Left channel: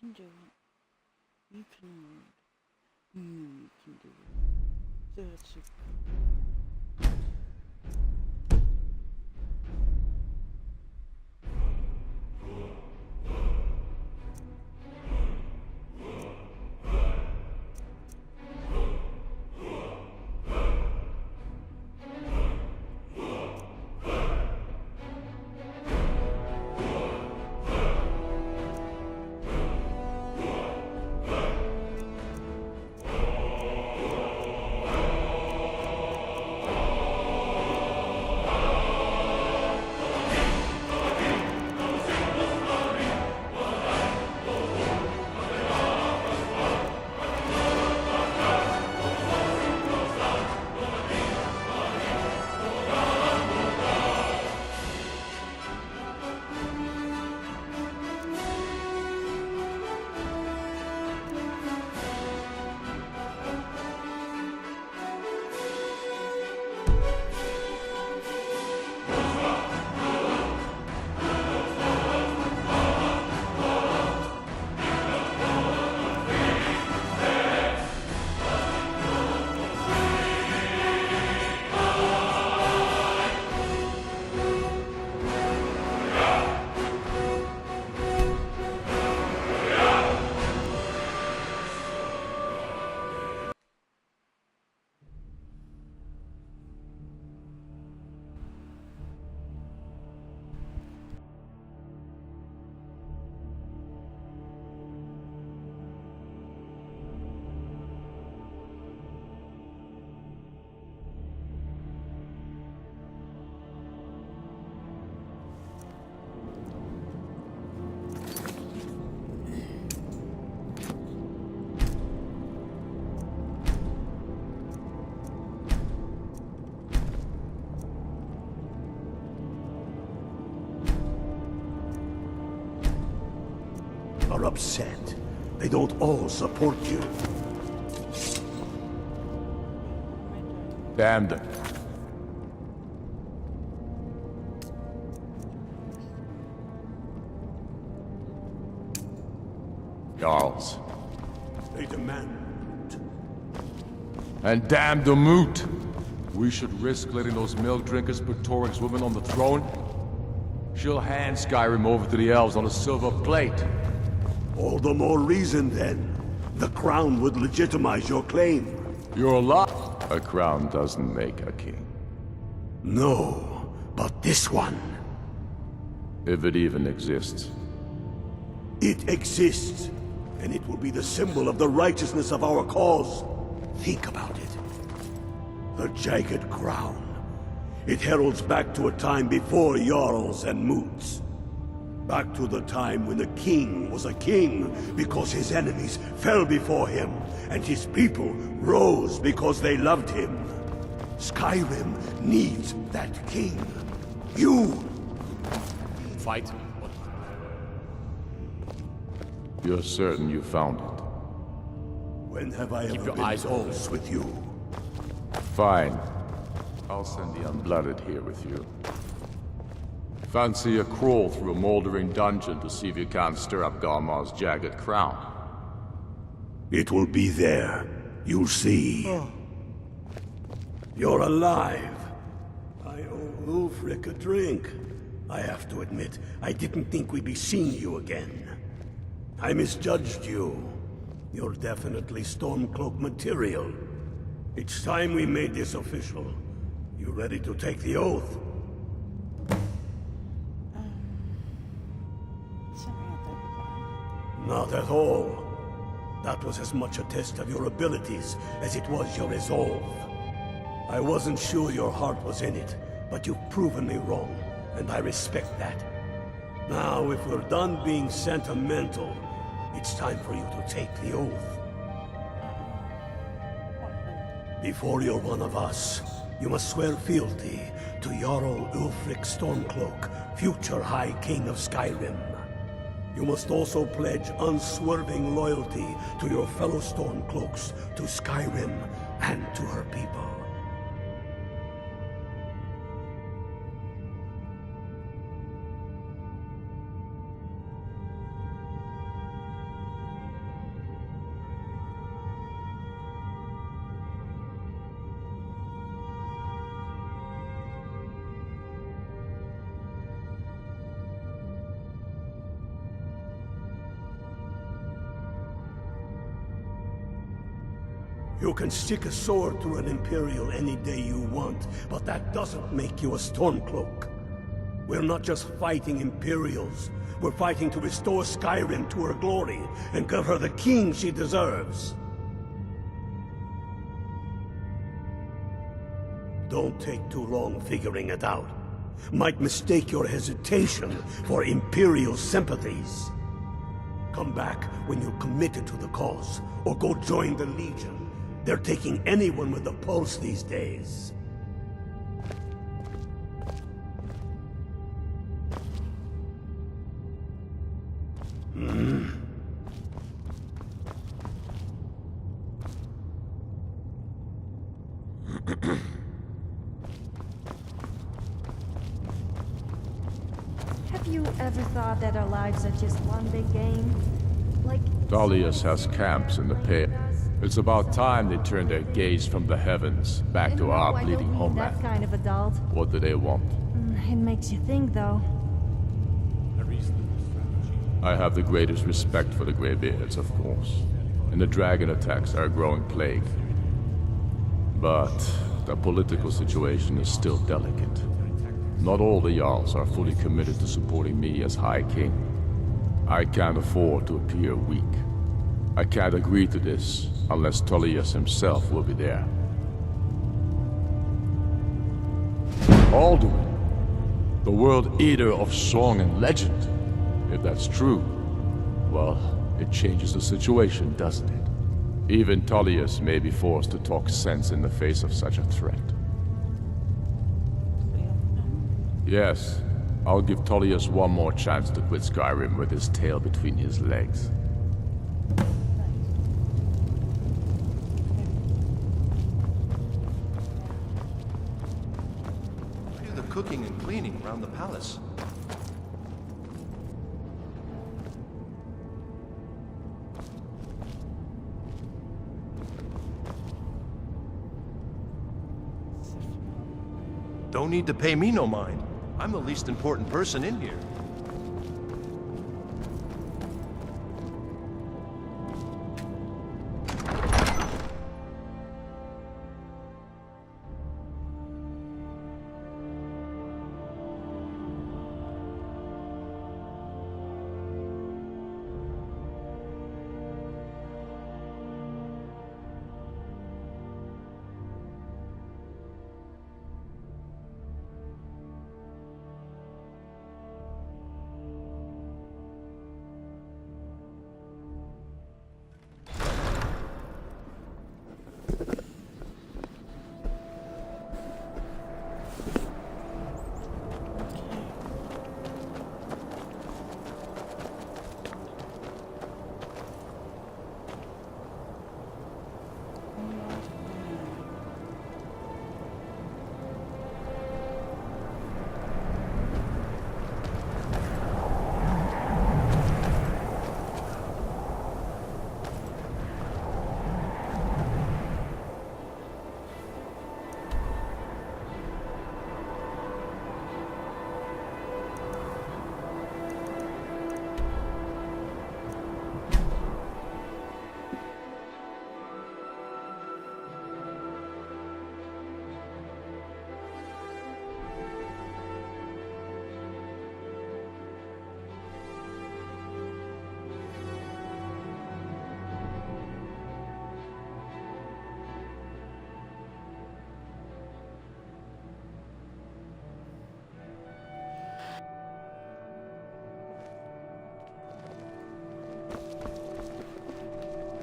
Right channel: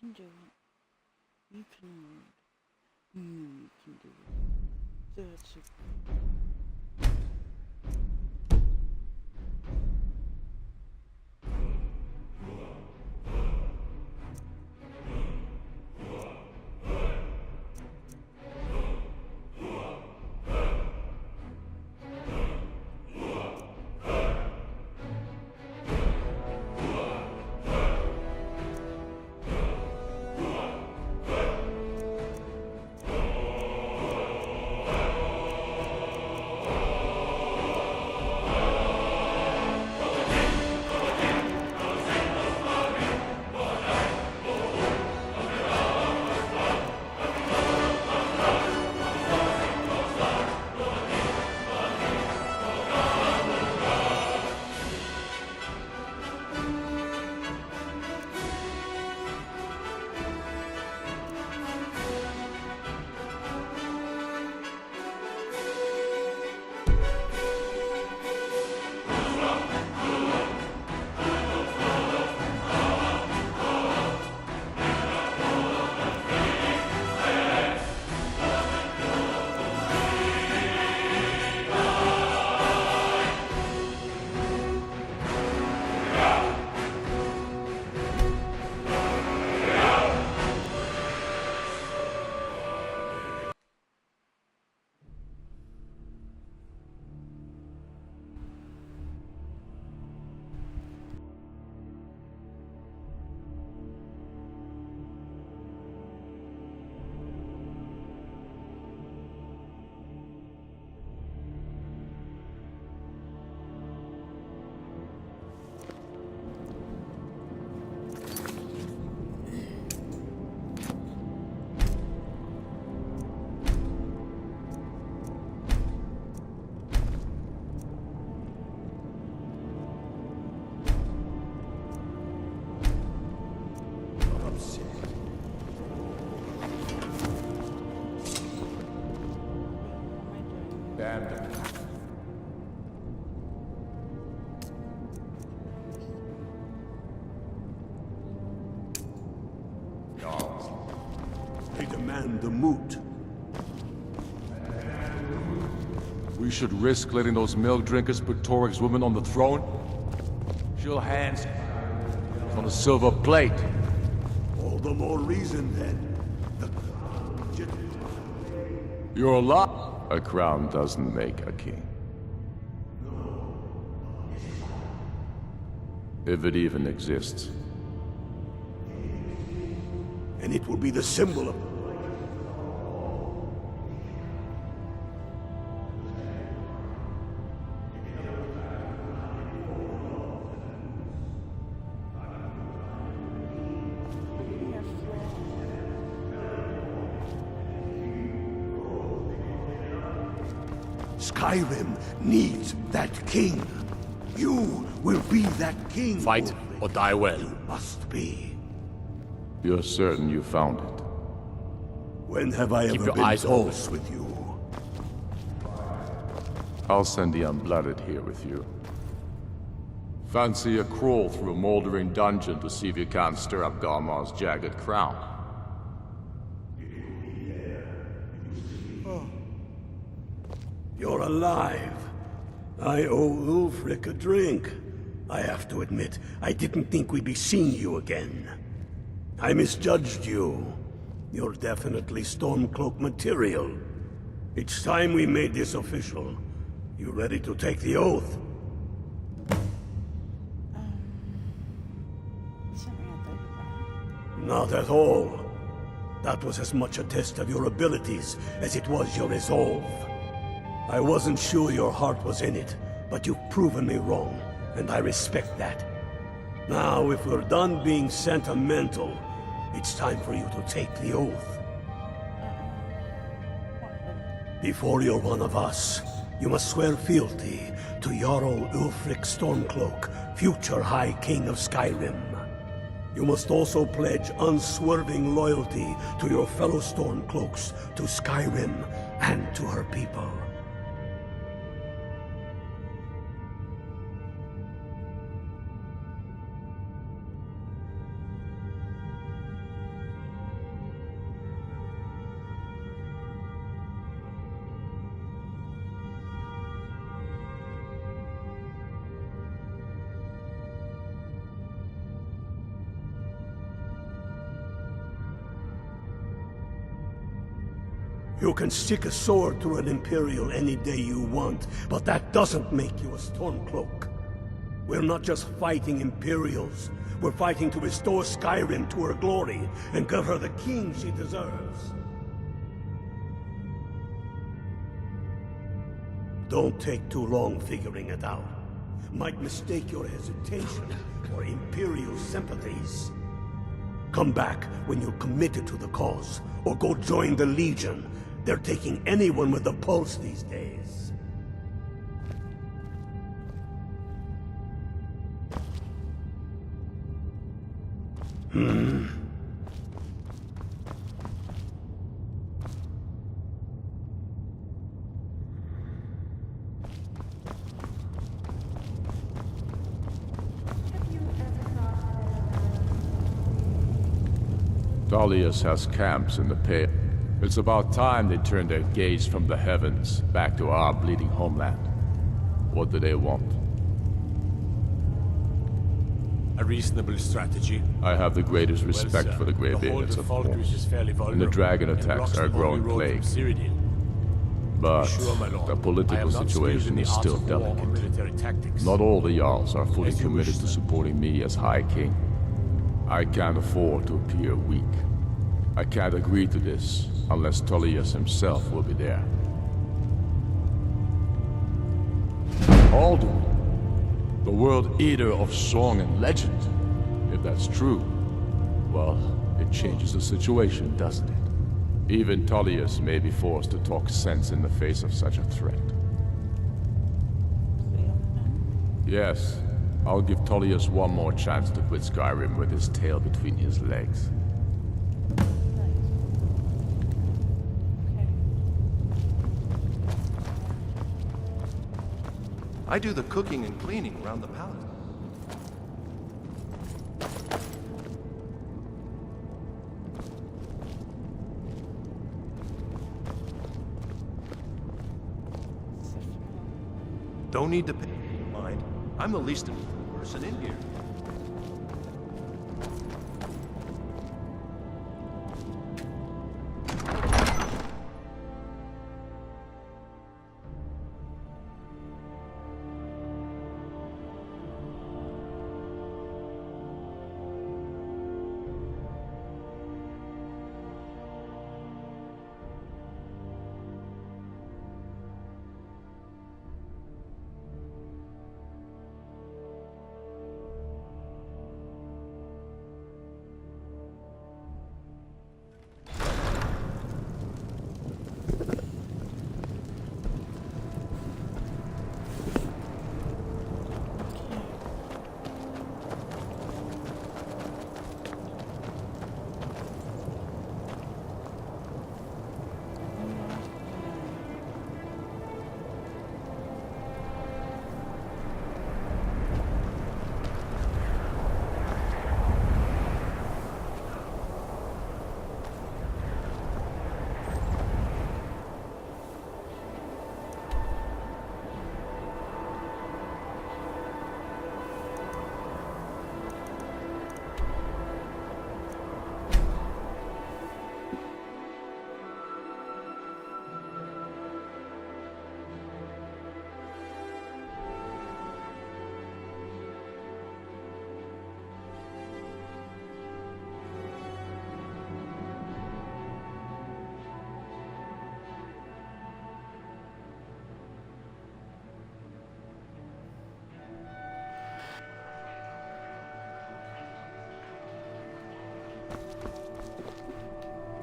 can do it. You can learn. You can do it. That's a are upset. They don't all support you. Damn them. Jarls. They demand the moot. And damn the moot! We should risk letting those milk drinkers put Toryg's woman on the throne? She'll hand Skyrym over to the elves on a silver plate. All the more reason, then. The crown would legitimize your claim. You're a lot. A crown doesn't make a king. No, but this one. If it even exists. It exists, and it will be the symbol of the righteousness of our cause. Think about it. The jagged crown. It heralds back to a time before Jarls and Moots. Back to the time when the king was a king because his enemies fell before him, and his people rose because they loved him. Skyrym needs that king. You will be that king. Fight or die well. Must be. You're certain you found it? When have I Keep ever your been eyes open. false with you? Fine. I'll send the Unblooded here with you. Fancy a crawl through a moldering dungeon to see if you can't stir up Garmar's jagged crown. It will be there. You'll see. You're alive. I owe Ulfric a drink. I have to admit, I didn't think we'd be seeing you again. I misjudged you. You're definitely Stormcloak material. It's time we made this official. You ready to take the oath? something I thought about. Not at all. That was as much a test of your abilities as it was your resolve. I wasn't sure your heart was in it, but you've proven me wrong, and I respect that. Now, if we're done being sentimental, it's time for you to take the oath. Before you're one of us, you must swear fealty to Jarl Ulfric Stormcloak, future High King of Skyrym. You must also pledge unswerving loyalty to your fellow Stormcloaks, to Skyrym, and to her people. You can stick a sword through an Imperial any day you want, but that doesn't make you a Stormcloak. We're not just fighting Imperials. We're fighting to restore Skyrim to her glory and give her the king she deserves. Don't take too long figuring it out. Might mistake your hesitation for Imperial sympathies. Come back when you're committed to the cause, or go join the Legion. They're taking anyone with a pulse these days. Have you ever thought that our lives are just one big game? Like... Dalius has camps in the pale. It's about time they turn their gaze from the heavens back to our I bleeding don't need homeland. that kind of adult. What do they want? It makes you think, though. A reasonable strategy. I have the greatest respect Well, for the sir, Greybeards, whole of of Falkreath course. is fairly And the vulnerable. dragon It attacks blocks are a the growing road to plague. Cyrodiil. But Sure, my lord. the I political am not situation skilled in is the still arts of war or delicate. military tactics. Not all the Jarls are fully As you committed wish, to sir. supporting me as High King. I can't afford to appear weak. I can't agree to this unless Tullius himself will be there. Alduin, the World Eater of song and legend. If that's true, well, it changes the situation, doesn't it? Even Tullius may be forced to talk sense in the face of such a threat. Yes, I'll give Tullius one more chance to quit Skyrim with his tail between his legs. I do the cooking and cleaning around the palace. Don't need to pay me no mind. I'm the least important person in here.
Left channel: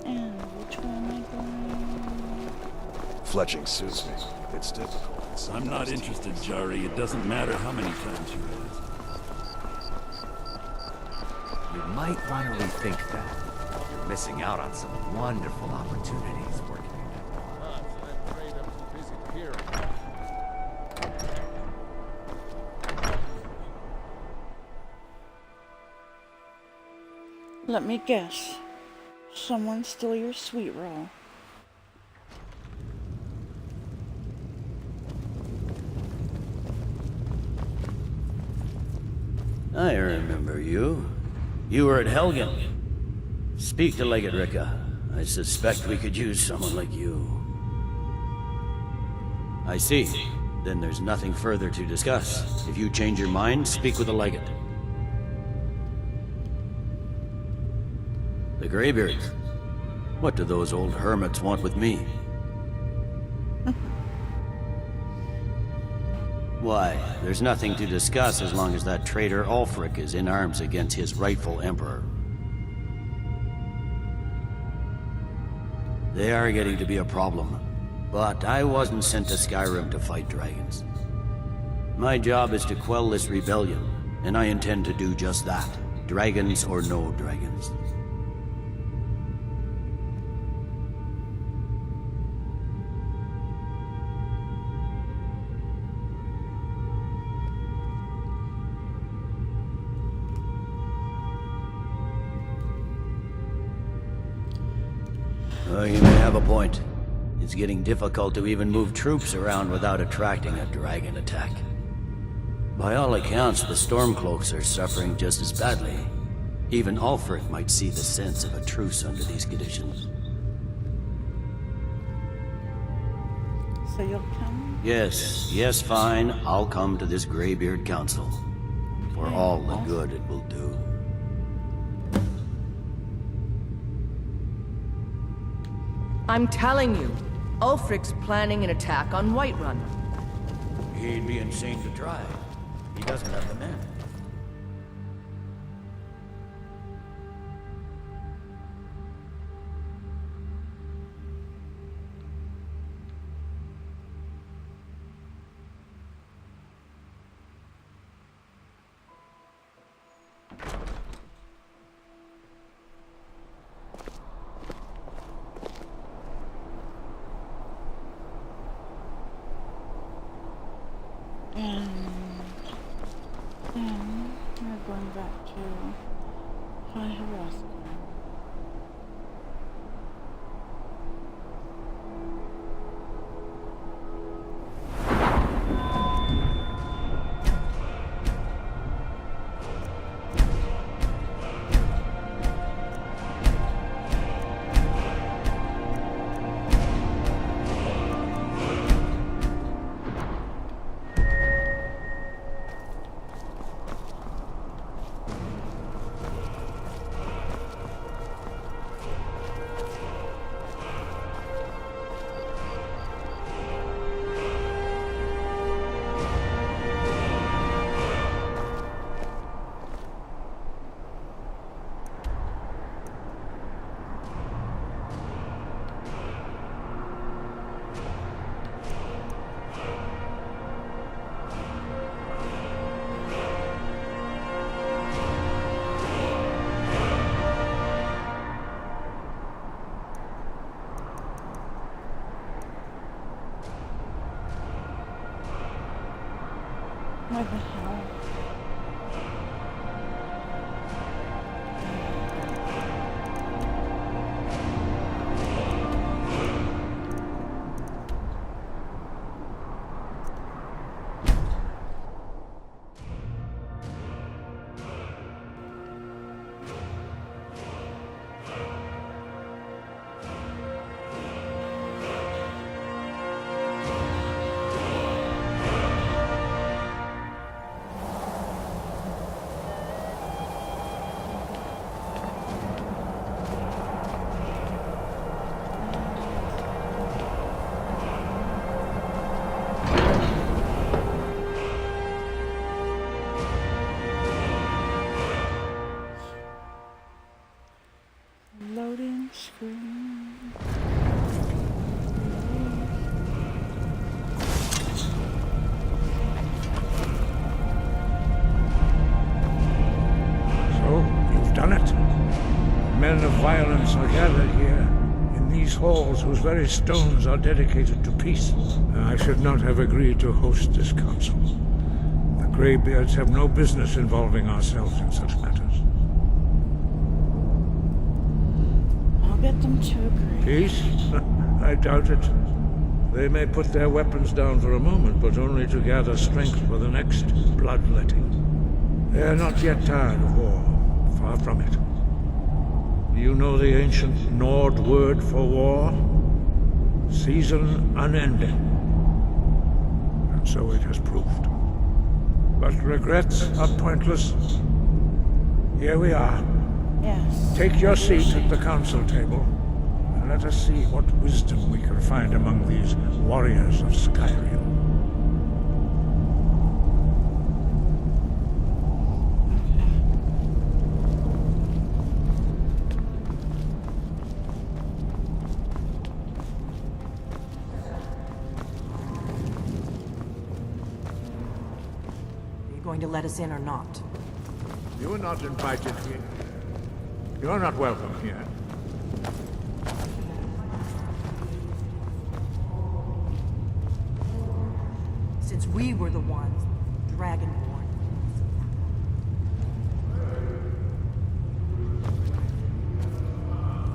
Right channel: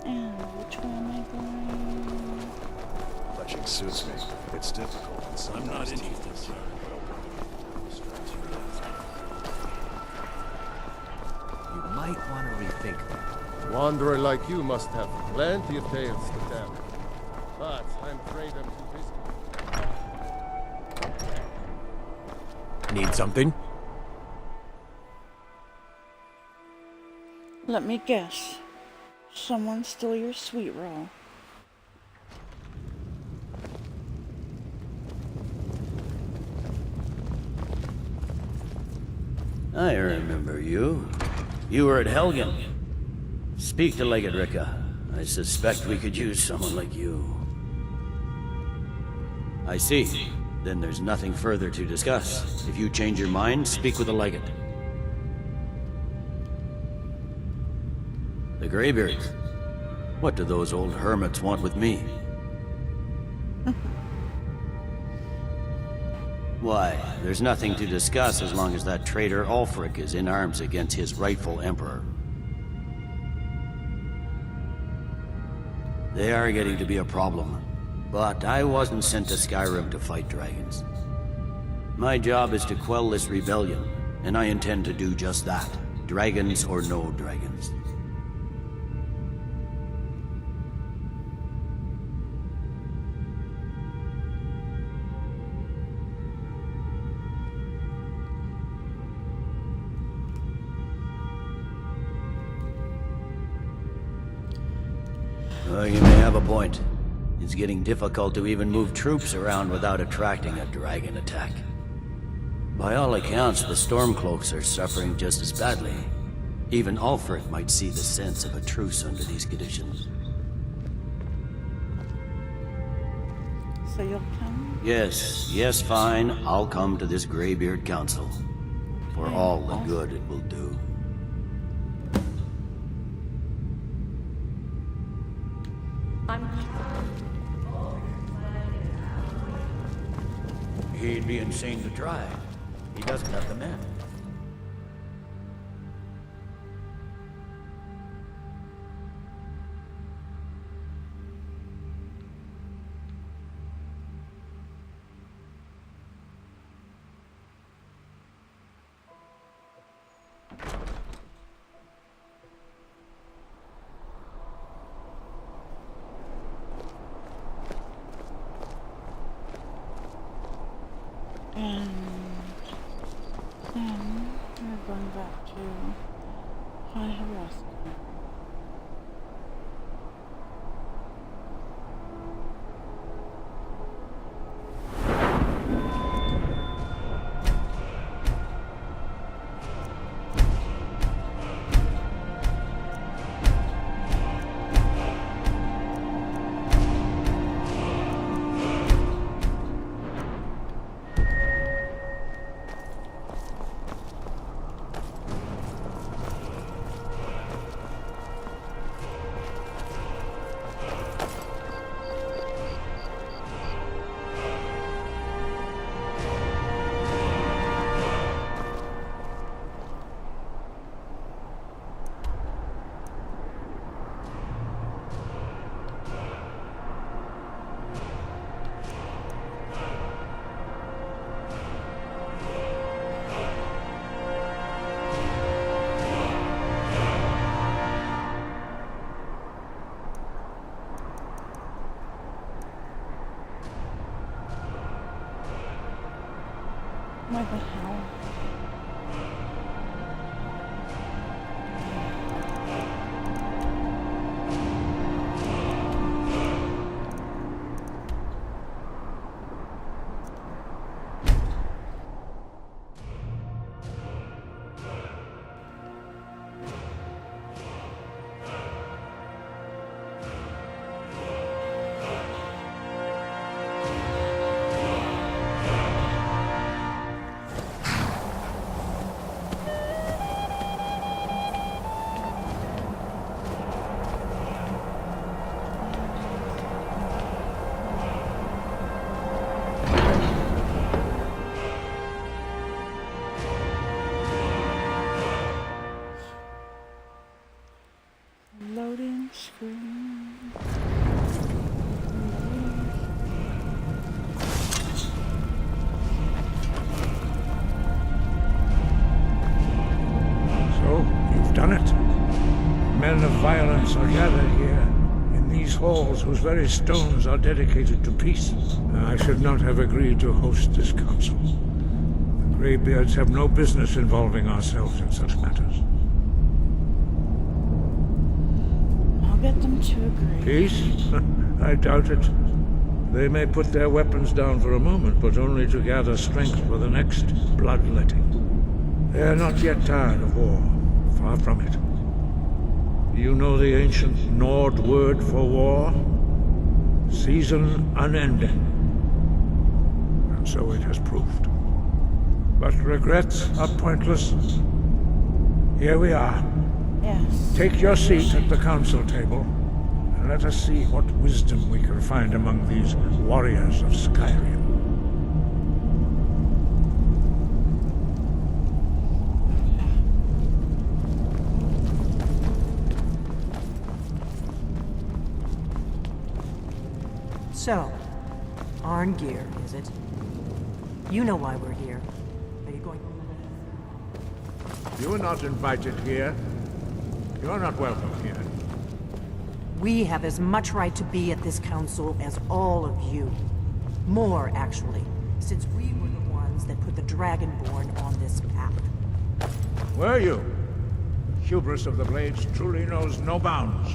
And which way am I going? Fletching suits me. It's difficult. And I'm not sometimes interested, Jari. It doesn't matter how many times you ask. You might want to rethink that. Wanderer like you must have Wonderful plenty of tales opportunity. to tell. But I'm afraid I'm too busy hearing. Need something? Let me guess. Someone stole your sweet roll. I remember you. You were at Helgen. Speak to Legate Ricka. I suspect we could use someone like you. I see. Then there's nothing further to discuss. If you change your mind, speak with the legate. The Greybeards. What do those old hermits want with me? Why, there's nothing to discuss as long as that traitor Ulfric is in arms against his rightful emperor. They are getting to be a problem, but I wasn't sent to Skyrym to fight dragons. My job is to quell this rebellion, and I intend to do just that, dragons or no dragons. You may have a point. It's getting difficult to even move troops around without attracting a dragon attack. By all accounts, the Stormcloaks are suffering just as badly. Even Ulfric might see the sense of a truce under these conditions. So you'll come? Yes, fine. I'll come to this Greybeard Council. For all the good it will do. I'm telling you, Ulfric's planning an attack on Whiterun. He'd be insane to try. He doesn't have the men. And then we're going back to High Harassment. What the hell? Loading screen. Loading. So, you've done it. Men of violence are gathered here, in these halls whose very stones are dedicated to peace. I should not have agreed to host this council. The Greybeards have no business involving ourselves in such matters. I'll get them to agree. Peace? I doubt it. They may put their weapons down for a moment, but only to gather strength for the next bloodletting. They are not yet tired of war. Far from it. Do you know the ancient Nord word for war? Season unending. And so it has proved. But regrets are pointless. Here we are. Yes. Take your seat at the council table, and let us see what wisdom we can find among these warriors of Skyrim. So, Arngeir, is it? You know why we're here. Are you going to let us in or not? You are not invited here. You are not welcome here. We have as much right to be at this council as all of you. More, actually, since we were the ones that put the Dragonborn on this path. Were you? Hubris of the Blades truly knows no bounds.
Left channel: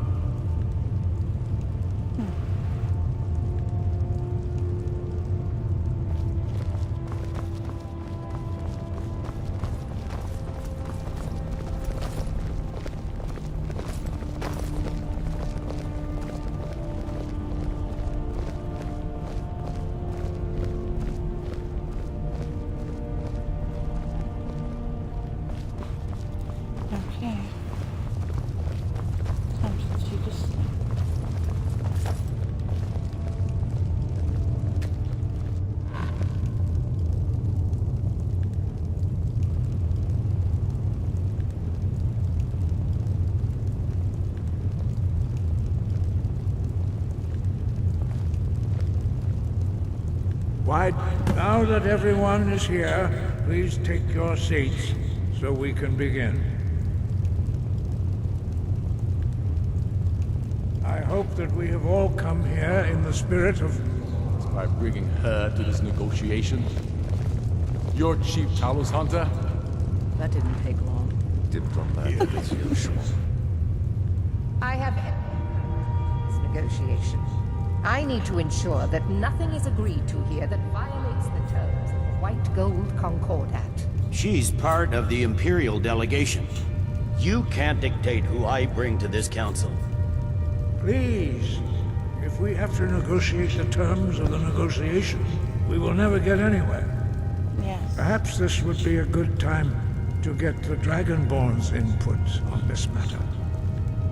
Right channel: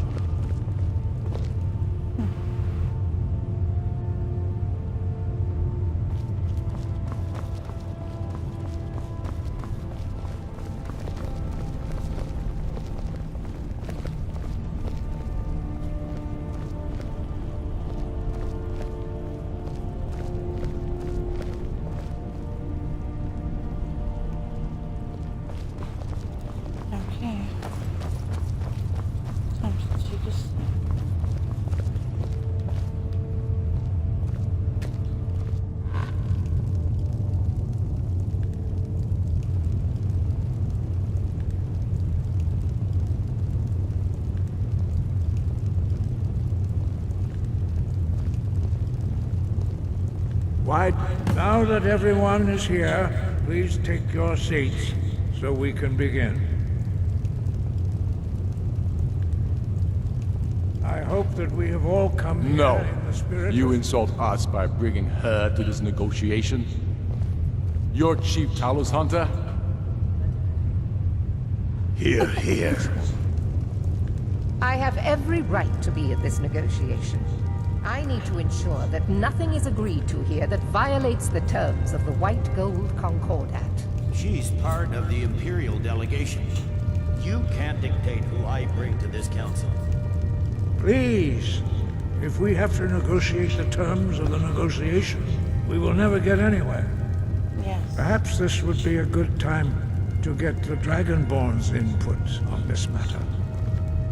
Okay. Time to take a sleep. Why, now that everyone is here, please take your seats so we can begin. I hope that we have all come here in the spirit You of... insult us by bringing her to this negotiation? You're Chief Talos Hunter? That didn't take long. Here, here. I have every right to be at this negotiation. I need to ensure that nothing is agreed to here that violates the terms of the White Gold Concordat. She's part of the Imperial delegation. You can't dictate who I bring to this council. Please, if we have to negotiate the terms of the negotiation, we will never get anywhere. Yes. Perhaps this would be a good time to get the Dragonborn's input on this matter.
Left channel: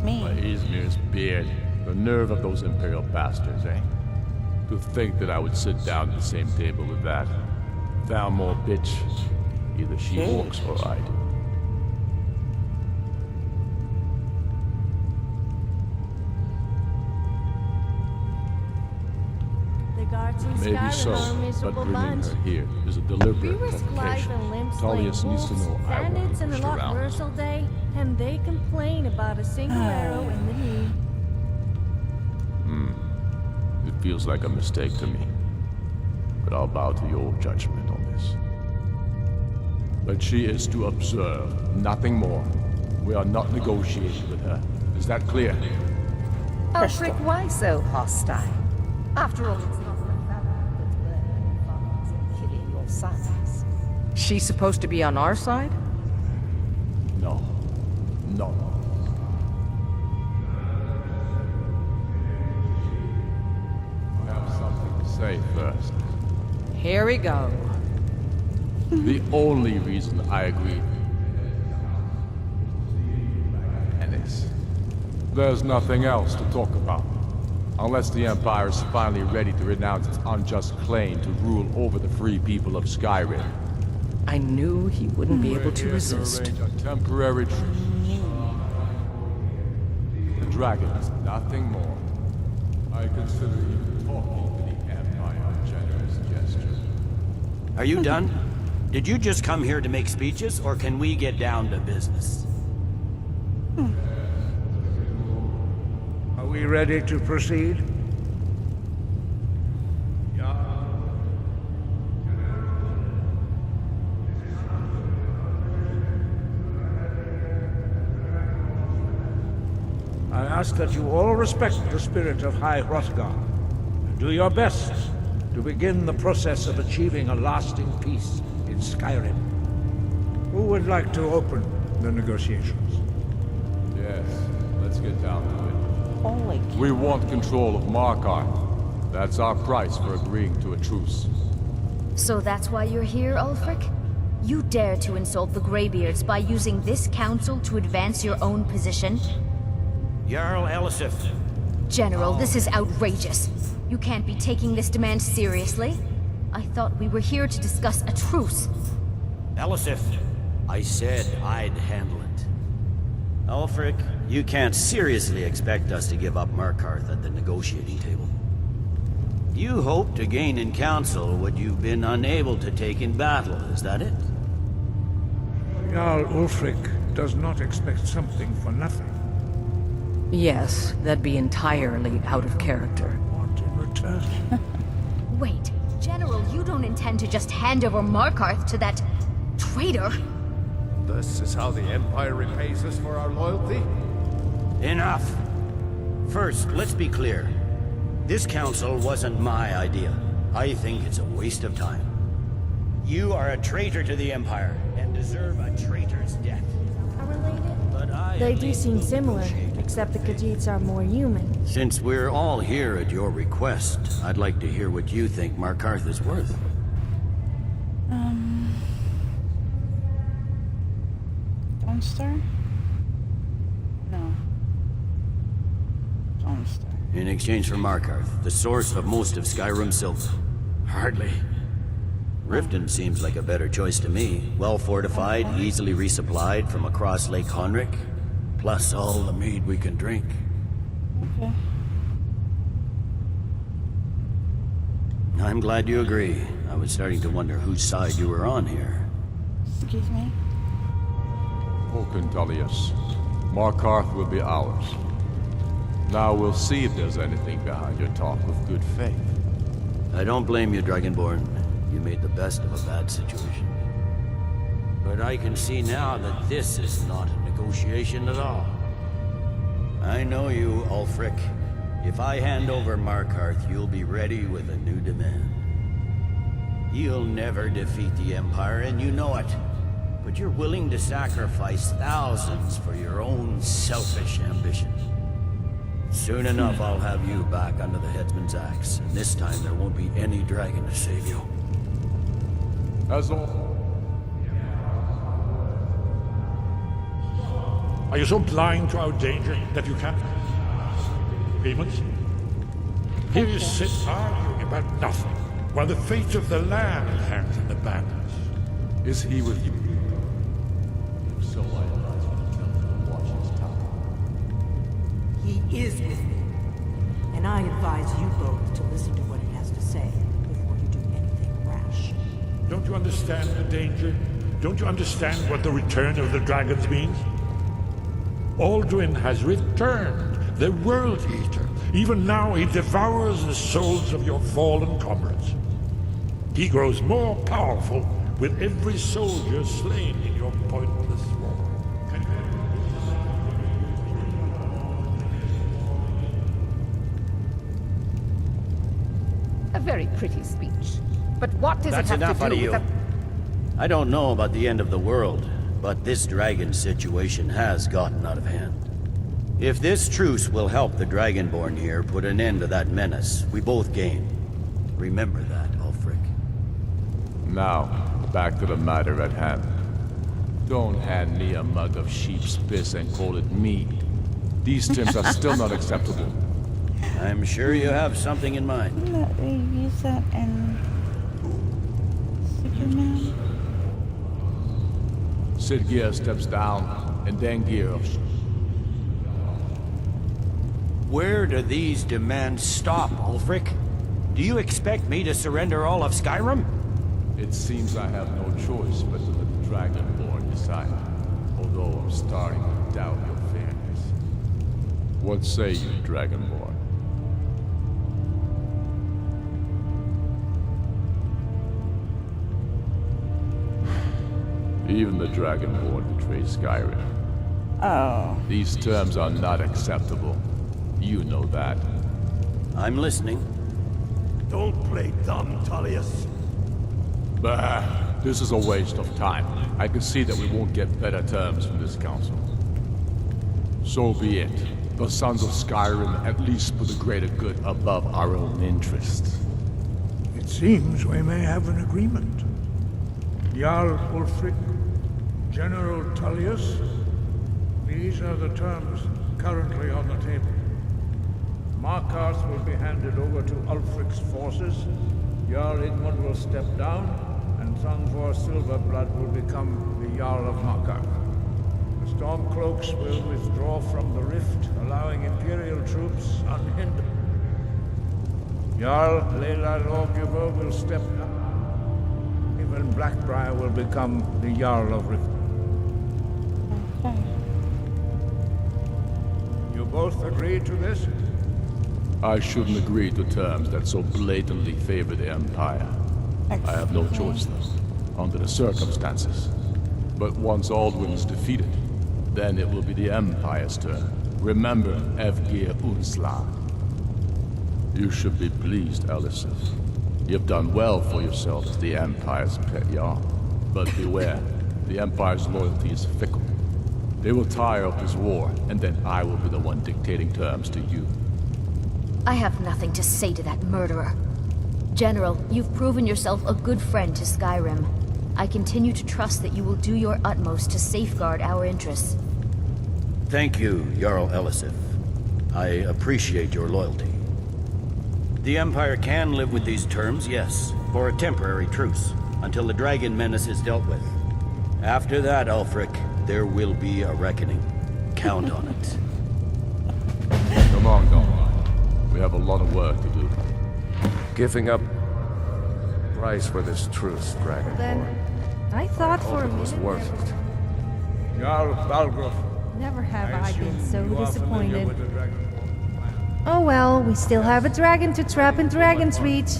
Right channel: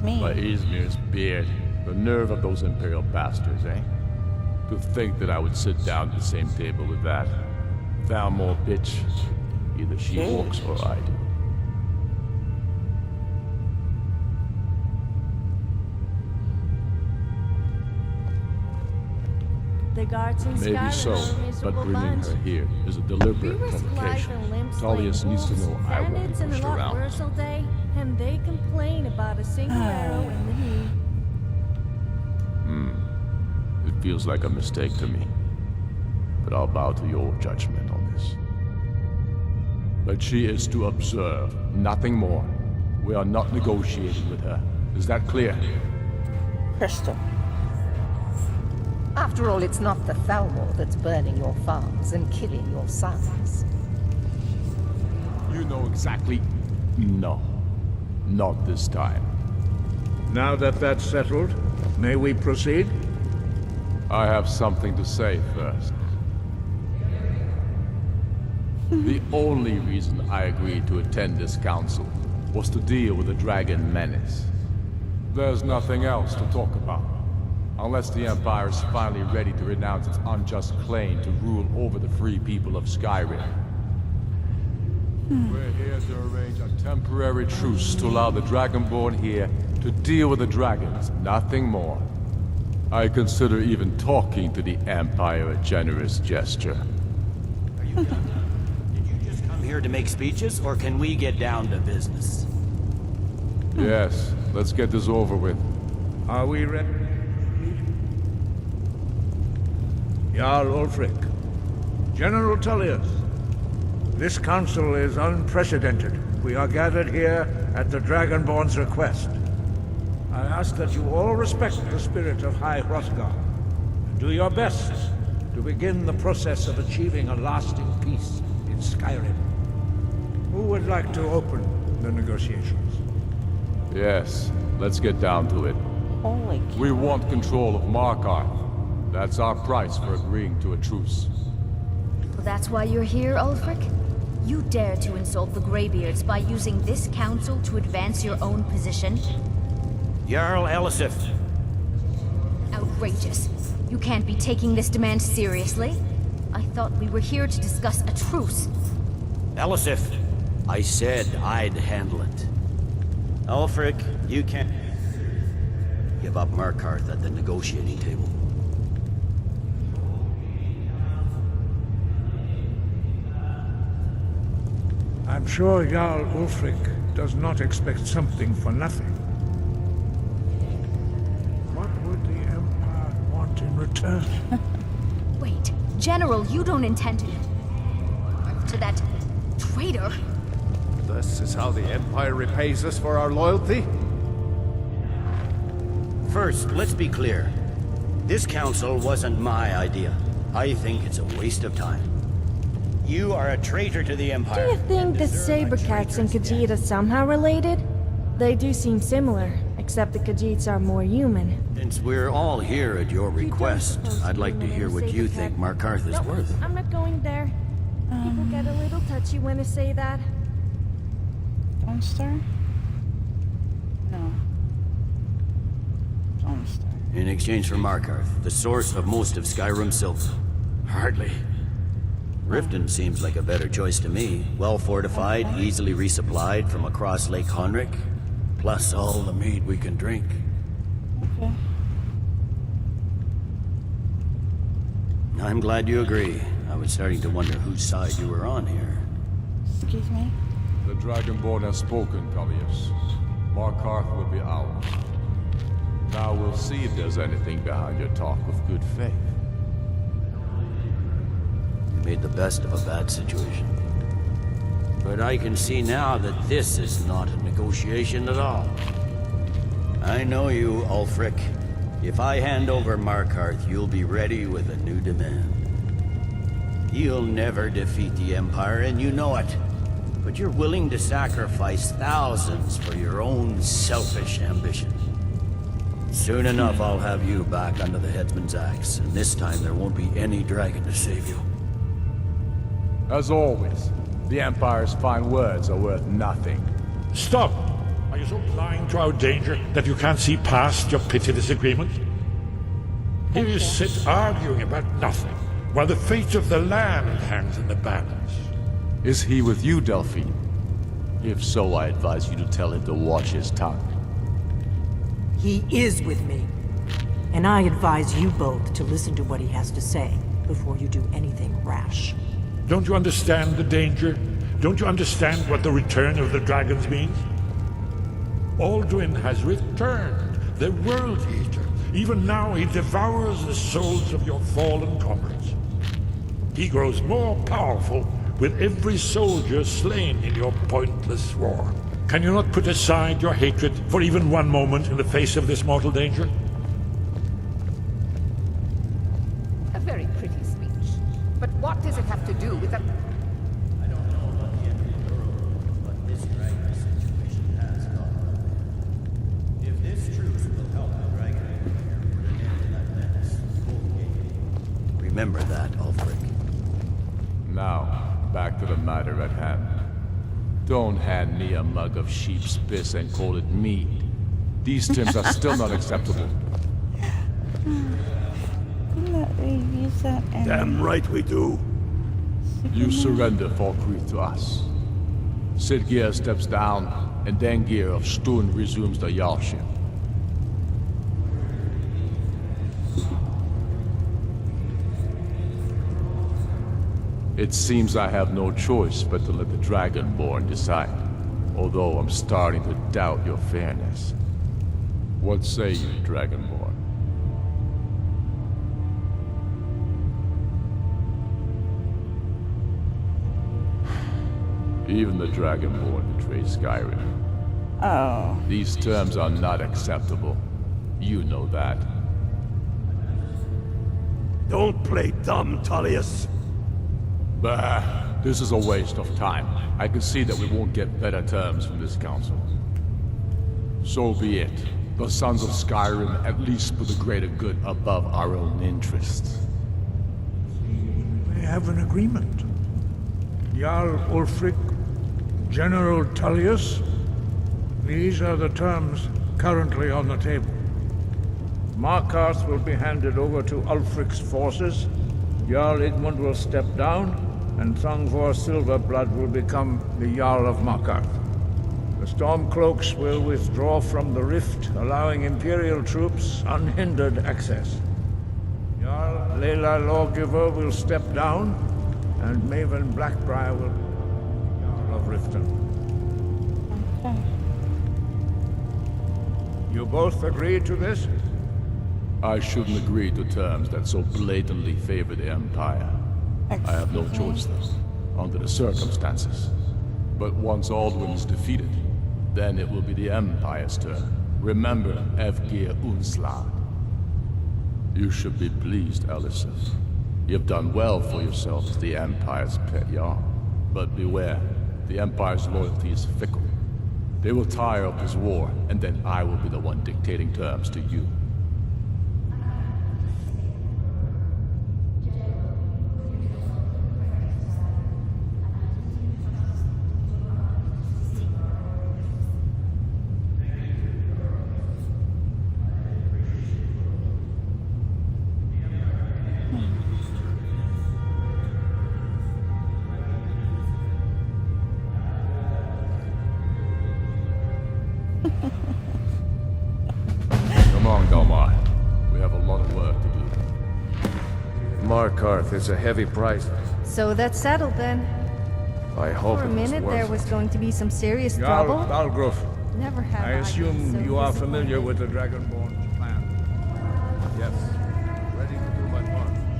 Me. By Izmir's beard. The nerve of those Imperial bastards, eh? To think that I would sit down at the same table with that. Thalmor bitch. Either she walks or I do. The guards in Maybe Skyrim so, are a but miserable bringing bunch. her here is a We deliberate risk life provocation. and limb Tullius slaying needs to wolves, know I won't be bandits, and a pushed lot around. worse all day, and they complain about a single arrow in the knee. It feels like a mistake to me. But I'll bow to your judgment on this. But she is to observe, nothing more. We are not negotiating with her. Is that clear? Ulfric, why so hostile? After all, it's not the Thalmor that's burning your farms and killing your sons. She's supposed to be on our side? You know exactly. No. Not this time. Now that that's settled, may we proceed? I have something to say first. Here we go. The only reason I agreed to attend this council was to deal with the dragon menace. There's nothing else to talk about. Unless the Empire is finally ready to renounce its unjust claim to rule over the free people of Skyrim. I knew he wouldn't be able We're to here resist. to arrange a temporary truce to allow the Dragonborn here to deal with the dragons, nothing more. I consider even talking to the Empire a generous gesture. Are you done? Did you just come here to make speeches, or can we get down to business? Yes, let's get this over with. Are we ready to proceed? Jarl Ulfric, General Tullius, this council is unprecedented. We are gathered here at the Dragonborn's request. I ask that you all respect the spirit of High Hrothgar, and do your best to begin the process of achieving a lasting peace in Skyrim. Who would like to open the negotiations? Yes, let's get down to it. Holy cow. We want control of Markarth. That's our price for agreeing to a truce. So that's why you're here, Ulfric? You dare to insult the Greybeards by using this council to advance your own position? Jarl Elisif. General, this is outrageous. You can't be taking this demand seriously. I thought we were here to discuss a truce. Elisif, I said I'd handle it. Ulfric, you can't seriously expect us to give up Markarth at the negotiating table. You hope to gain in council what you've been unable to take in battle, is that it? I'm sure Jarl Ulfric does not expect something for nothing. Yes, that'd be entirely out of character. I want in return. Wait, General, you don't intend to just hand over Markarth to that traitor? This is how the Empire repays us for our loyalty? Enough. First, let's be clear. This council wasn't my idea. I think it's a waste of time. You are a traitor to the Empire. Do you think that Sabercats and Khajiit are somehow related? They do seem similar, except the Khajiits are more human. Since we're all here at your request, I'd like to hear what you think Markarth is worth. I'm not going there. People get a little touchy when I say that. Don't star? No. Don't star. In exchange for Markarth, the source of most of Skyrym's silver. Hardly. Riften seems like a better choice to me. Well fortified, easily resupplied from across Lake Honric, plus all the mead we can drink. Okay. I'm glad you agree. I was starting to wonder whose side you were on here. Excuse me? The Dragonborn has spoken, Tullius. Markarth will be ours. Now we'll see if there's anything behind your talk of good faith. I don't blame you, Dragonborn. You made the best of a bad situation. But I can see now that this is not a negotiation at all. I know you, Ulfric. If I hand over Markarth, you'll be ready with a new demand. You'll never defeat the Empire, and you know it. But you're willing to sacrifice thousands for your own selfish ambition. Soon enough, I'll have you back under the headsman's axe, and this time there won't be any dragon to save you. As always, the Empire's fine words are worth nothing. Stop! Are you so blind to our danger that you can't see past your petty disagreements? Here you sit arguing about nothing, while the fate of the land hangs in the balance. Is he with you, Delphine? If so, I advise you to tell him to watch his tongue. He is with me. And I advise you both to listen to what he has to say before you do anything rash. Don't you understand the danger? Don't you understand what the return of the dragons means? Alduin has returned, the World Eater. Even now he devours the souls of your fallen comrades. He grows more powerful with every soldier slain in your pointless war. Can you not put aside your hatred for even one moment in the face of this mortal danger? A very pretty speech. But what does it have to do with the... I don't know about the end of the world, but this dragon situation has gotten out of hand. If this truce will help the Dragonborn here put an end to that menace, we both gain. Remember that, Ulfric. Now, back to the matter at hand. Don't hand me a mug of sheep's piss and call it mead. These terms are still not acceptable. I'm sure you have something in mind. Use that and... Damn right we do. You surrender Falkreath to us. Sidgeir steps down, and Dengir of Stund resumes the Jarlship. Where do these demands stop, Ulfric? Do you expect me to surrender all of Skyrym? It seems I have no choice but to let the Dragonborn decide. Although I'm starting to doubt your fairness. What say you, Dragonborn? Even the Dragonborn betrays Skyrim. Oh. These terms are not acceptable. You know that. I'm listening. Don't play dumb, Tullius. Bah, this is a waste of time. I can see that we won't get better terms from this council. So be it. The sons of Skyrym at least put the greater good above our own interests. It seems we may have an agreement. Jarl Ulfric, General Tullius, these are the terms currently on the table. Markarth will be handed over to Ulfric's forces, Jarl Igmund will step down, and Thongvor Silverblood will become the Jarl of Markarth. The Stormcloaks will withdraw from the rift, allowing Imperial troops unhindered access. Jarl Leila Lawgiver will step down, and Maven Blackbriar will become the Jarl of Riften. You both agree to this? I shouldn't agree to terms that so blatantly favor the Empire. I have no choice, though, under the circumstances. But once Alduin is defeated, then it will be the Empire's turn. Remember Evgir Unslag. You should be pleased, Elisif. You've done well for yourself as the Empire's pet Jarl. But beware, the Empire's loyalty is fickle. They will tire of this war, and then I will be the one dictating terms to you. I have nothing to say to that murderer. General, you've proven yourself a good friend to Skyrym. I continue to trust that you will do your utmost to safeguard our interests. Thank you, Jarl Elisif. I appreciate your loyalty. The Empire can live with these terms, yes, for a temporary truce, until the dragon menace is dealt with. After that, Ulfric, there will be a reckoning. Count on it. Come on, Dalmar. We have a lot of work to do. Giving up Markarth is a heavy price for this truce. So that's settled then. I thought for a minute there was going to be some serious Jarl trouble. Balgruuf, Never have I I been assume so you are familiar disappointed. with the Dragonborn's plan. Oh well, we still have a dragon to trap in Dragon's Reach,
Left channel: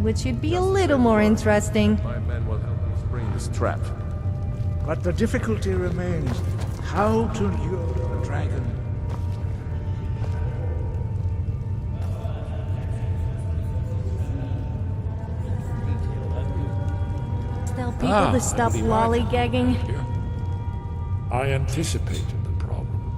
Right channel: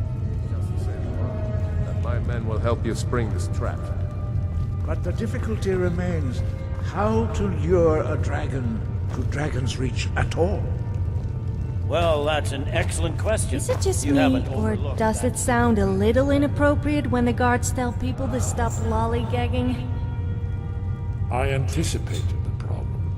which should be a little more interesting. My men will help you spring this trap. But the difficulty remains how to lure a dragon to Dragon's Reach at all. Well, that's an excellent question. Is it just me, or does it sound a little inappropriate when the guards tell people to stop lollygagging? I anticipated the problem.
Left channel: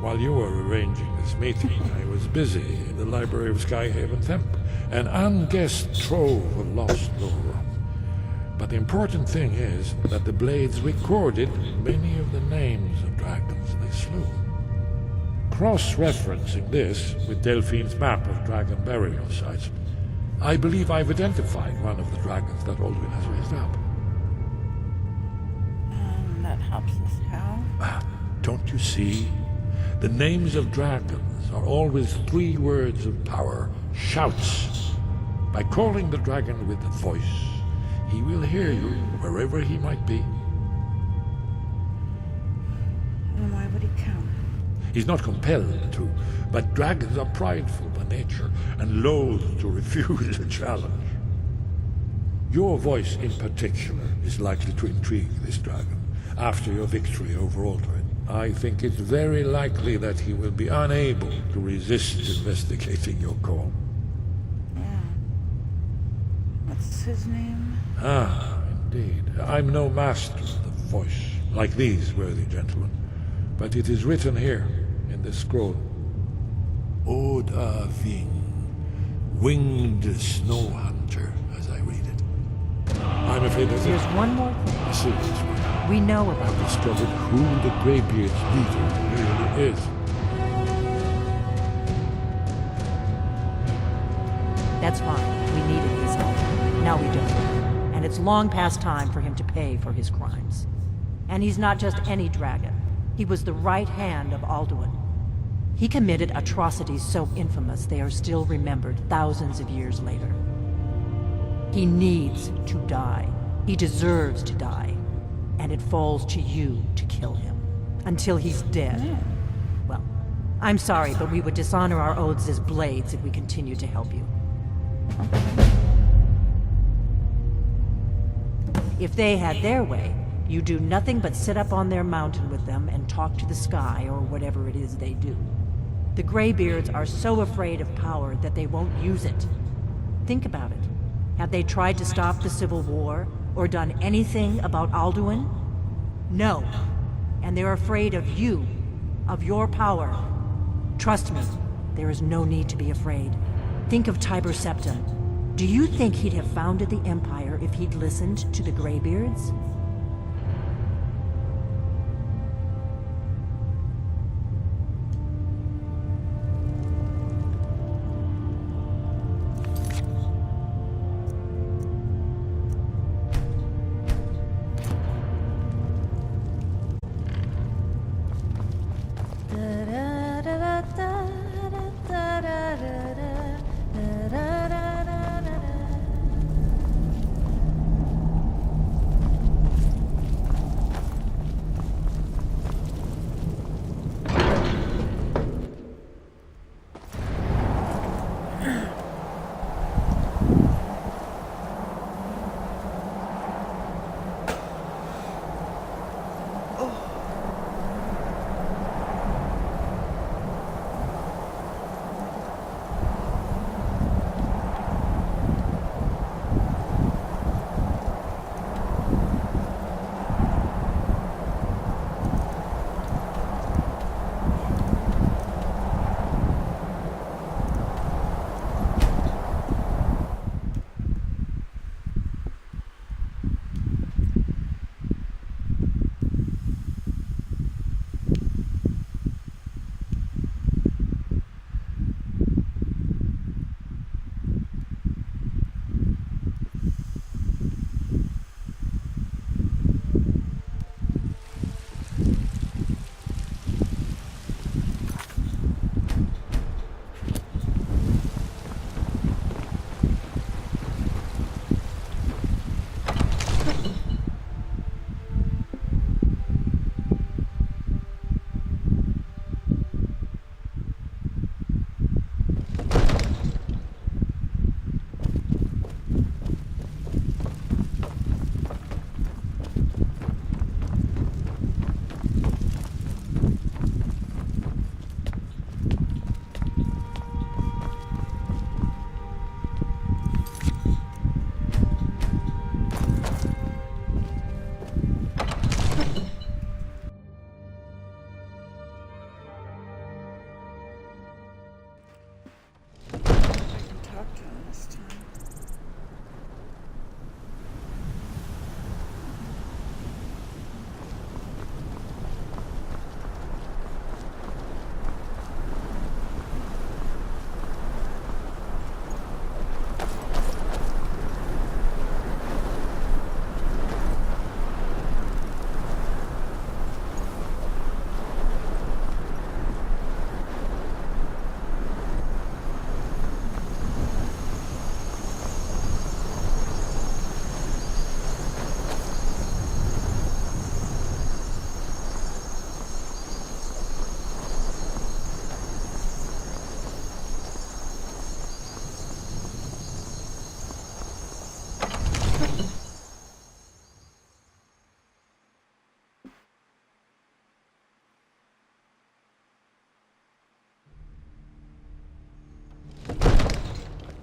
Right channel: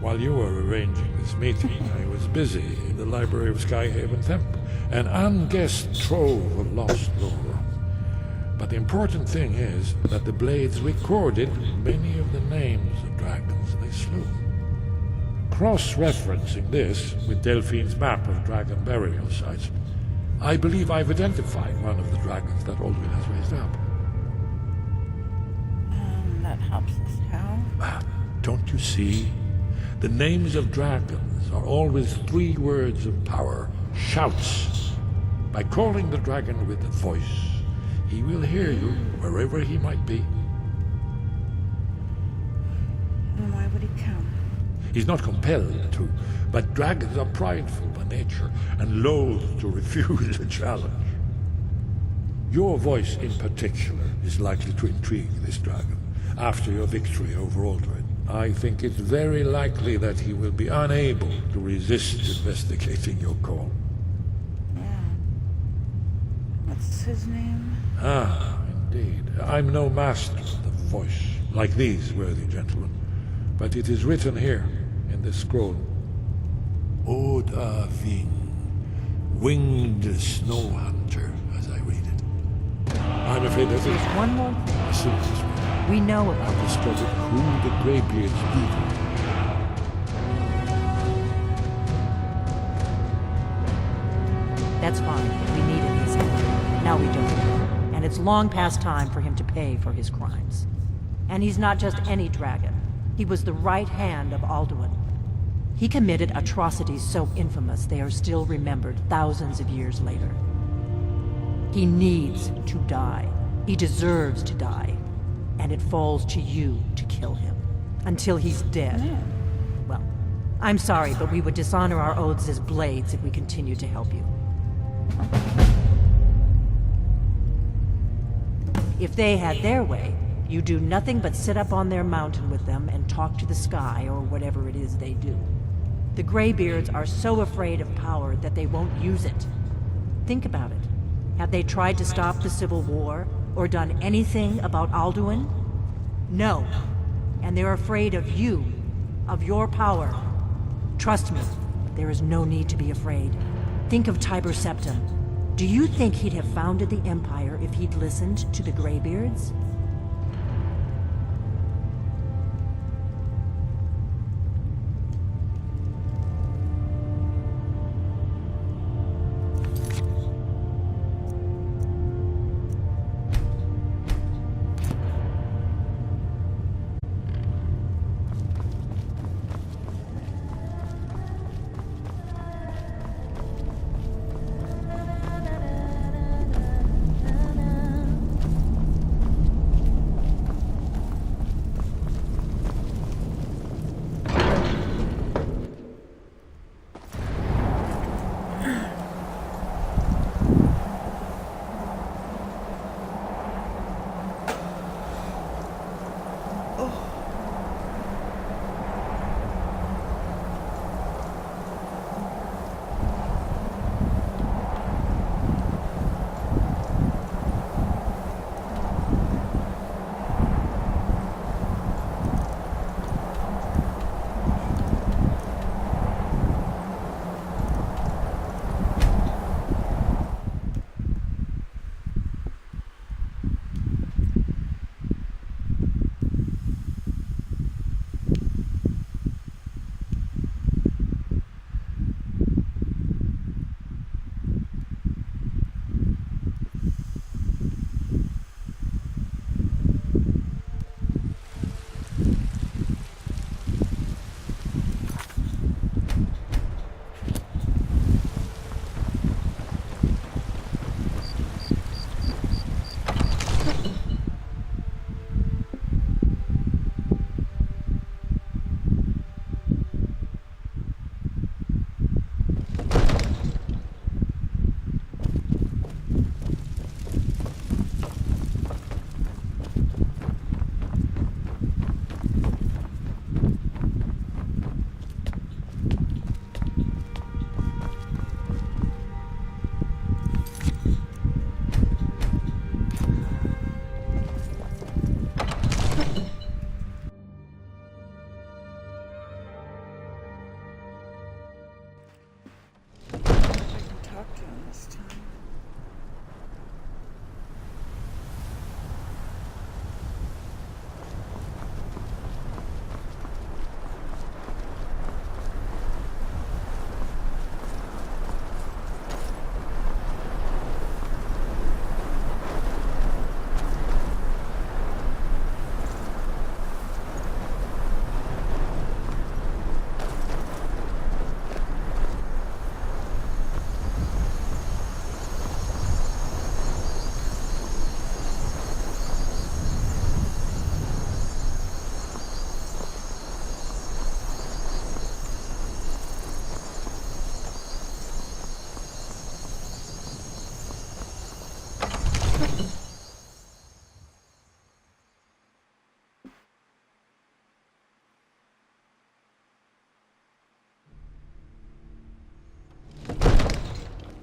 While you were arranging this meeting, I was busy in the library of Skyhaven Temple, an unguessed trove of lost lore. But the important thing is that the blades recorded many of the names of dragons they slew. Cross-referencing this with Delphine's map of dragon burial sites, I believe I've identified one of the dragons that Alduin has raised up. That helps us how? Don't you see? The names of dragons are always 3 words of power, shouts. By calling the dragon with a voice, he will hear you wherever he might be. And why would he come? He's not compelled to, but dragons are prideful by nature and loath to refuse a challenge. Your voice in particular is likely to intrigue this dragon after your victory over Alduin. I think it's very likely that he will be unable to resist investigating your call. Yeah. What's his name? Ah, indeed. I'm no master of the voice, like these worthy gentlemen, but it is written here in this scroll. Oda Ving, winged snow hunter, as I read it. I'm afraid that There's one more thing. a serious one. We know about I've discovered who the Greybeard's leader really is. That's fine. We needed his help. Now we don't. And it's long past time for him to pay for his crimes. And he's not just any dragon. He was the right hand of Alduin. He committed atrocities so infamous they are still remembered thousands of years later. He needs to die. He deserves to die. And it falls to you to kill him. Until he's dead. Well, I'm sorry, but we would dishonor our oaths as blades if we continue to help you. If they had their way, you do nothing but sit up on their mountain with them and talk to the sky or whatever it is they do. The Greybeards are so afraid of power that they won't use it. Think about it. Have they tried to stop the Civil War or done anything about Alduin? No. And they're afraid of you, of your power. Trust me, there is no need to be afraid. Think of Tiber Septim. Do you think he'd have founded the Empire if he'd listened to the Greybeards?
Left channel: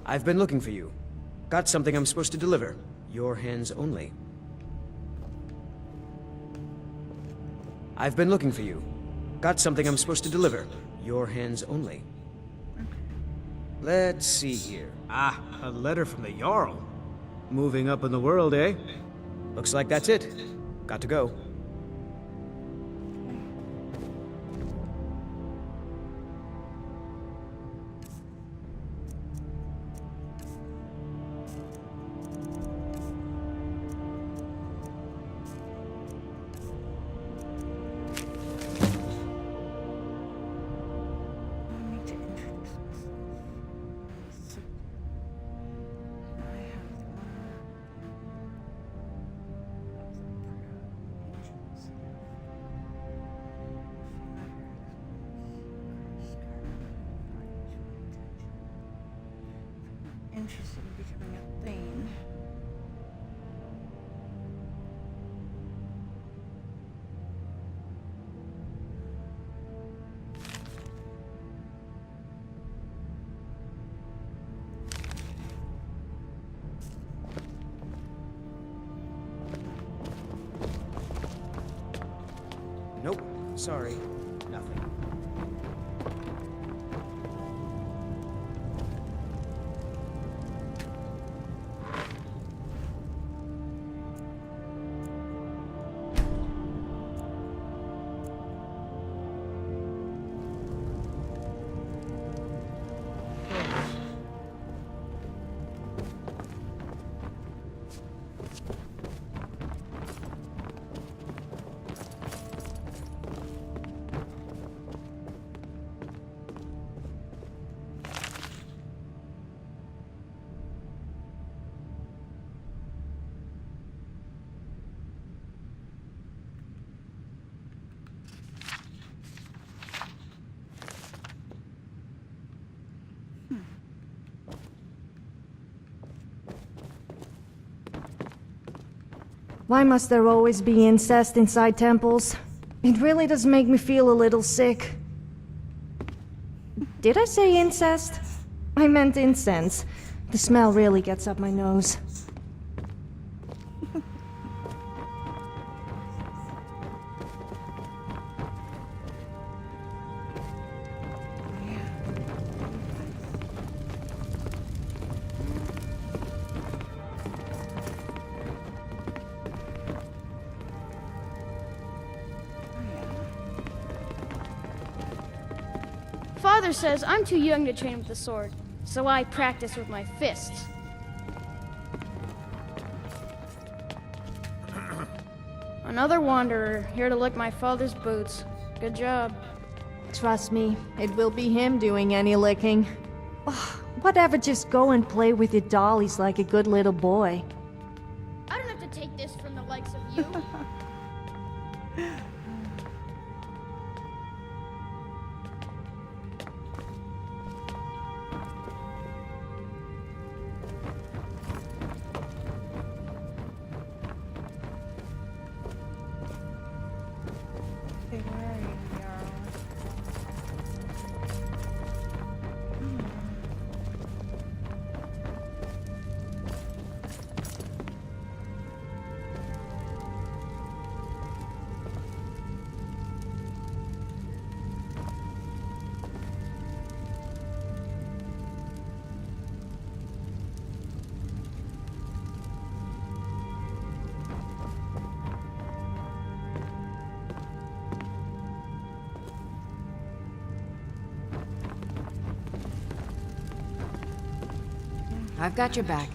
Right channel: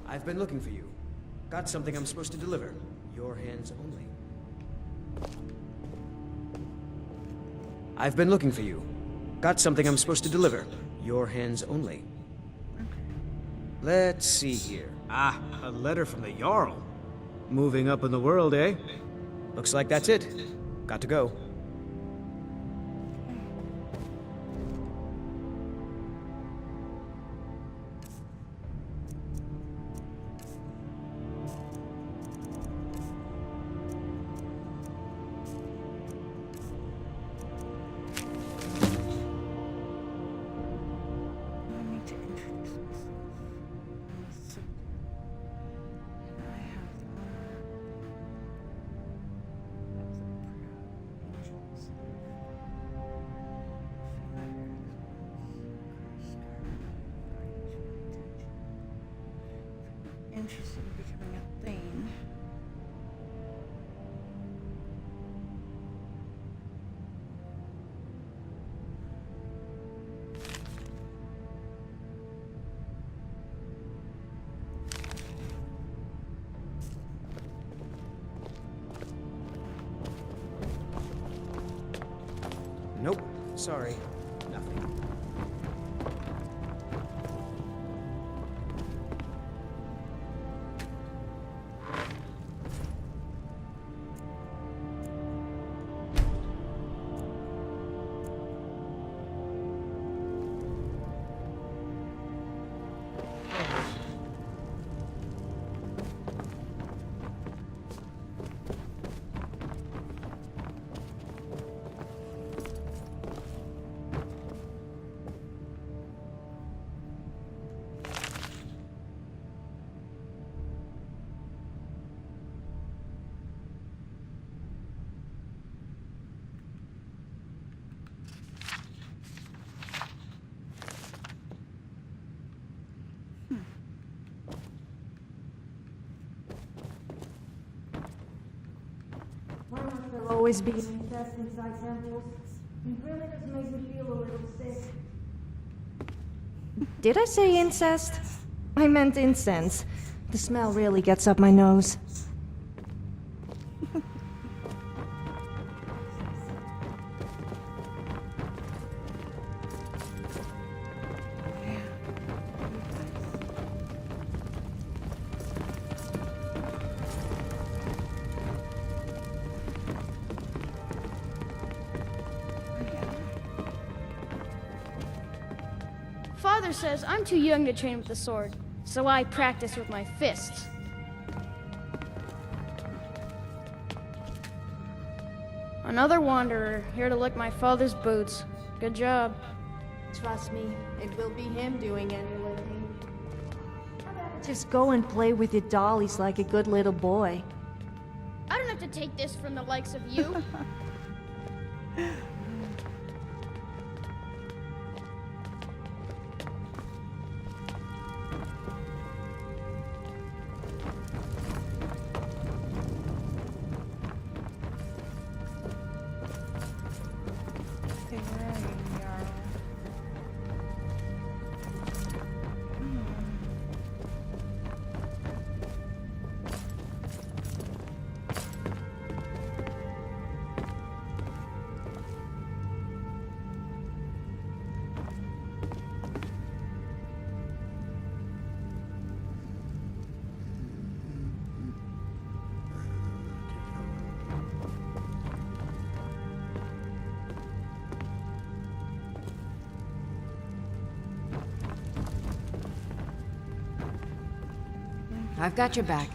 I've been looking for you. Got something I'm supposed to deliver. Your hands only. I've been looking for you. Got something I'm supposed to deliver. Your hands only. Let's see here. Ah, a letter from the Jarl. Moving up in the world, eh? Looks like that's it. Got to go. Interested in becoming a thing. Nope. Sorry. Nothing. Why must there always be incest inside temples? It really does make me feel a little sick. Did I say incest? I meant incense. The smell really gets up my nose. Father says I'm too young to train with the sword, so I practice with my fists. Another wanderer, here to lick my father's boots. Good job. Trust me, it will be him doing any licking. Whatever, just go and play with your dollies like a good little boy. I don't have to take this from the likes of you. Okay, where are you, Jarl? I've got your back.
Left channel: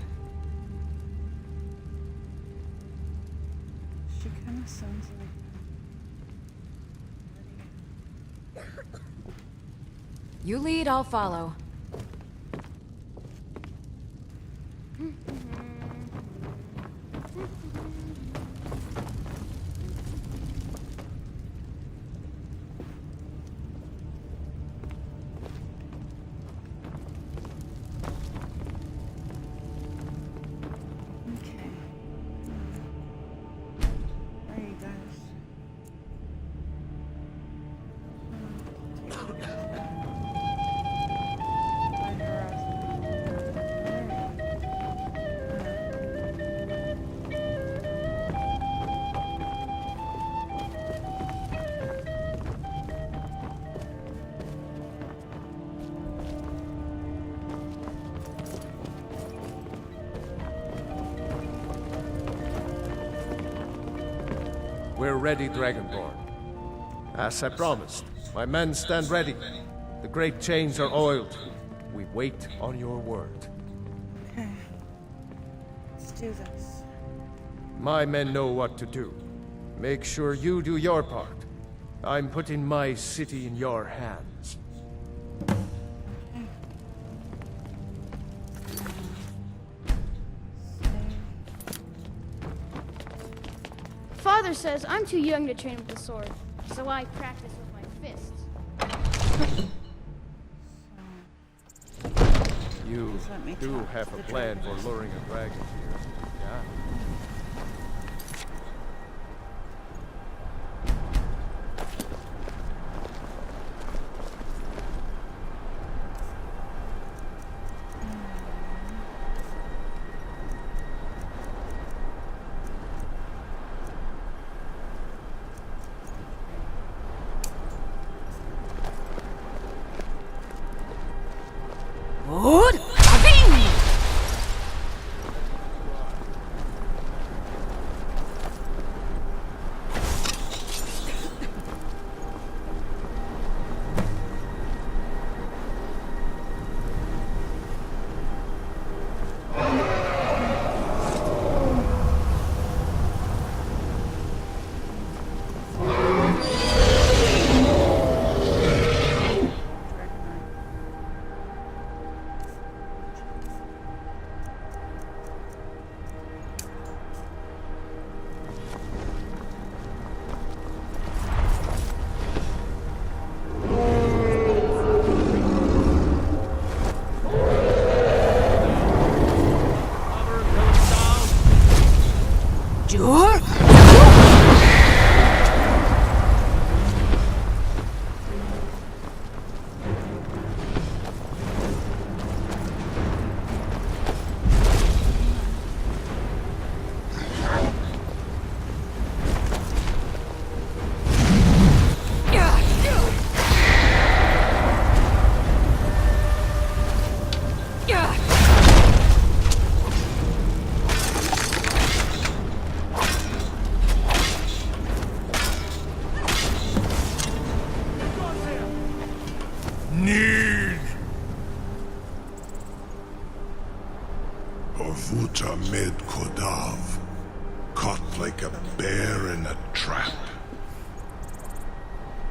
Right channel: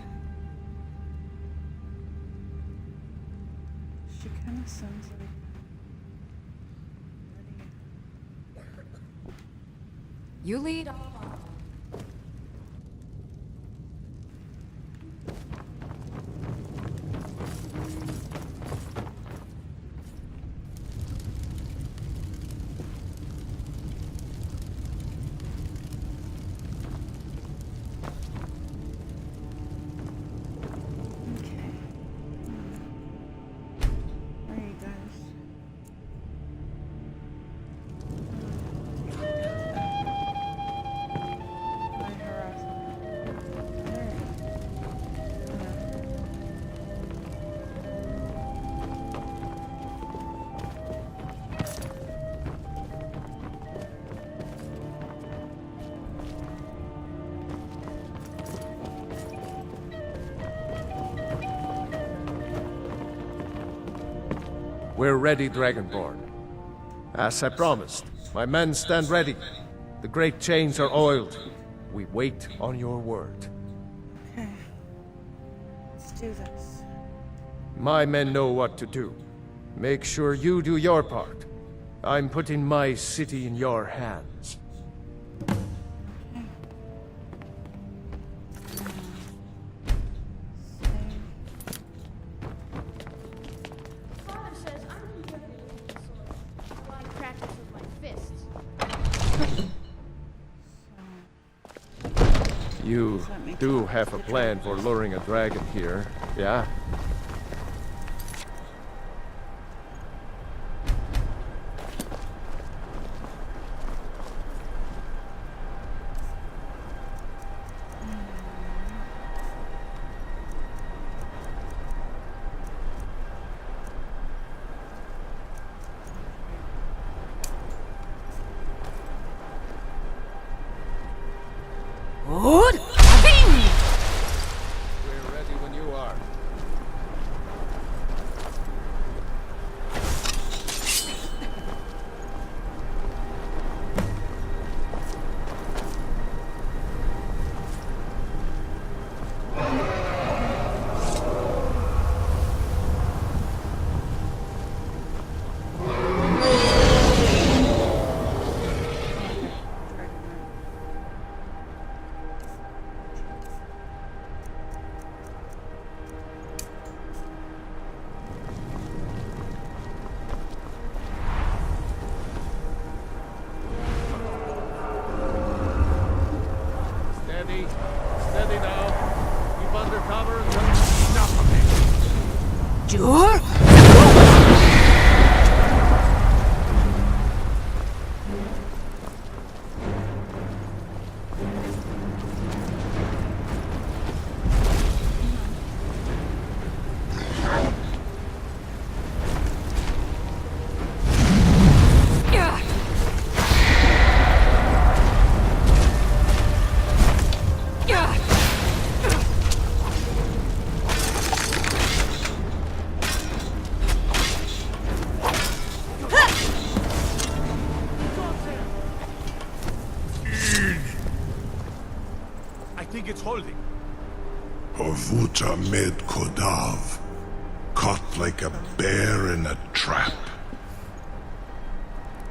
She kind of sounds like... You lead, I'll follow. Okay. Where are you guys? Why harass We're ready, Dragonborn. As I promised, my men stand ready. The great chains are oiled. We wait on your word. Okay. Let's do this. My men know what to do. Make sure you do your part. I'm putting my city in your hands. Father says I'm too young to train with the sword, so I practice with my fists. You do have a plan for luring a dragon here, yeah? Good. We're ready when you are. Sure. Horvuta med Kodav, caught like a bear in a trap.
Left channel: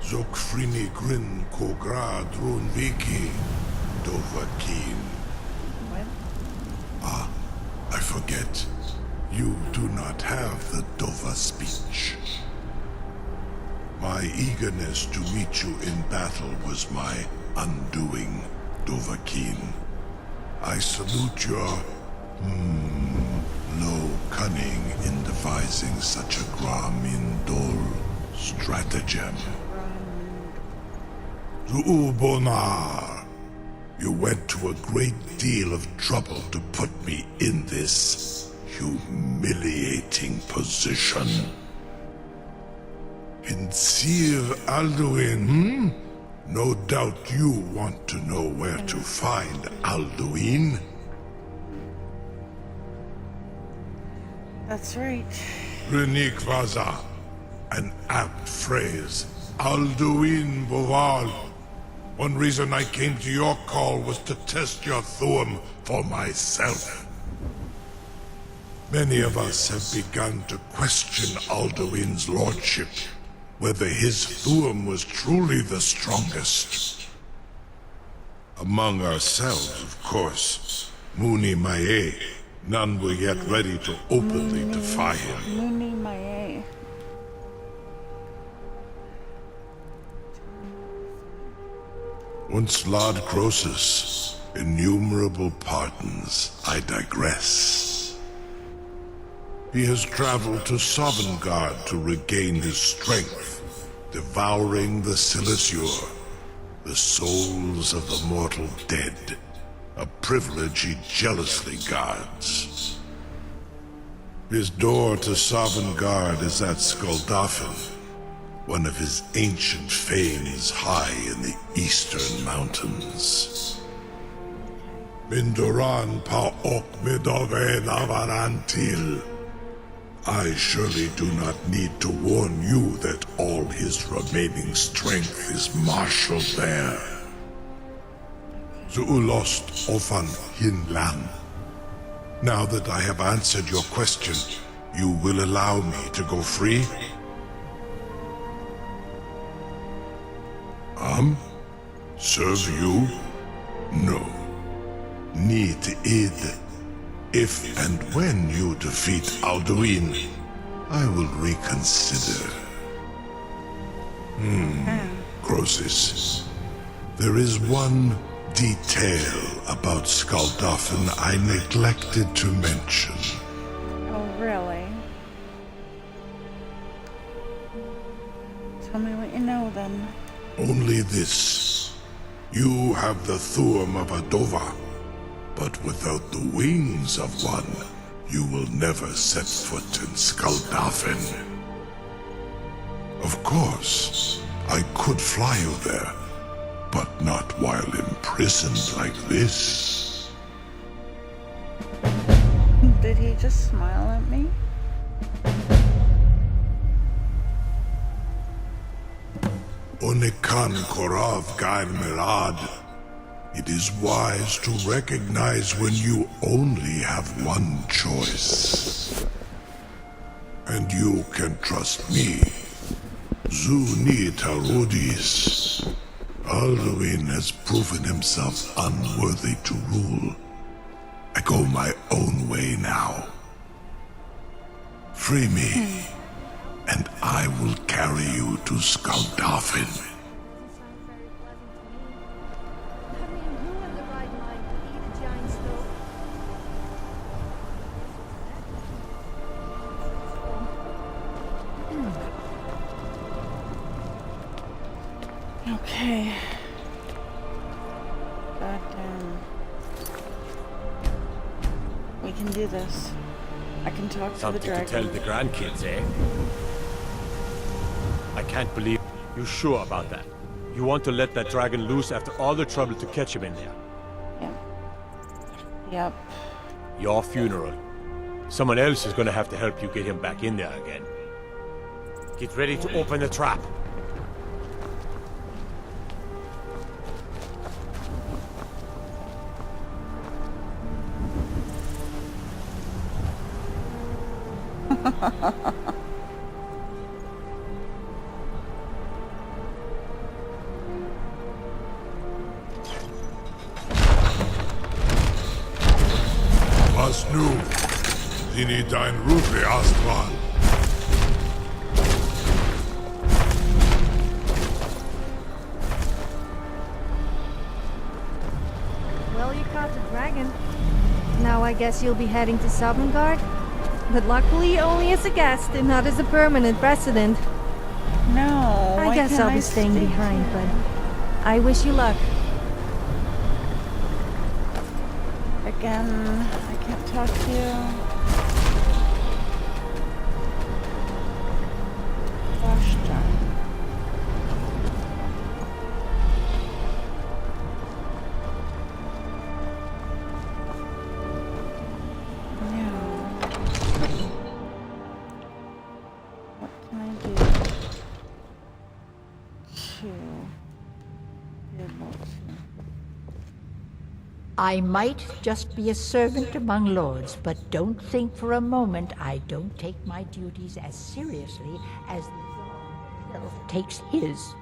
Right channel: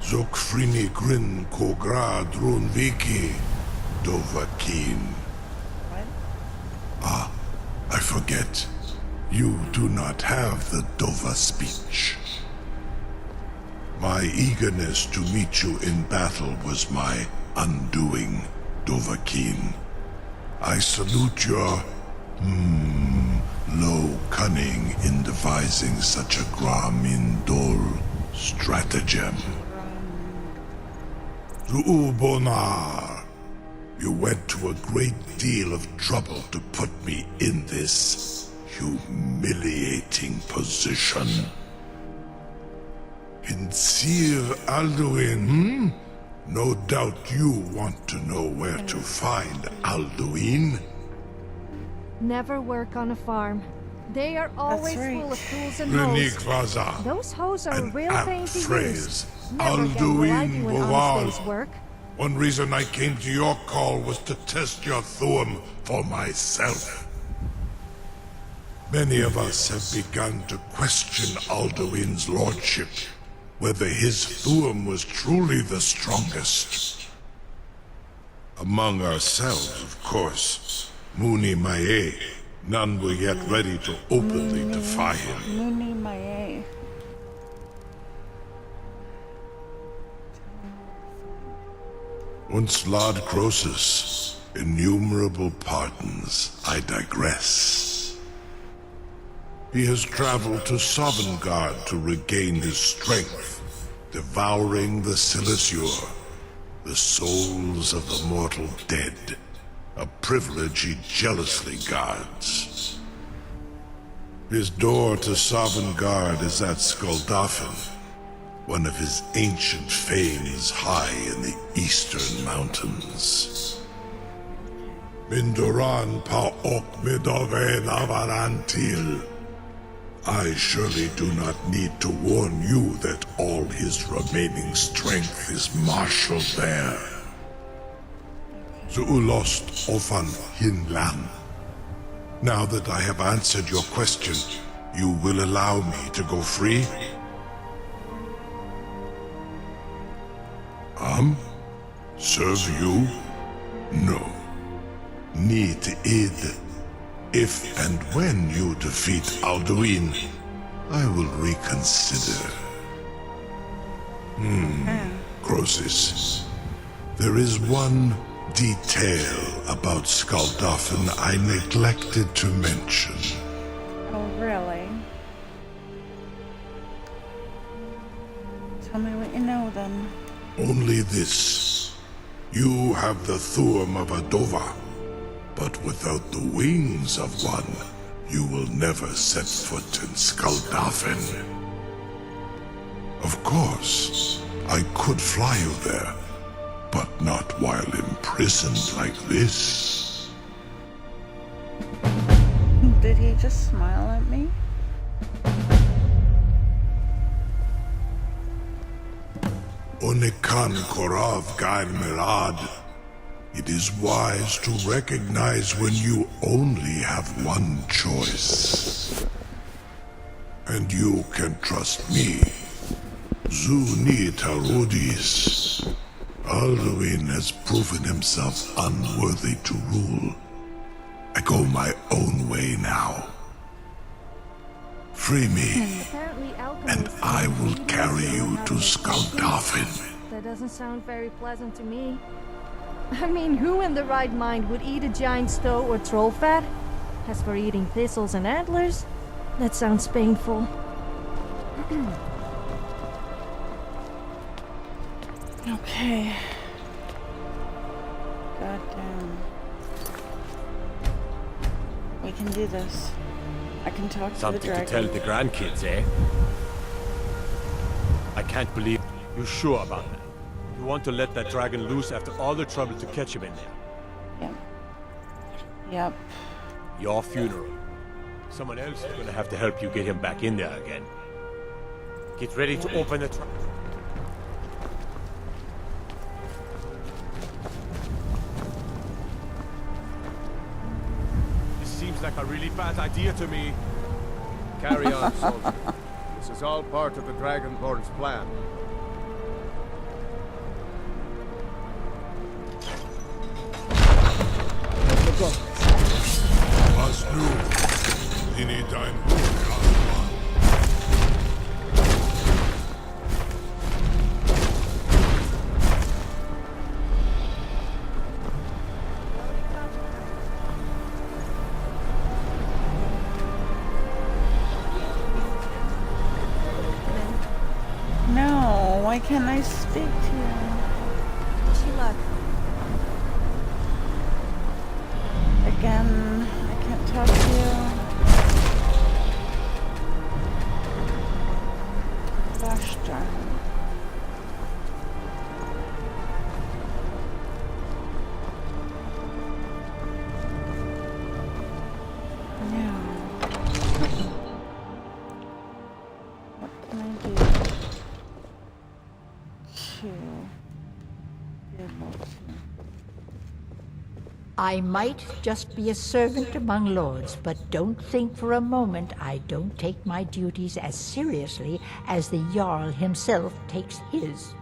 Zokfrini grin kogra drunviki, Dovakin. What? Ah, I forget. You do not have the Dova speech. My eagerness to meet you in battle was my undoing, Dovahkiin. I salute your, low cunning in devising such a Gramindol stratagem. Zuubonar, you went to a great deal of trouble to put me in this humiliating position. Insir Alduin, No doubt you want to know where to find Alduin. Never work on a farm. They are always That's right. full of fools and Renik hoes. Vaza, Those hoes are an real apt pain to phrase. use. Alduin Never get what I do is Boval. work. One reason I came to your call was to test your Thuum for myself. Many of us have begun to question Alduin's lordship, whether his Thuum was truly the strongest. Among ourselves, of course, Muni Mae, none were yet ready to openly defy him. Muni Mae. Once Lord Croesus, innumerable pardons, I digress. He has traveled to Sovngarde to regain his strength, devouring the Silesure, the souls of the mortal dead, a privilege he jealously guards. His door to Sovngarde is at Skuldafn, one of his ancient fames high in the eastern mountains. Mindoran pa ok midove navarantil. I surely do not need to warn you that all his remaining strength is marshaled there. Zuulost ofan hinlan. Now that I have answered your question, you will allow me to go free? Serve you? No. Need id. If and when you defeat Alduin, I will reconsider. Croesus. There is one detail about Skuldafn I neglected to mention. Oh, really? Tell me what you know, then. Only this. You have the Thuum of a Dova, but without the wings of one, you will never set foot in Skuldafn. Of course, I could fly you there, but not while imprisoned like this. Did he just smile at me? Onikan Korav Gair Mirad. It is wise to recognize when you only have one choice. And you can trust me. Zuni Tarudis. Alduin has proven himself unworthy to rule. I go my own way now. Free me, and I will carry you to Skuldafn. That doesn't sound very pleasant to me. I mean, who in the right mind would eat a giant stoat or troll fat? As for eating thistles and antlers, that sounds painful. Okay. Goddamn. We can do this. I can talk Something to the to tell dragon. the grandkids, eh? I can't believe you sure about that. You want to let that dragon loose after all the trouble to catch him in there? Yep. Yep. Your funeral. Someone else is gonna have to help you get him back in there again. Get ready to open the trap. This seems like a really bad idea to me. Carry on, soldier. This is all part of the Dragonborn's plan. Was nu? Sie nicht dein Ruf erstmal. Well, you caught the dragon. Now I guess you'll be heading to Sovngarde? But luckily only as a guest and not as a permanent resident. No, why guess can't I'll I be stay staying behind, here? but I wish you luck. Again, I can't talk to you. Gosh darn. No. What can I do to be able to... I might just be a servant among lords, but don't think for a moment I don't take my duties as seriously as the Jarl himself takes his.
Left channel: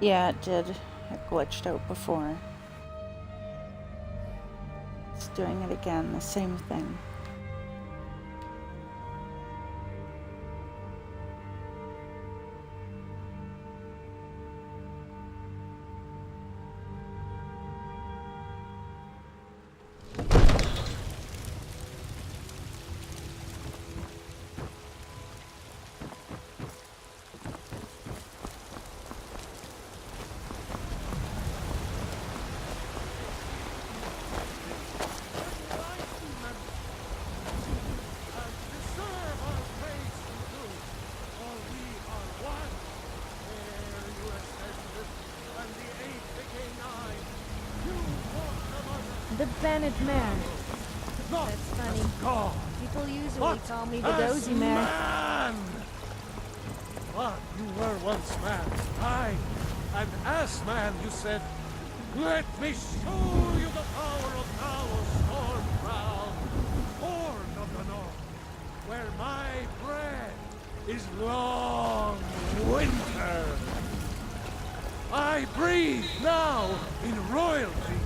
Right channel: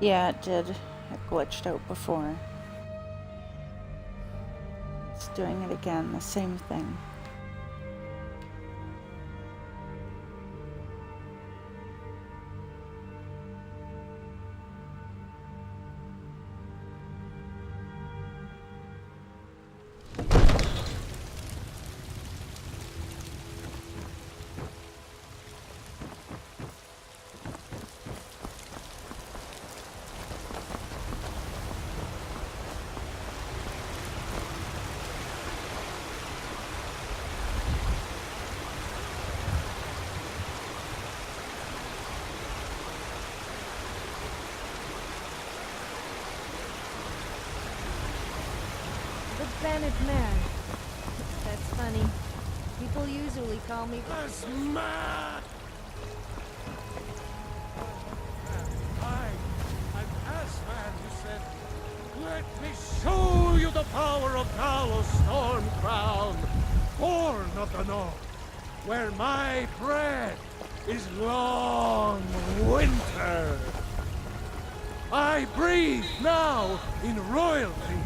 Yeah, it did. It glitched out before. It's doing it again, the same thing. The Bennett Mare. That's funny. People usually call me the Dozy Mare. Man! What? You were once man. I, an ass man, you said. Let me show you the power of Talos Storm Crown, born of the North, where my bread is long winter. I breathe now in royalty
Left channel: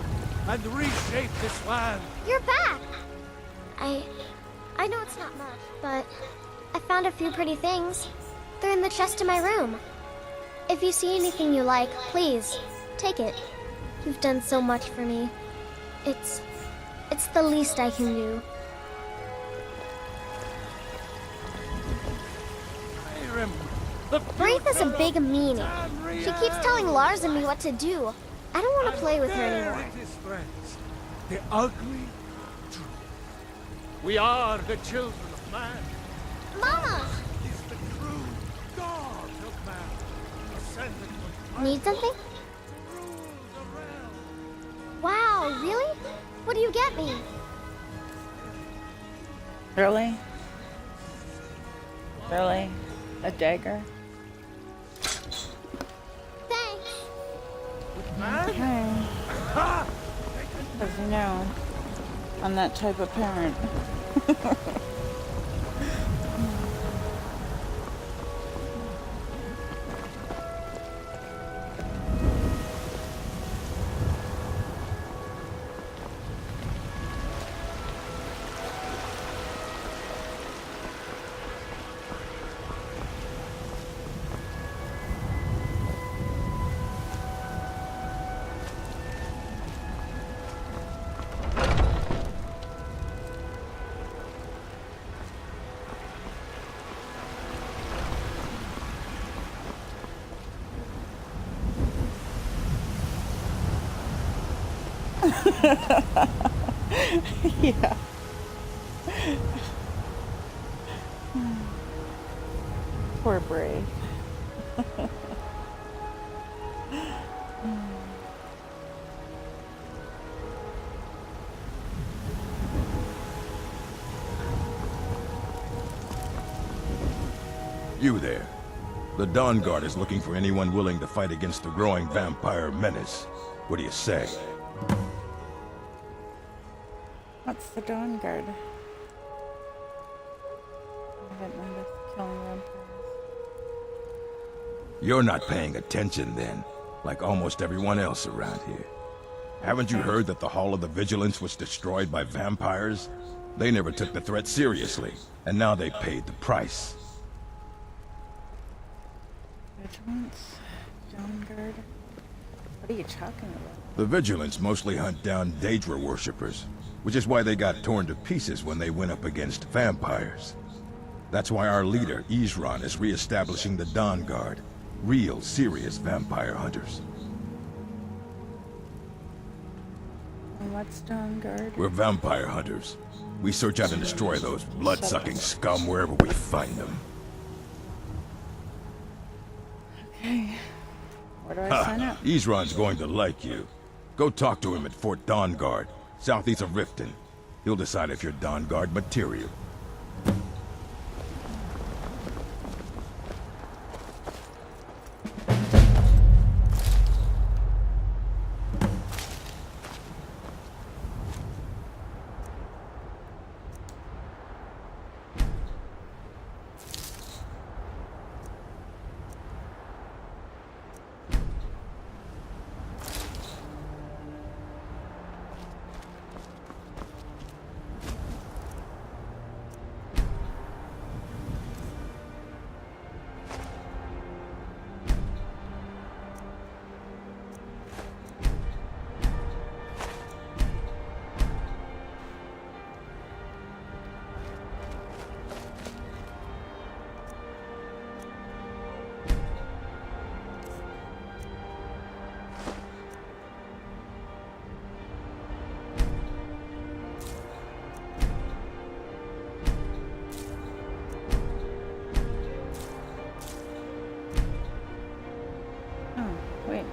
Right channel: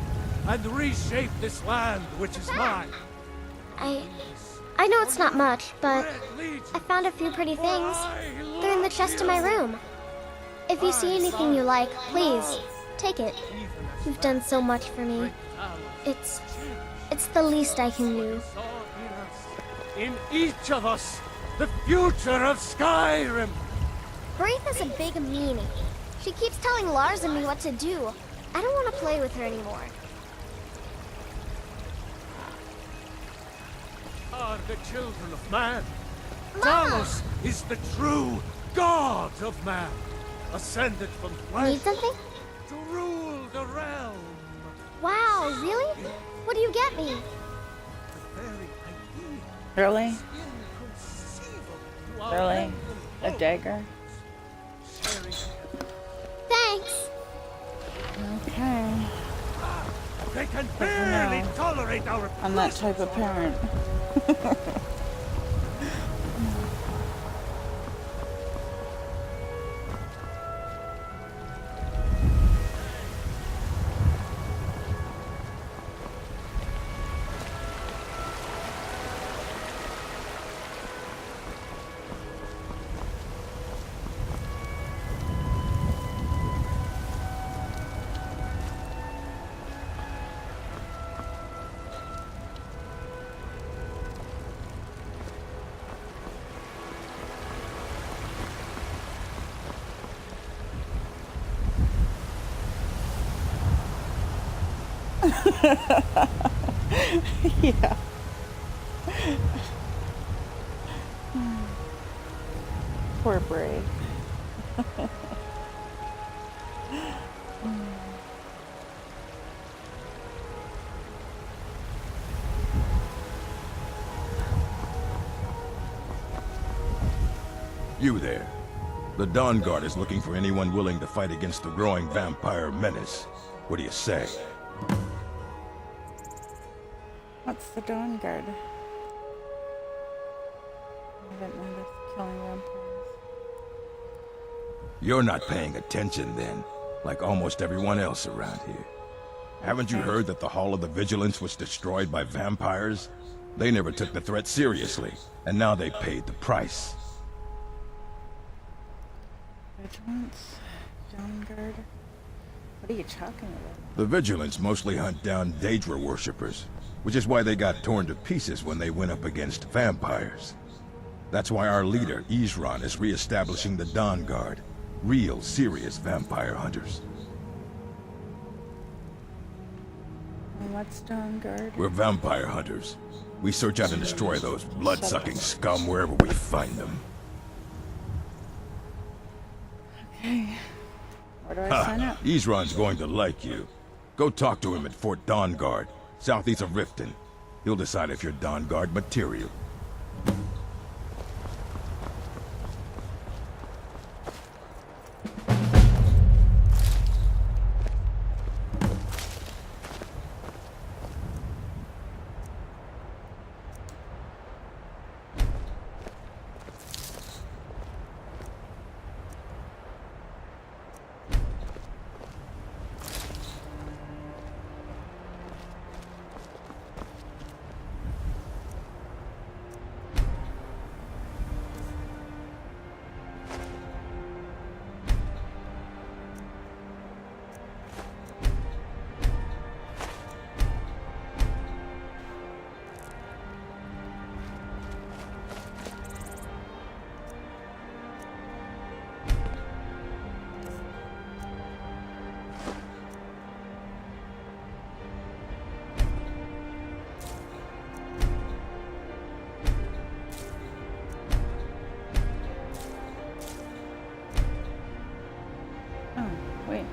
and reshape this land which You're is back. mine. I know it's not much, but I found a few pretty things. They're in the chest in my room. If you see anything you like, please, take it. You've done so much for me. It's the least I can do. In each of us, the future of Skyrym. Wraith is a big meanie. She keeps telling Lars and me what to do. I don't want to play with her anymore. The ugly. We are the children of man. Mama! Talos is the true god of man, ascended from flesh Need something? to rule the realm. Wow, really? What do you get me? Really? Really? A dagger? Thanks. Okay. They can But you know, tolerate our I'm that type of parent. Yeah. Poor Brave. You there. The Dawn Guard is looking for anyone willing to fight against the growing vampire menace. What do you say? What's the Dawn Guard? I haven't noticed killing vampires. You're not paying attention then, like almost everyone else around here. Haven't you heard that the Hall of the Vigilance was destroyed by vampires? They never took the threat seriously, and now they paid the price. Vigilance? Dawn Guard? What are you talking about? The Vigilance mostly hunt down Daedra worshippers, which is why they got torn to pieces when they went up against vampires. That's why our leader, Isran, is re-establishing the Dawn Guard. Real, serious vampire hunters. And what's Dawn Guard? We're vampire hunters. We search out and destroy those blood-sucking scum wherever we find them. Okay. Where do I sign up? Isran's going to like you. Go talk to him at Fort Dawn Guard, southeast of Riften. He'll decide if you're Dawn Guard material. Wait.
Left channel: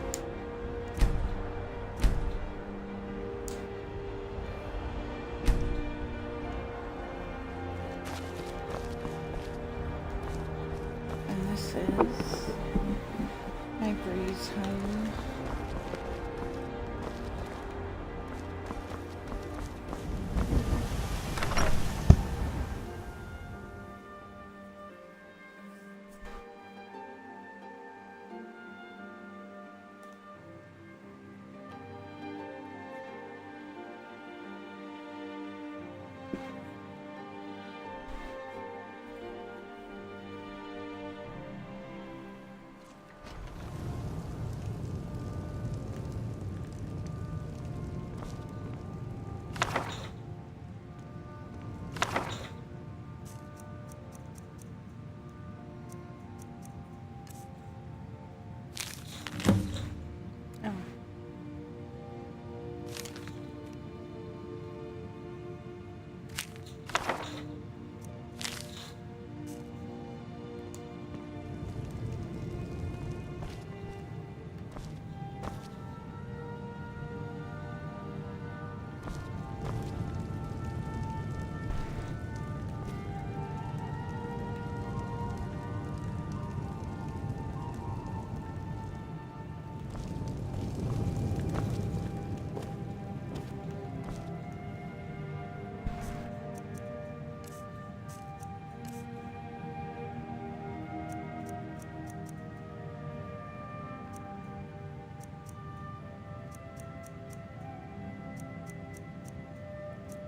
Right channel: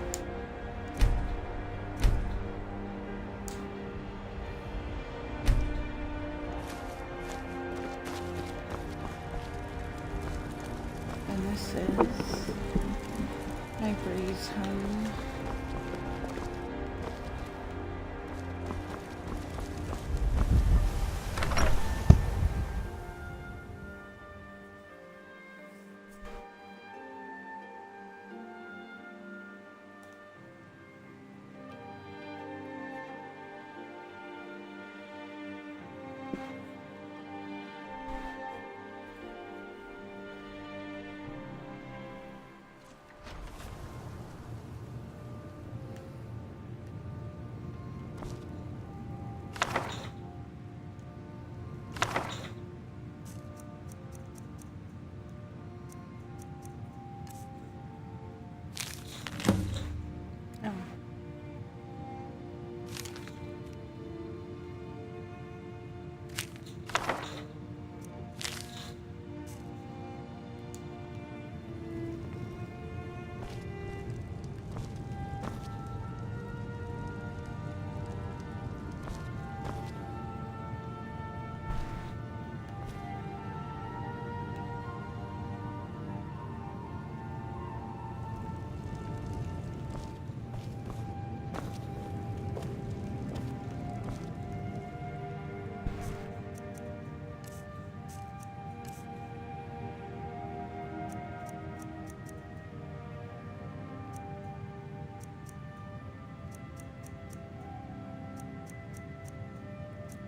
And this is Ivory's home.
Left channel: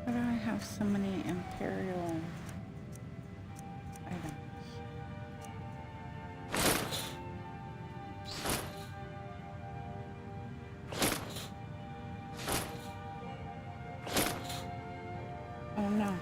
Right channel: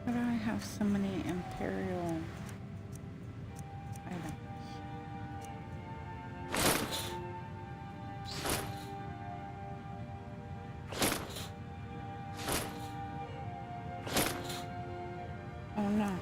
Why do I have so many Imperial items? Oh no.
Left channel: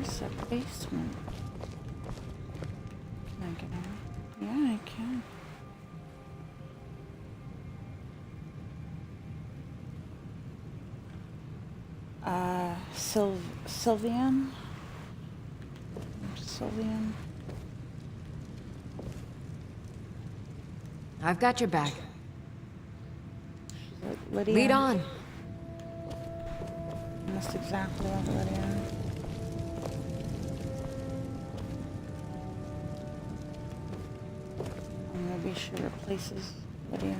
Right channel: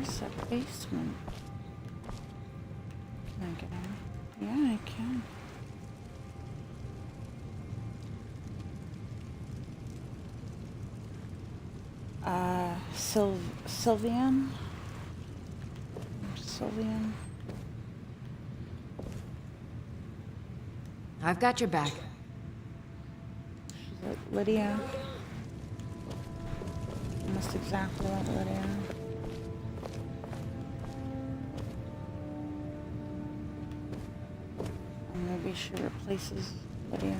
Where's the basement? Can I get in? Yeah, I can. Sylvian? Sylvian? I've got your back. Lydia? Lead on. Almost exactly like Lydia. Or maybe she replaces Lydia.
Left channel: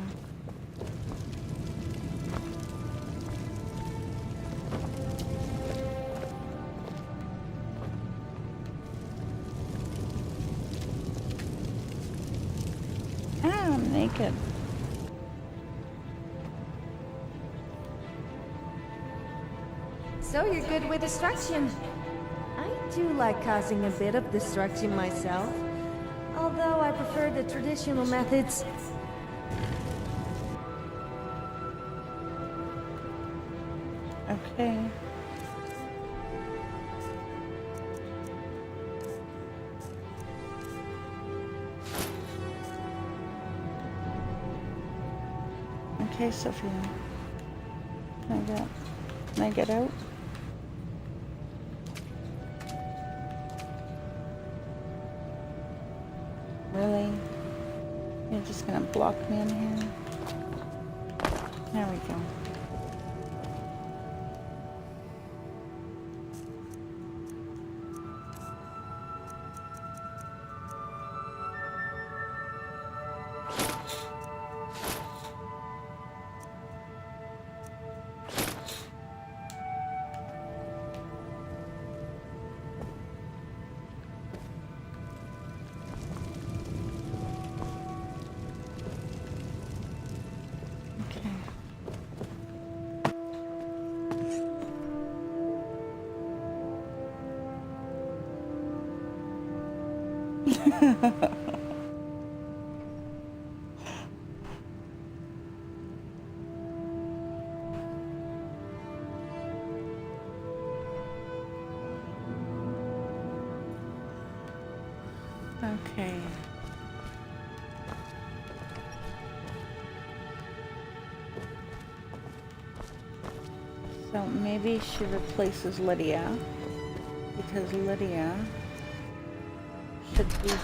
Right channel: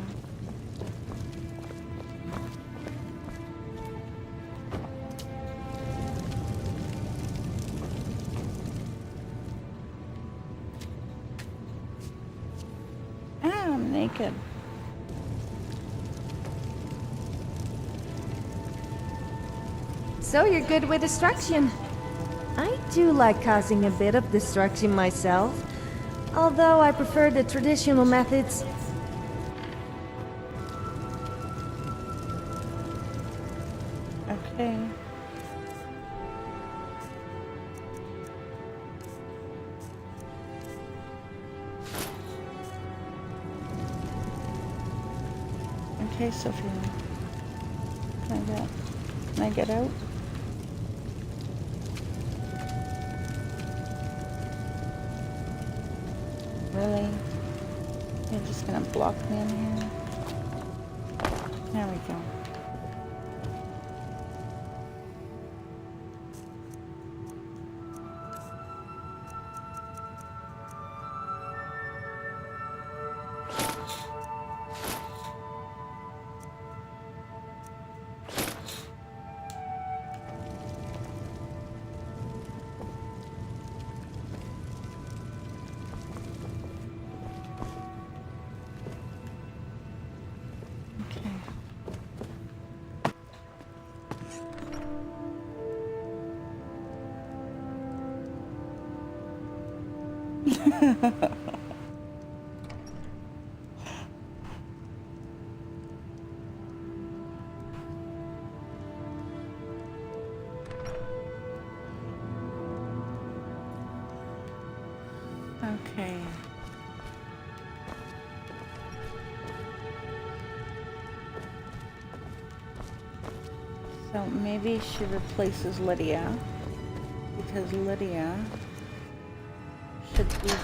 Ah, I'm naked. So you're good with destruction. I do like causing a bit of destruction myself, although I prefer the traditional methods. Okay. Okay, Sophia. Can I get out? Really? You're just gonna block me in here? There we go. Okay. So maybe she replaces Lydia, because Lydia should be here.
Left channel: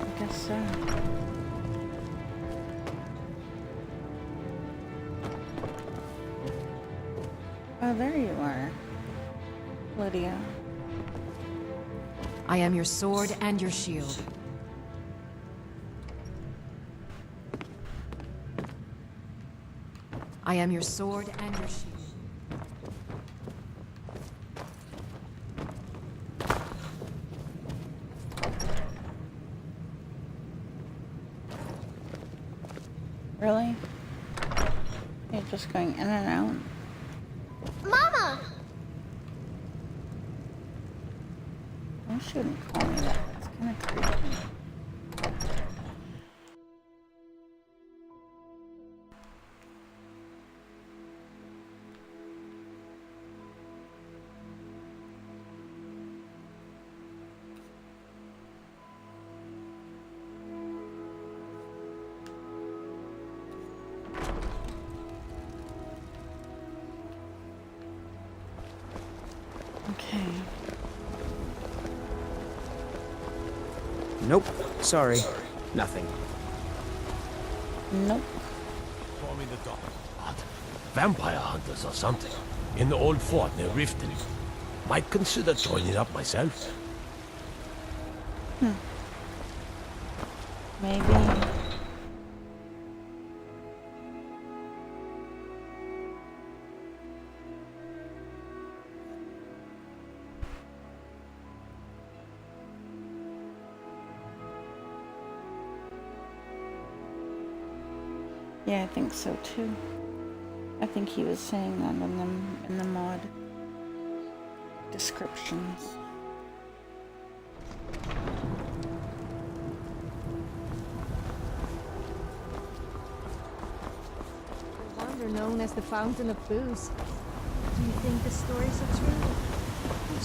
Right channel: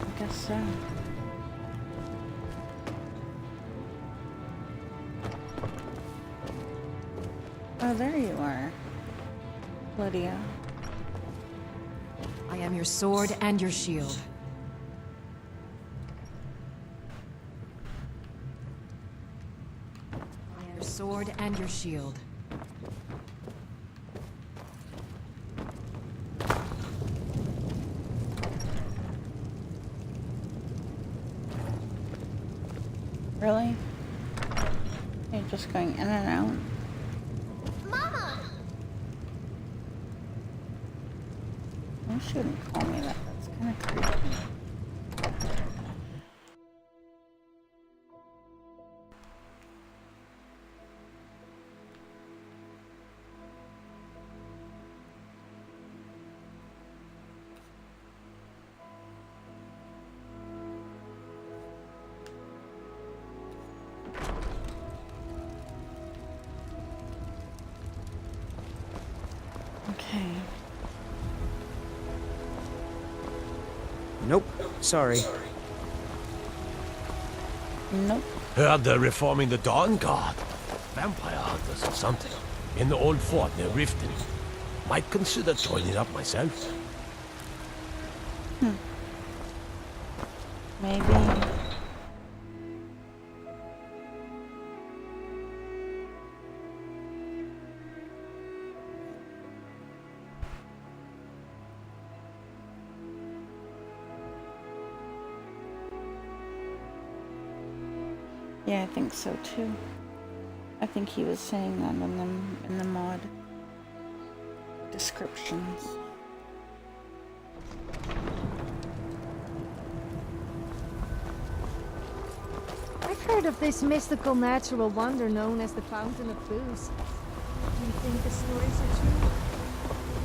I guess so. Oh, there you are, Lydia. I am your sword and your shield. I am your sword and your shield. Really? You're just going in and out? Mama! You shouldn't call me that. That's kind of creepy. Okay. Nope. Sorry. Nothing. Nope. Heard they're reforming the Dawn Guard. Vampire hunters or something. In the old fort near Riften. Might consider joining up myself. Maybe. Yeah, I think so too. I think he was saying that in the mod descriptions. I've heard of this mystical natural wonder known as the Fountain of Booze. Do you think the stories are true?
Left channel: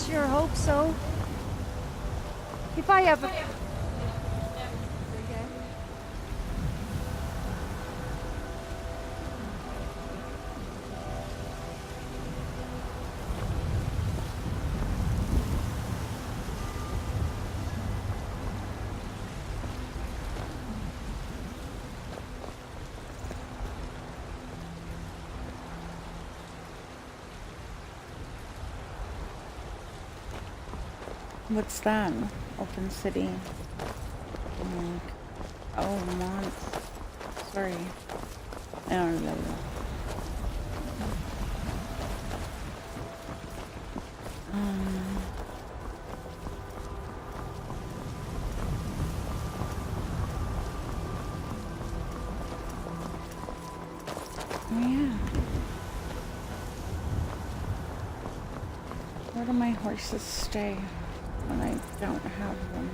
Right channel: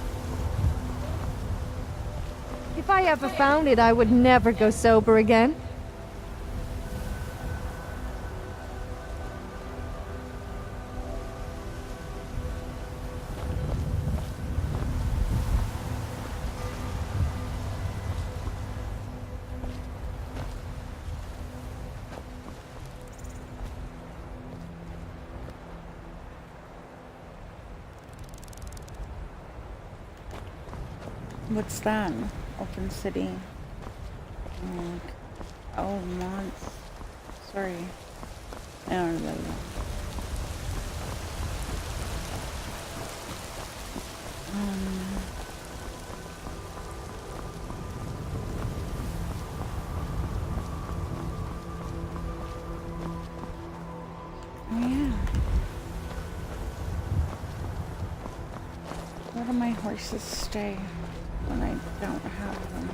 Sure hope so. If I ever found it, I would never go sober again. What's that? Open city. Oh, mods. Sorry. I don't remember. Oh yeah. Where do my horses stay when I don't have them?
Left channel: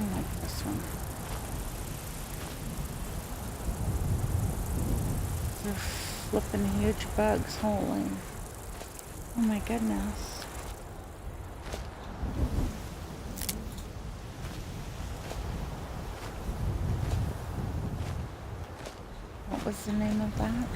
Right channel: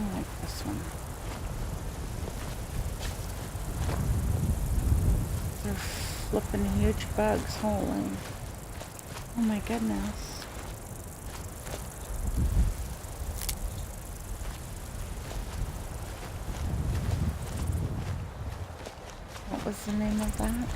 I like this one. They're flipping huge bugs, holy. Oh my goodness. What was the name of that?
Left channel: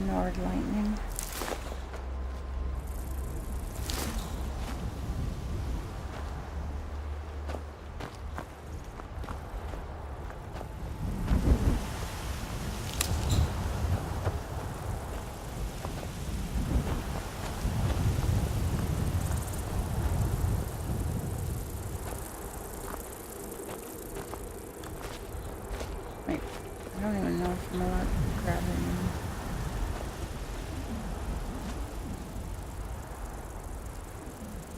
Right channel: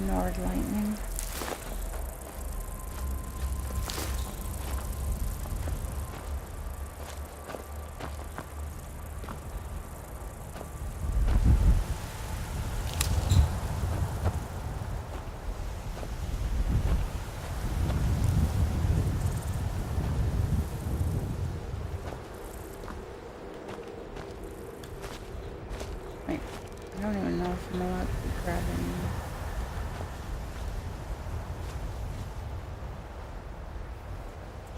Nord lightning. Wait, I don't even know if I'm allowed to be grabbing.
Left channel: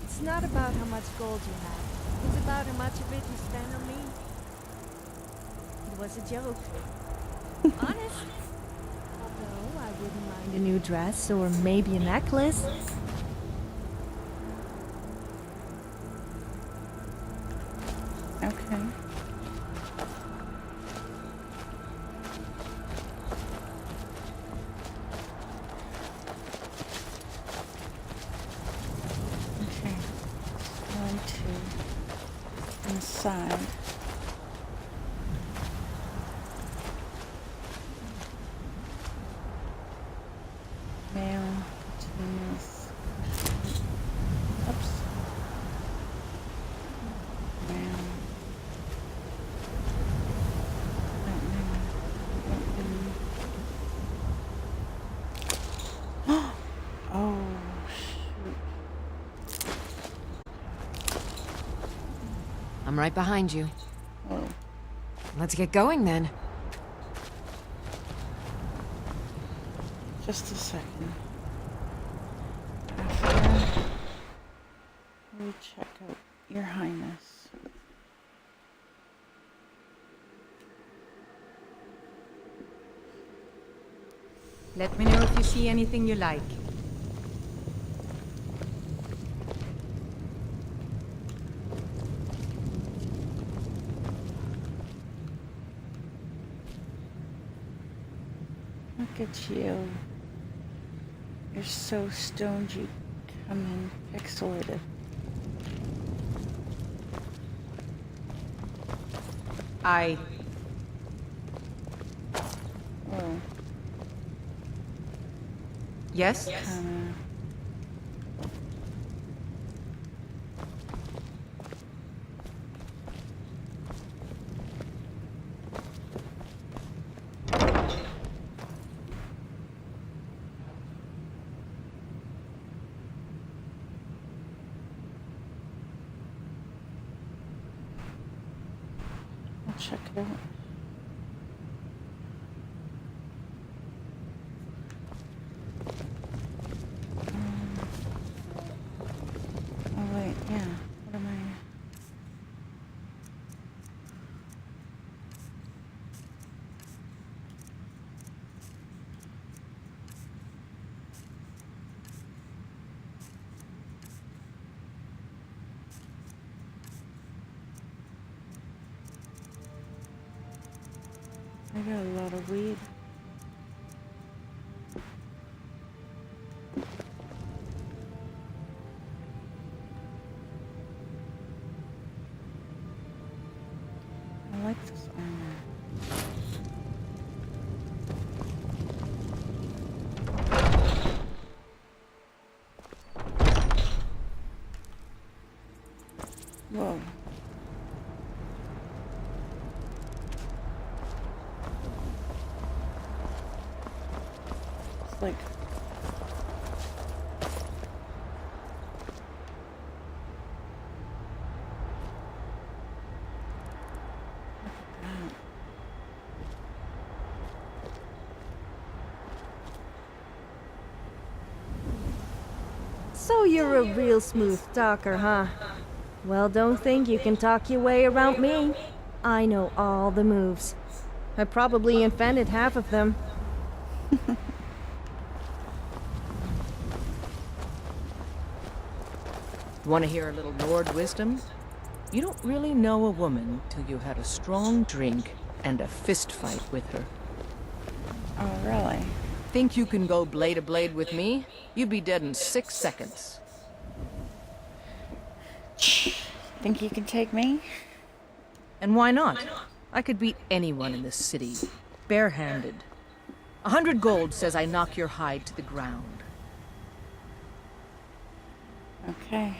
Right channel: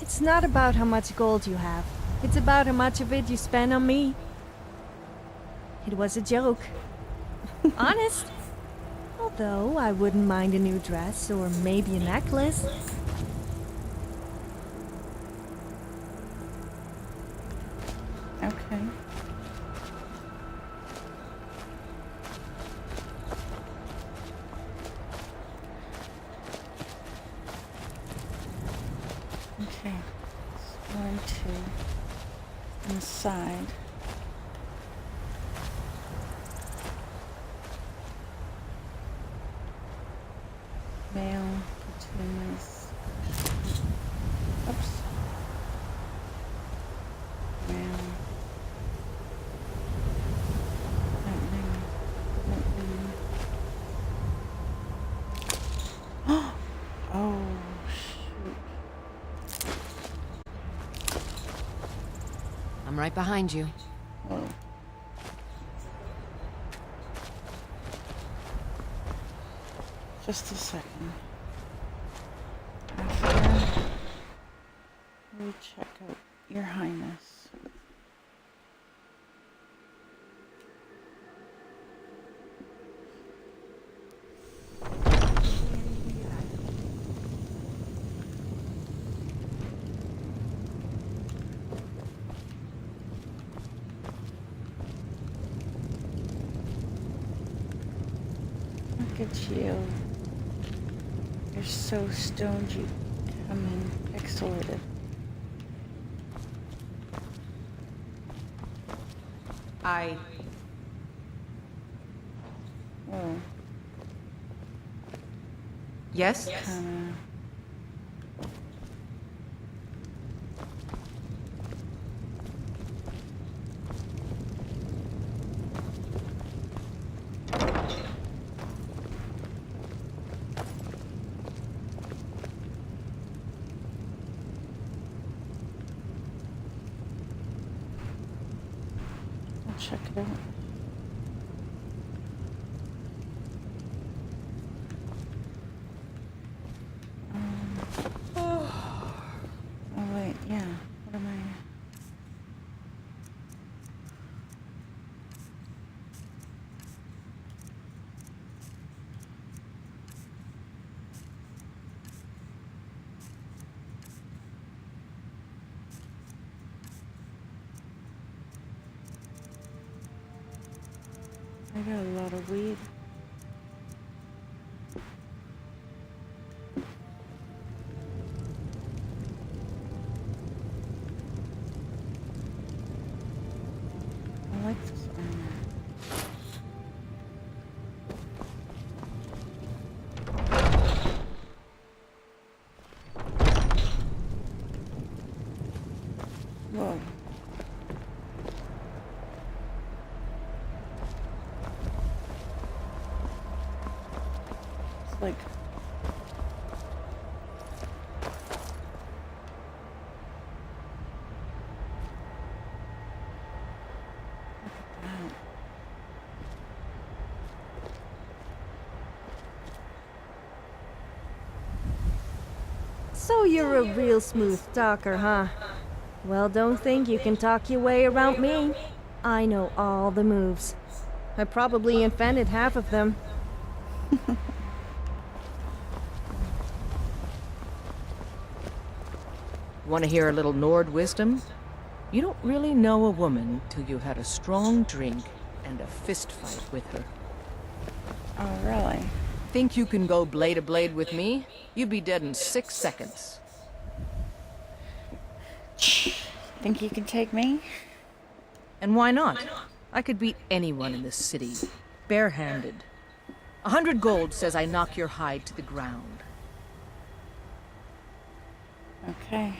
It's not about how much gold you have. It's about how much of it you spend on me. It was a joke. Honest. Although I wouldn't mind a new dress or maybe a necklace. Okay. Okay. Going to inside. Male petunias. Oops. Male. Lightning. Oh, shoot. I'm right behind you. Whoa. Let's get going then. Just a second. After we check out Your Highness. Let me know if you see anything you like. Look at you. You're so stoned you come in pixelated. Oh. Yes? Kinda. I'll check it out. Oh wait, yeah. What am I? I got a lot of weed. I like this armor. Whoa. It's like So you're a real smooth talker, huh? Well, don't think you can talk your way around me. I know all the moves. I probably invented half of them. Want to hear a little Nord wisdom? You don't really know a woman till you had a strong drink and a fist fight with her. Oh, really? Think you can go blade to blade with me? You'd be dead in 6 seconds. Think you can take me? And why not? I could beat anyone in this city, barehanded. 100 gold says I knock your hide to the ground. Okay.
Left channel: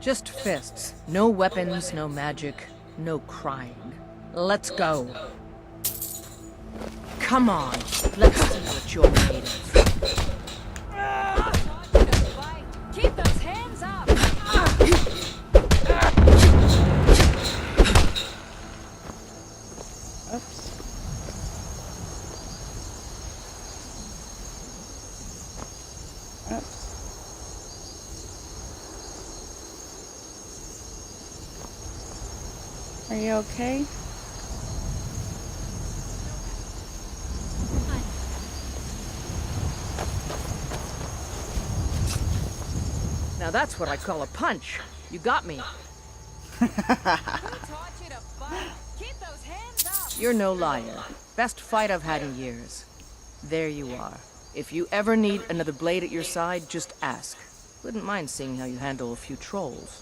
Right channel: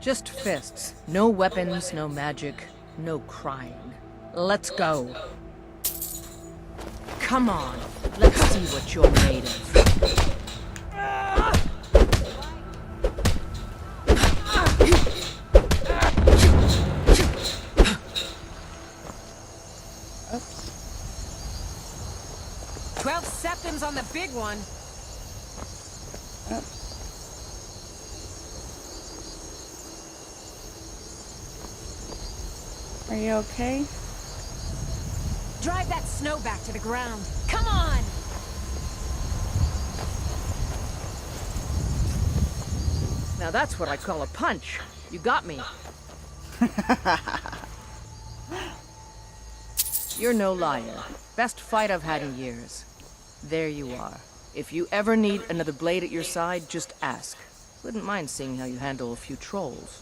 Just fists. No weapons, no magic, no crying. Let's go. Come on, let's see what you're made of. Keep those hands up! 12 septums on the big one. Oops. Are you okay? Drive that snow back to the ground. Come on! Now that's what I call a punch. You got me. You're no liar. Best fight I've had in years. There you are. If you ever need another blade at your side, just ask. Wouldn't mind seeing how you handle a few trolls.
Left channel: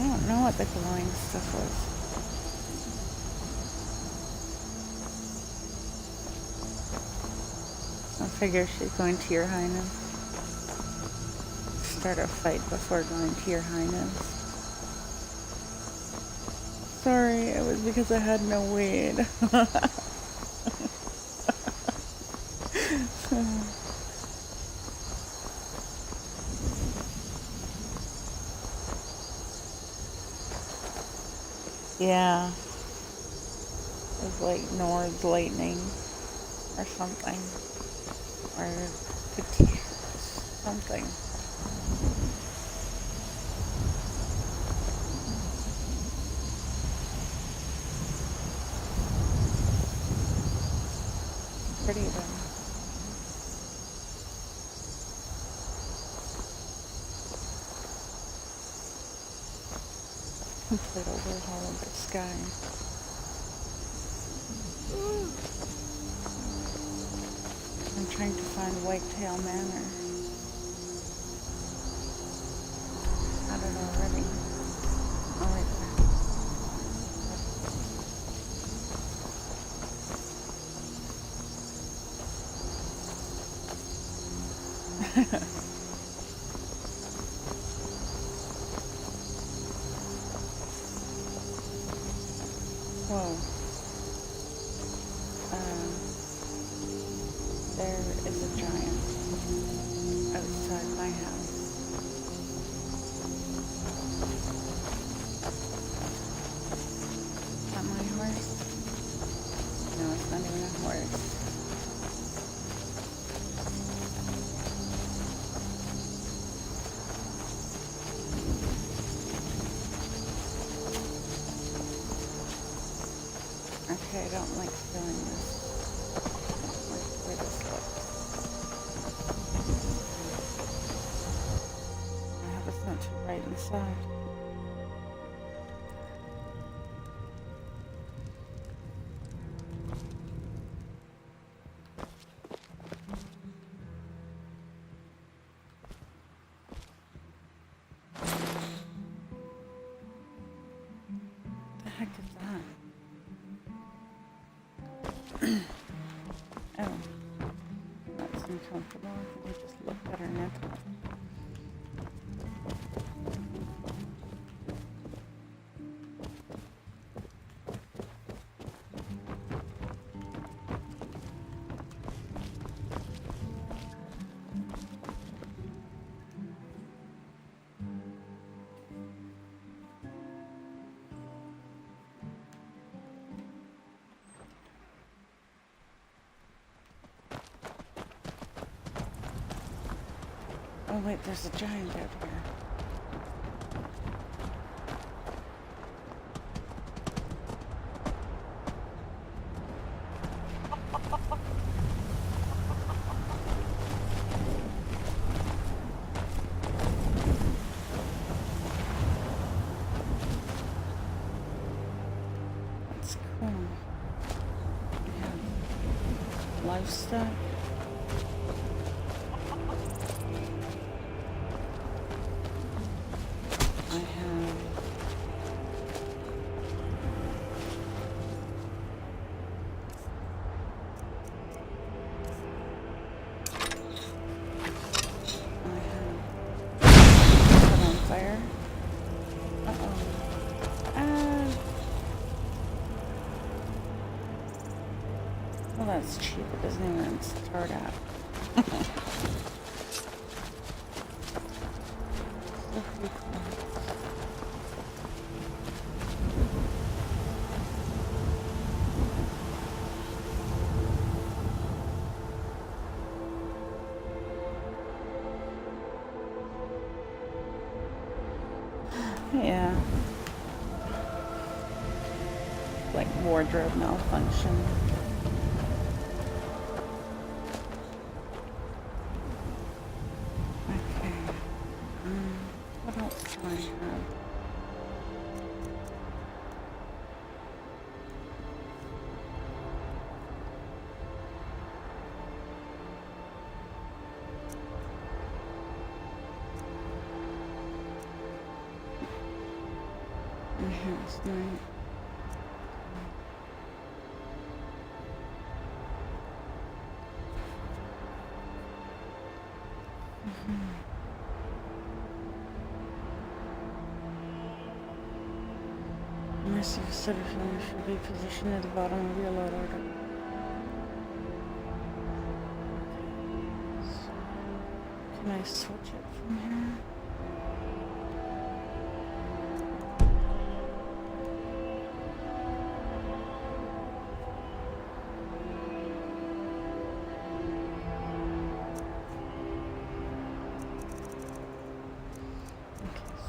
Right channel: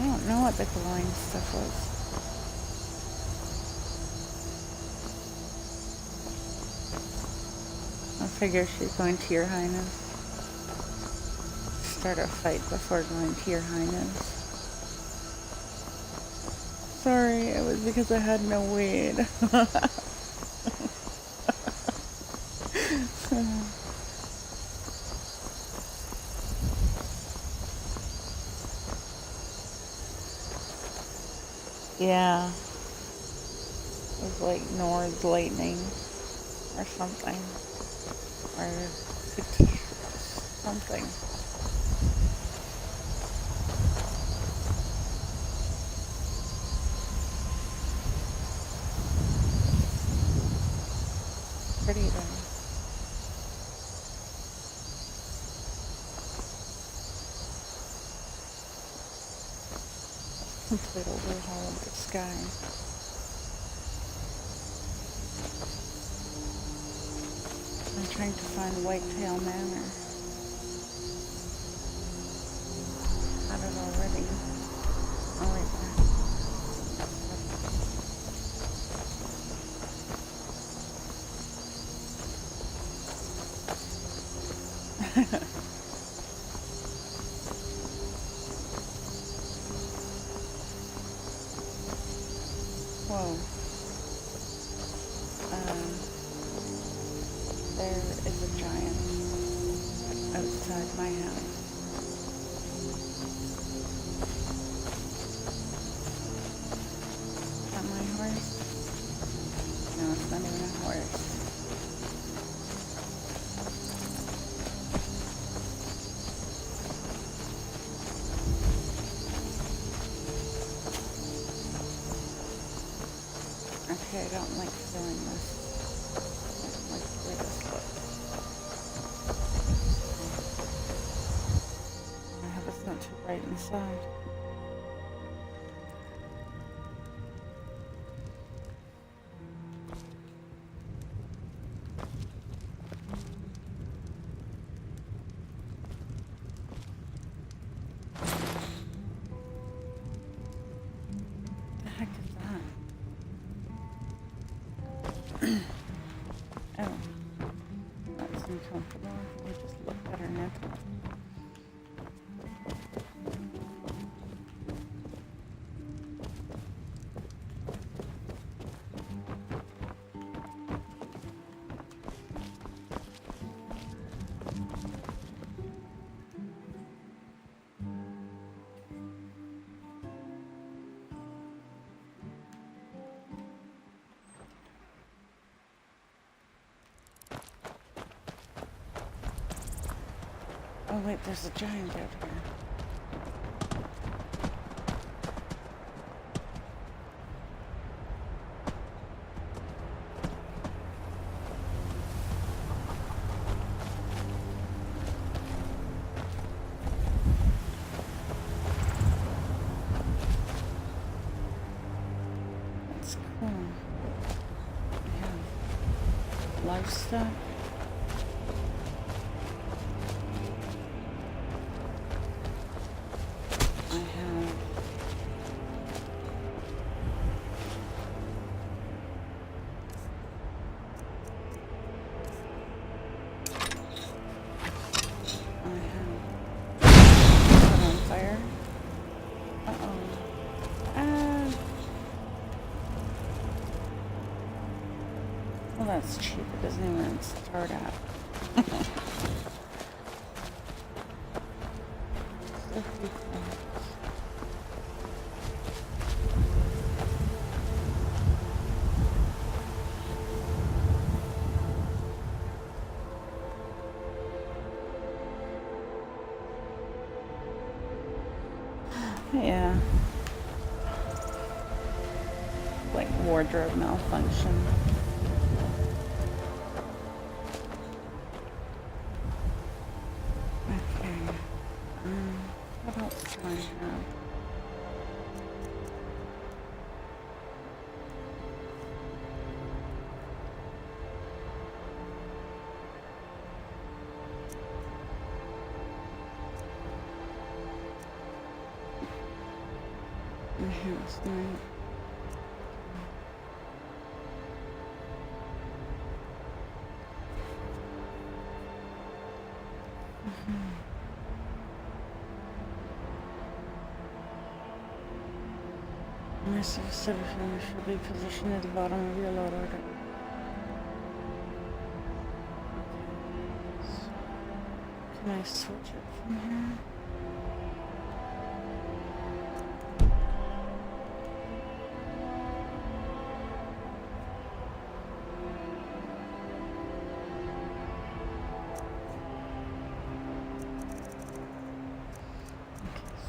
I don't know what the glowing stuff was. I figure she's going to your highness. Start a fight before going to your highness. Sorry, it was because I had no weed. Yeah. It was like Nord's lightning or something. Or something. Pretty though. complete overhaul of the sky. I'm trying to find Whitetail Manor. Had it already. Oh, right there. Whoa. There is a giant outside my house. Is that my horse? No, it's not even a horse. Okay, I don't like feeling this. I don't like the way this looks. I hope it's not too bright inside. What the heck is that? Oh, that's uncomfortable. I just looked at her nipple. Oh wait, there's a giant out here. That's cool. We have livestock. I have put on fire. Uh-oh. Well, that's cheap. It doesn't even start up. So beautiful. Yeah. Like wardrobe malfunction. Okay. What else do I have? Enhancement. Mercy citizen should be positioned at the bottom of your load order. Can I switch it from here?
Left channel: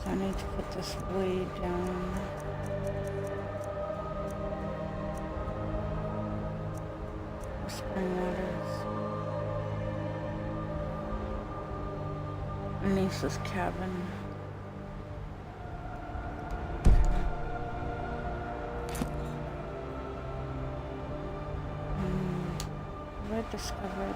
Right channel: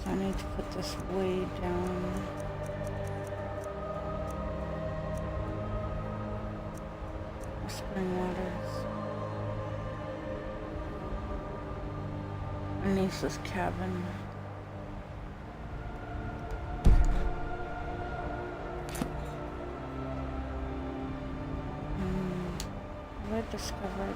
So I need to put this way down. Whispering Waters. Our niece's cabin. discovered.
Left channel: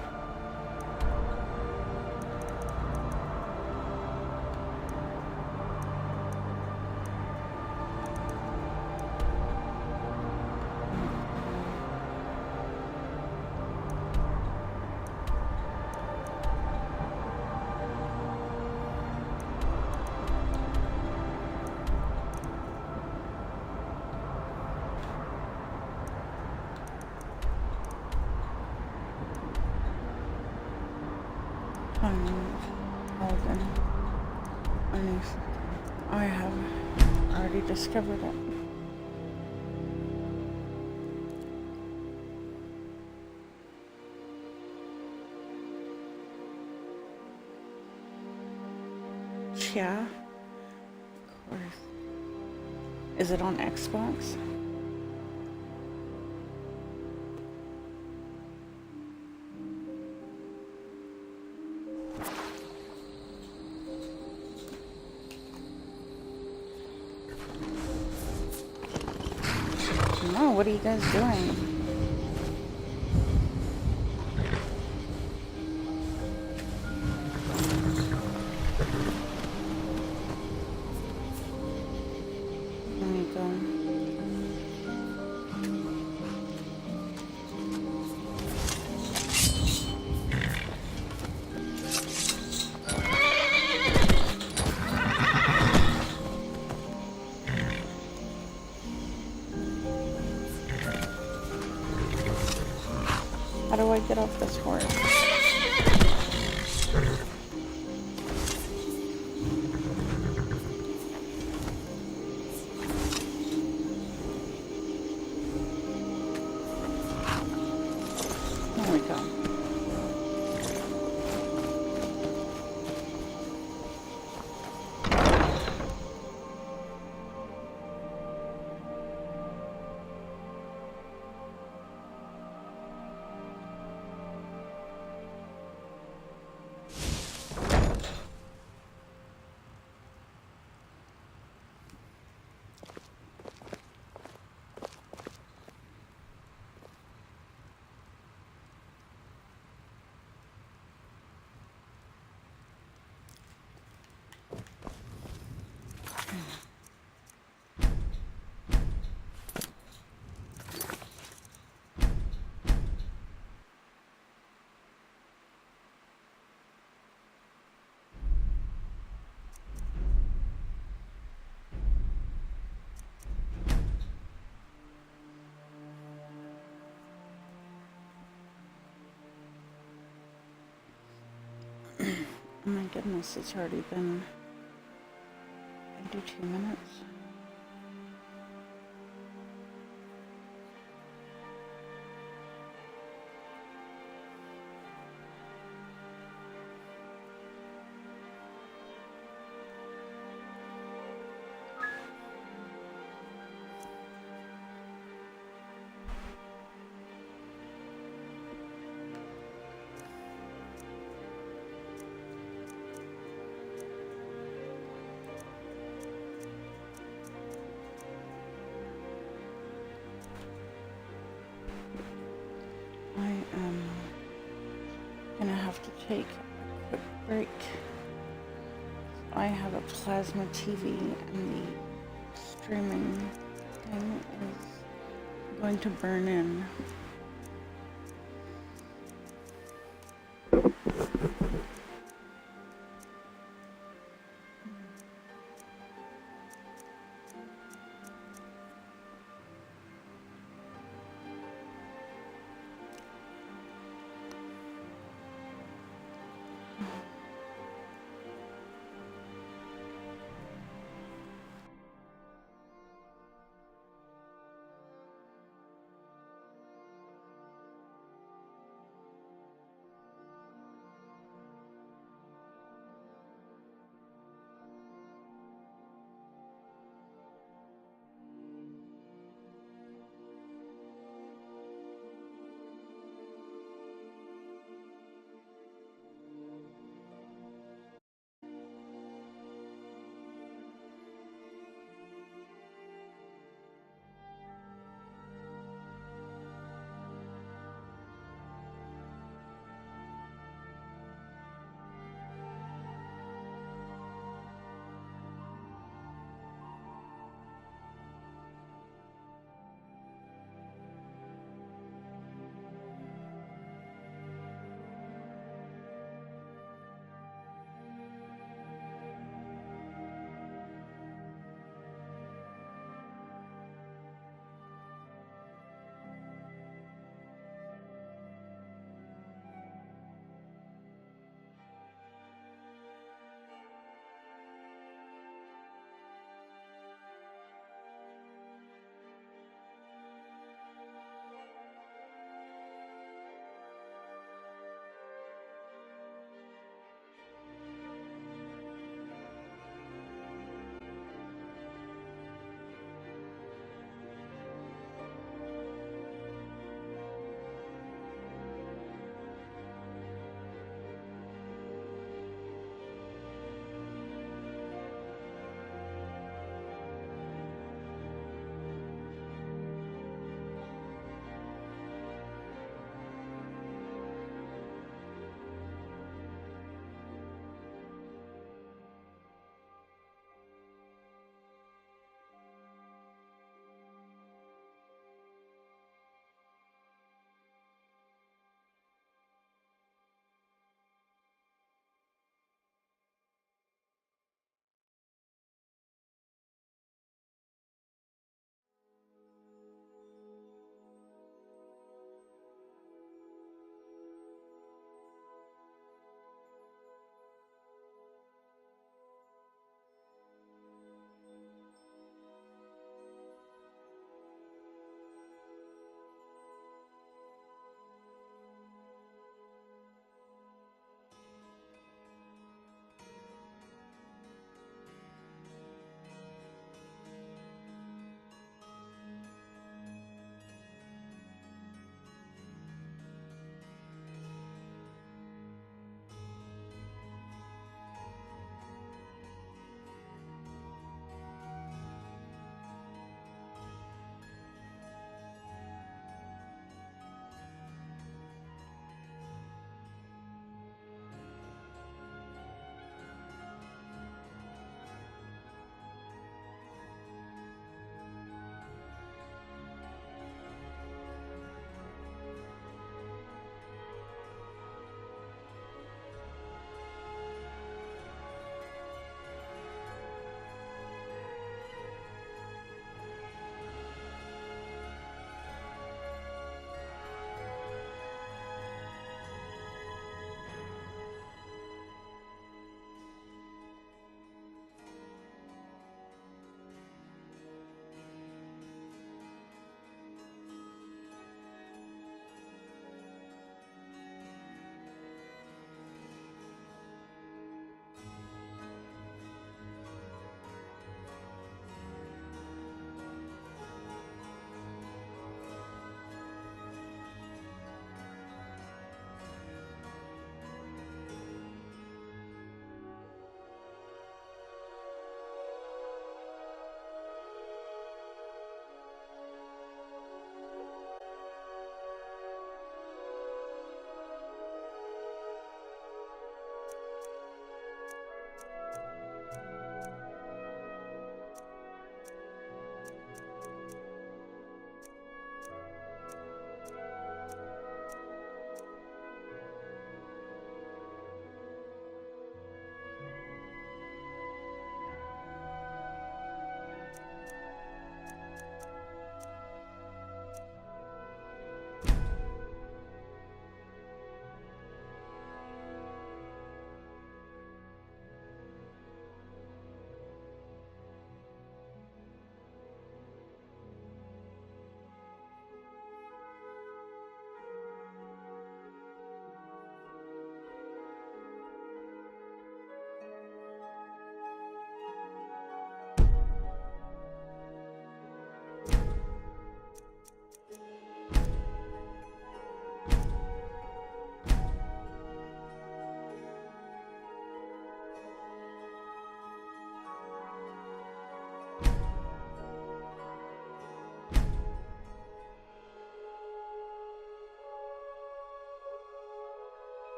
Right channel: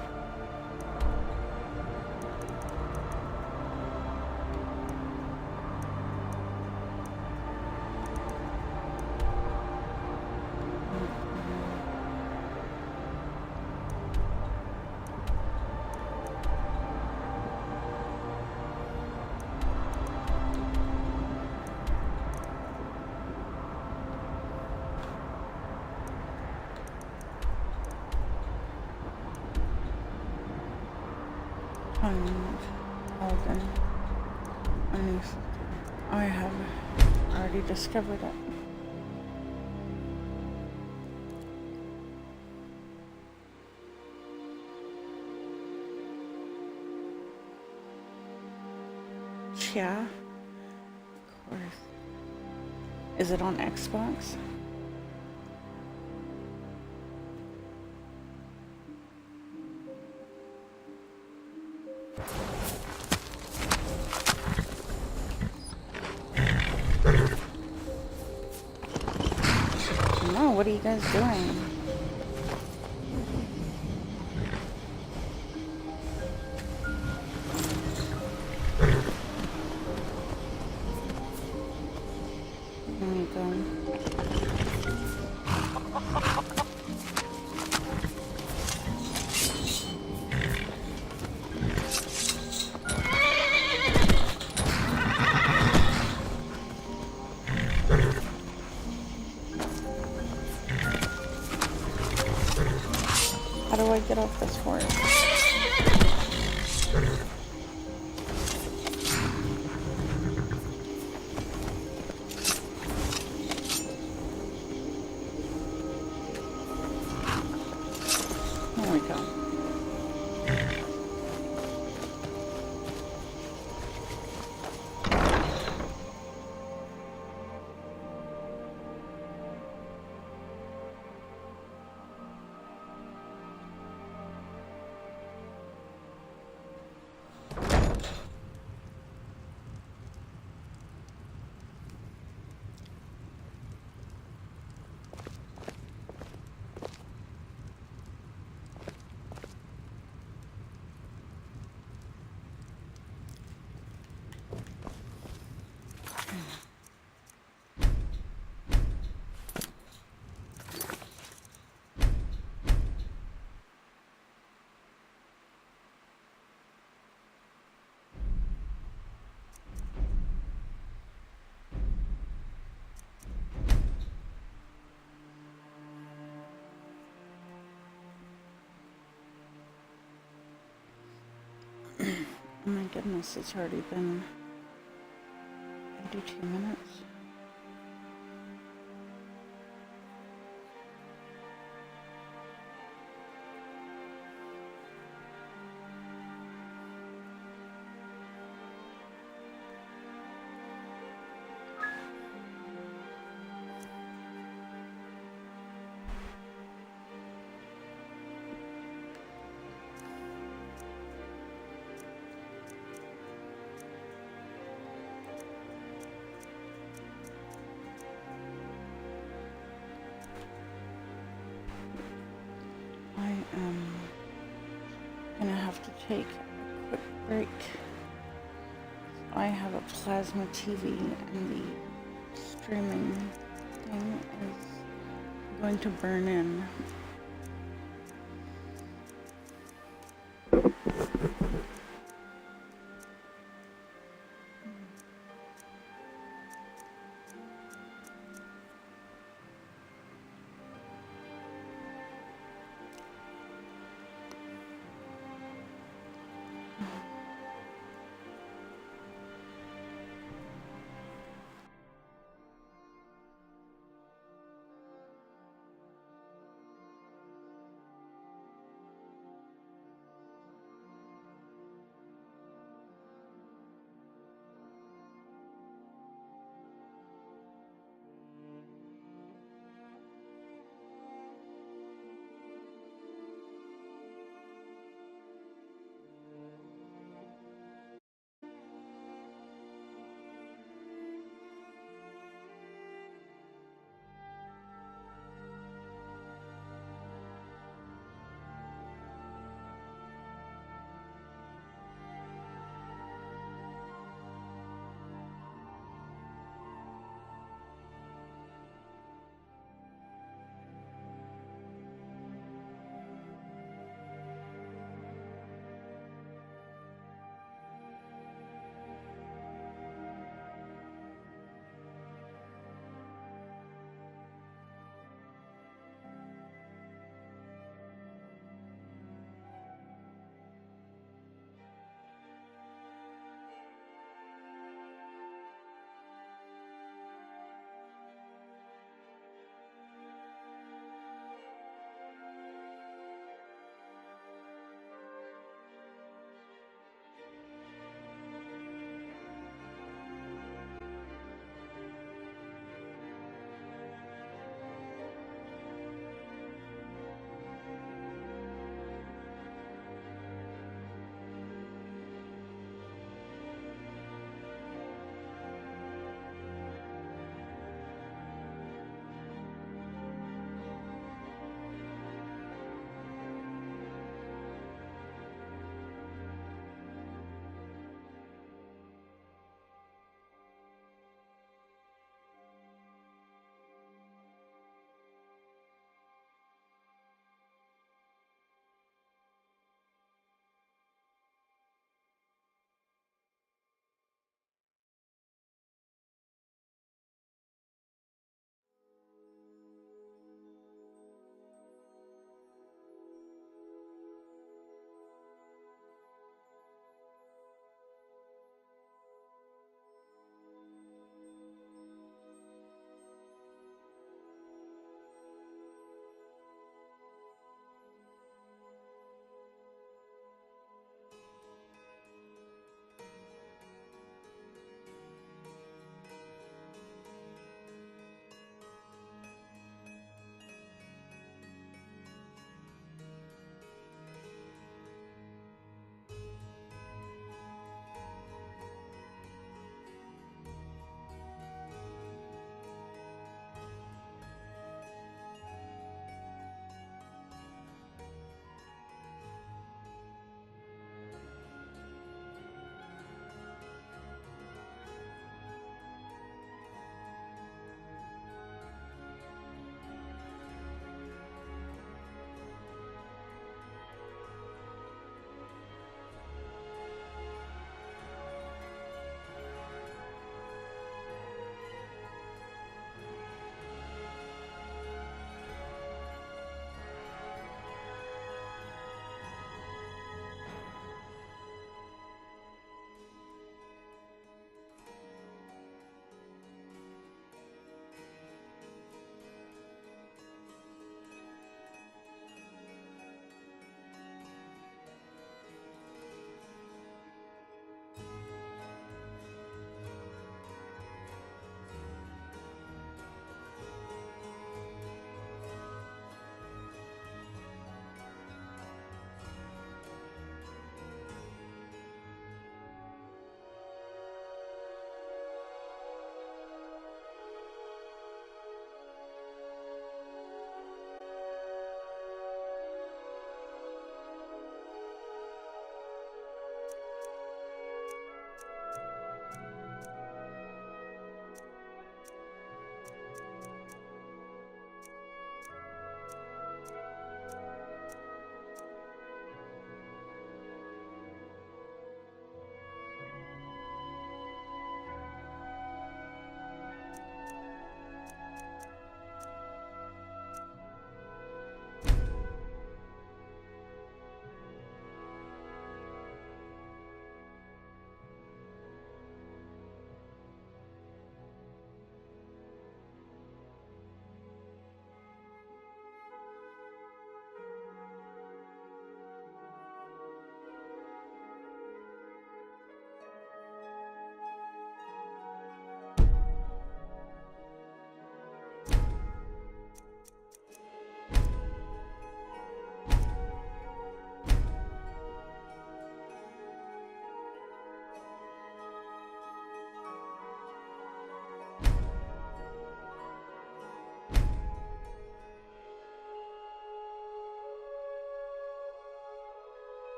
Holden. I have already discovered it. Yeah, of course. Is it on Xbox? No, what are you guys doing? Let me go. How do I get off this horse? There we go. Oh my goodness, it's already been 52 minutes. I am gonna have to take a quick break. I have a plasma TV and the streaming thing is going to burn in.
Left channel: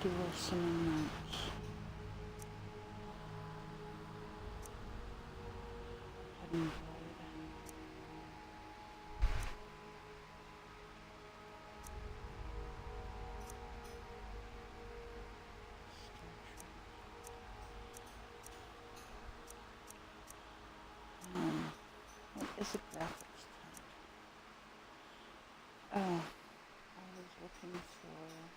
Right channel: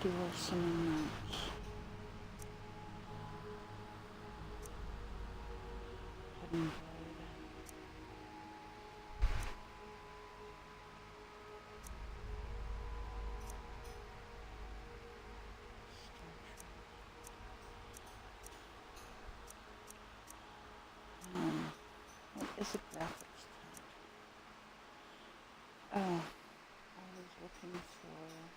dual summon mounts. Hidden Void. What is a graphics tag? Oh, I was looking for...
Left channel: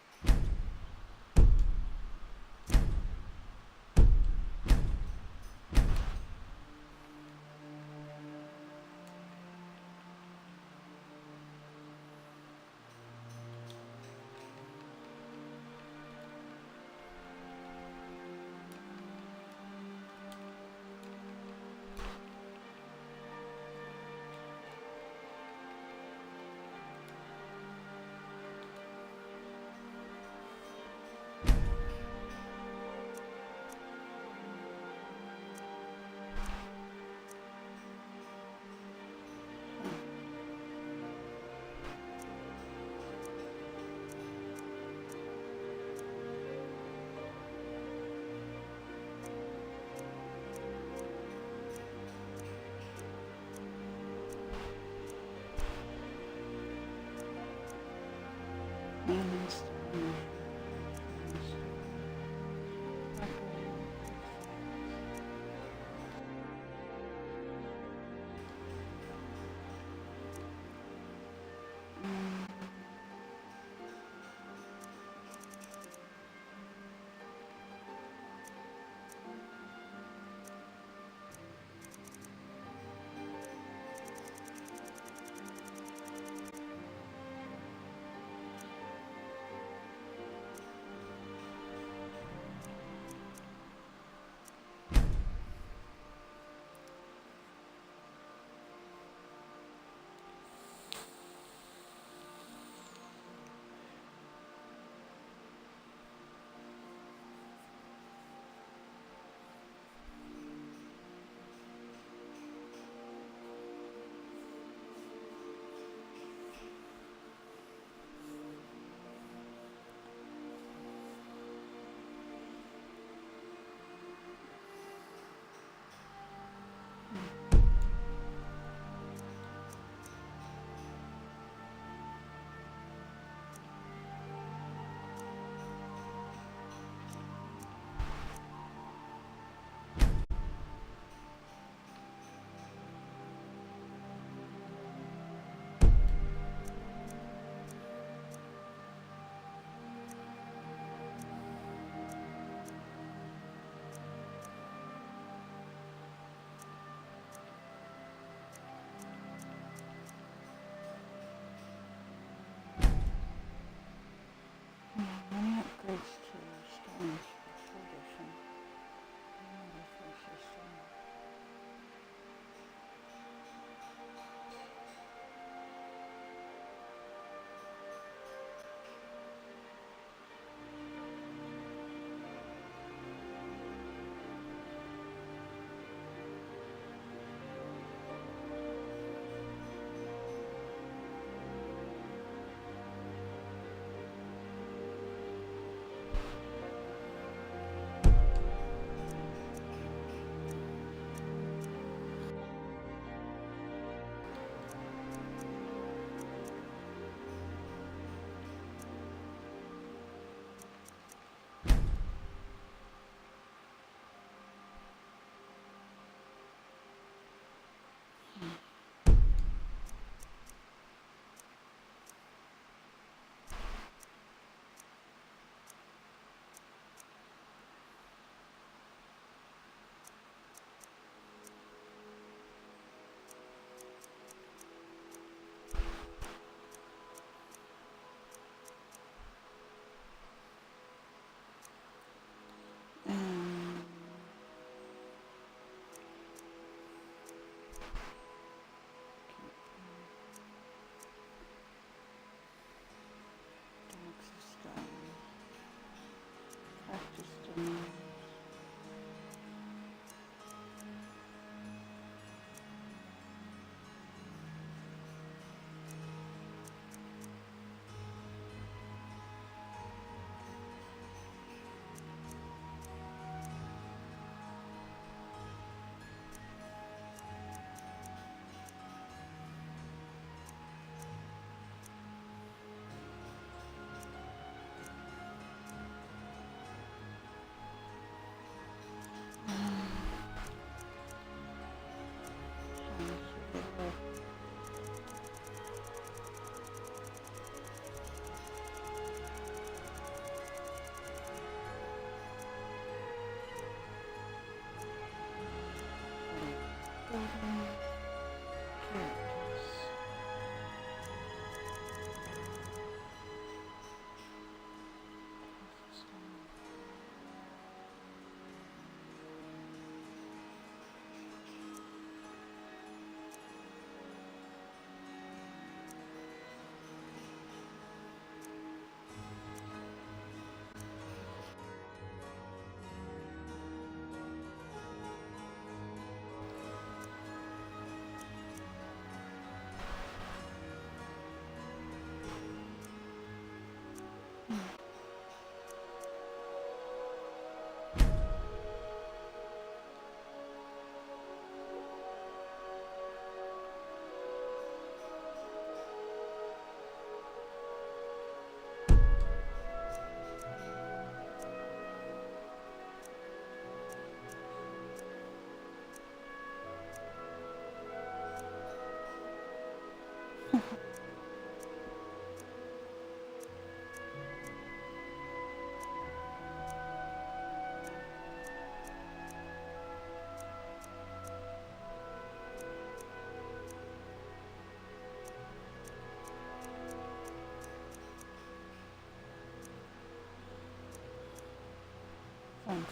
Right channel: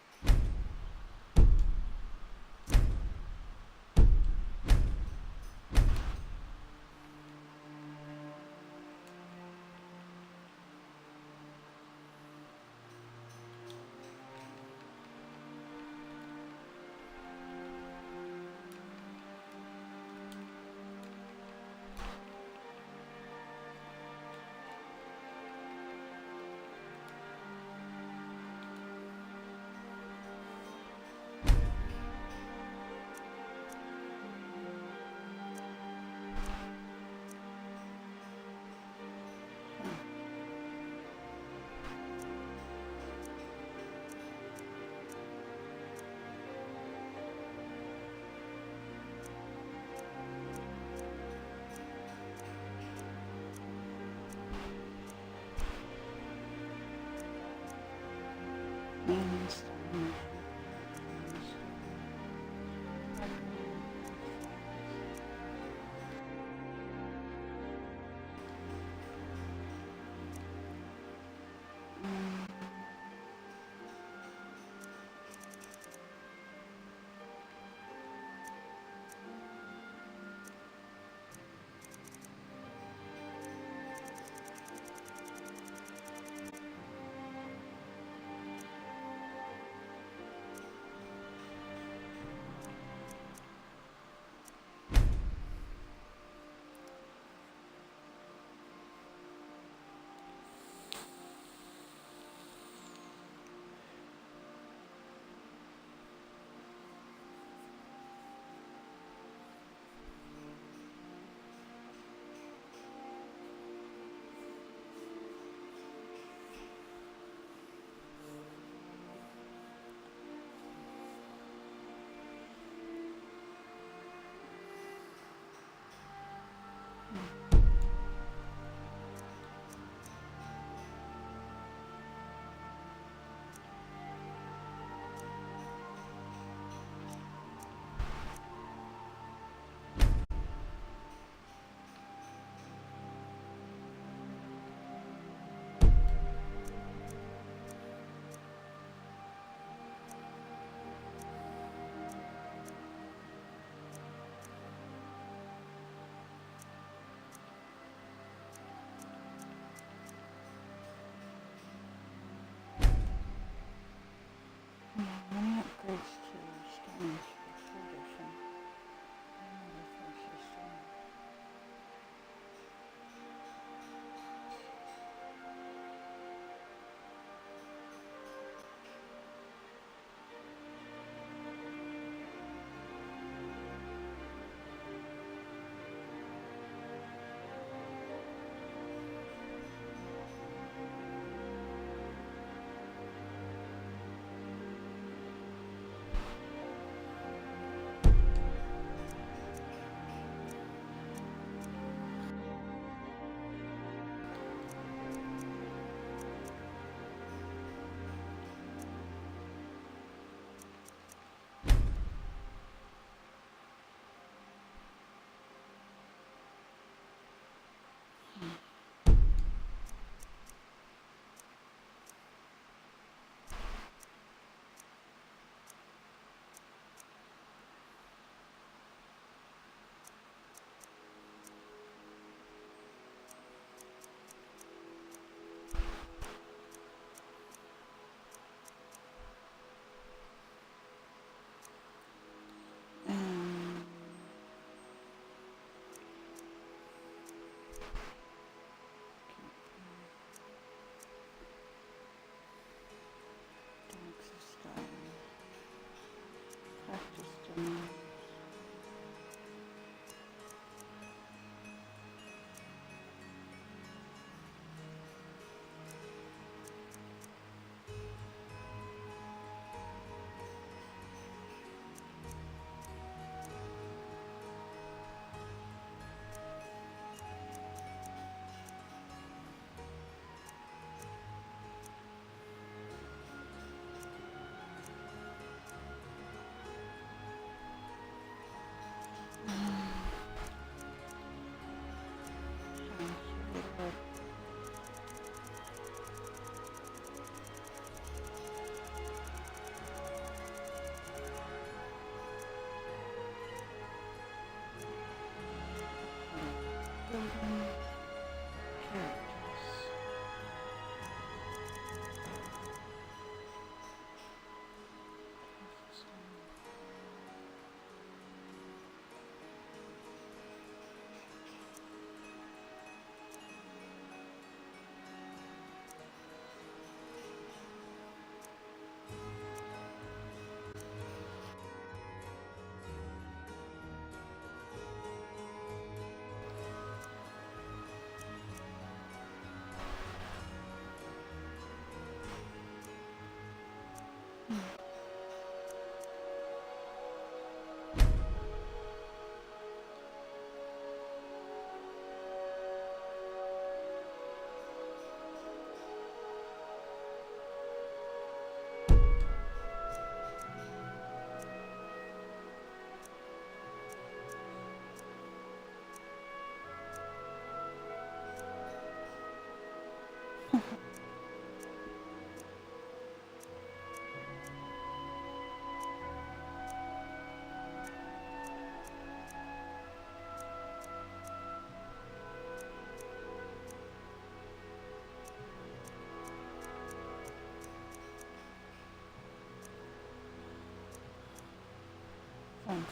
vampires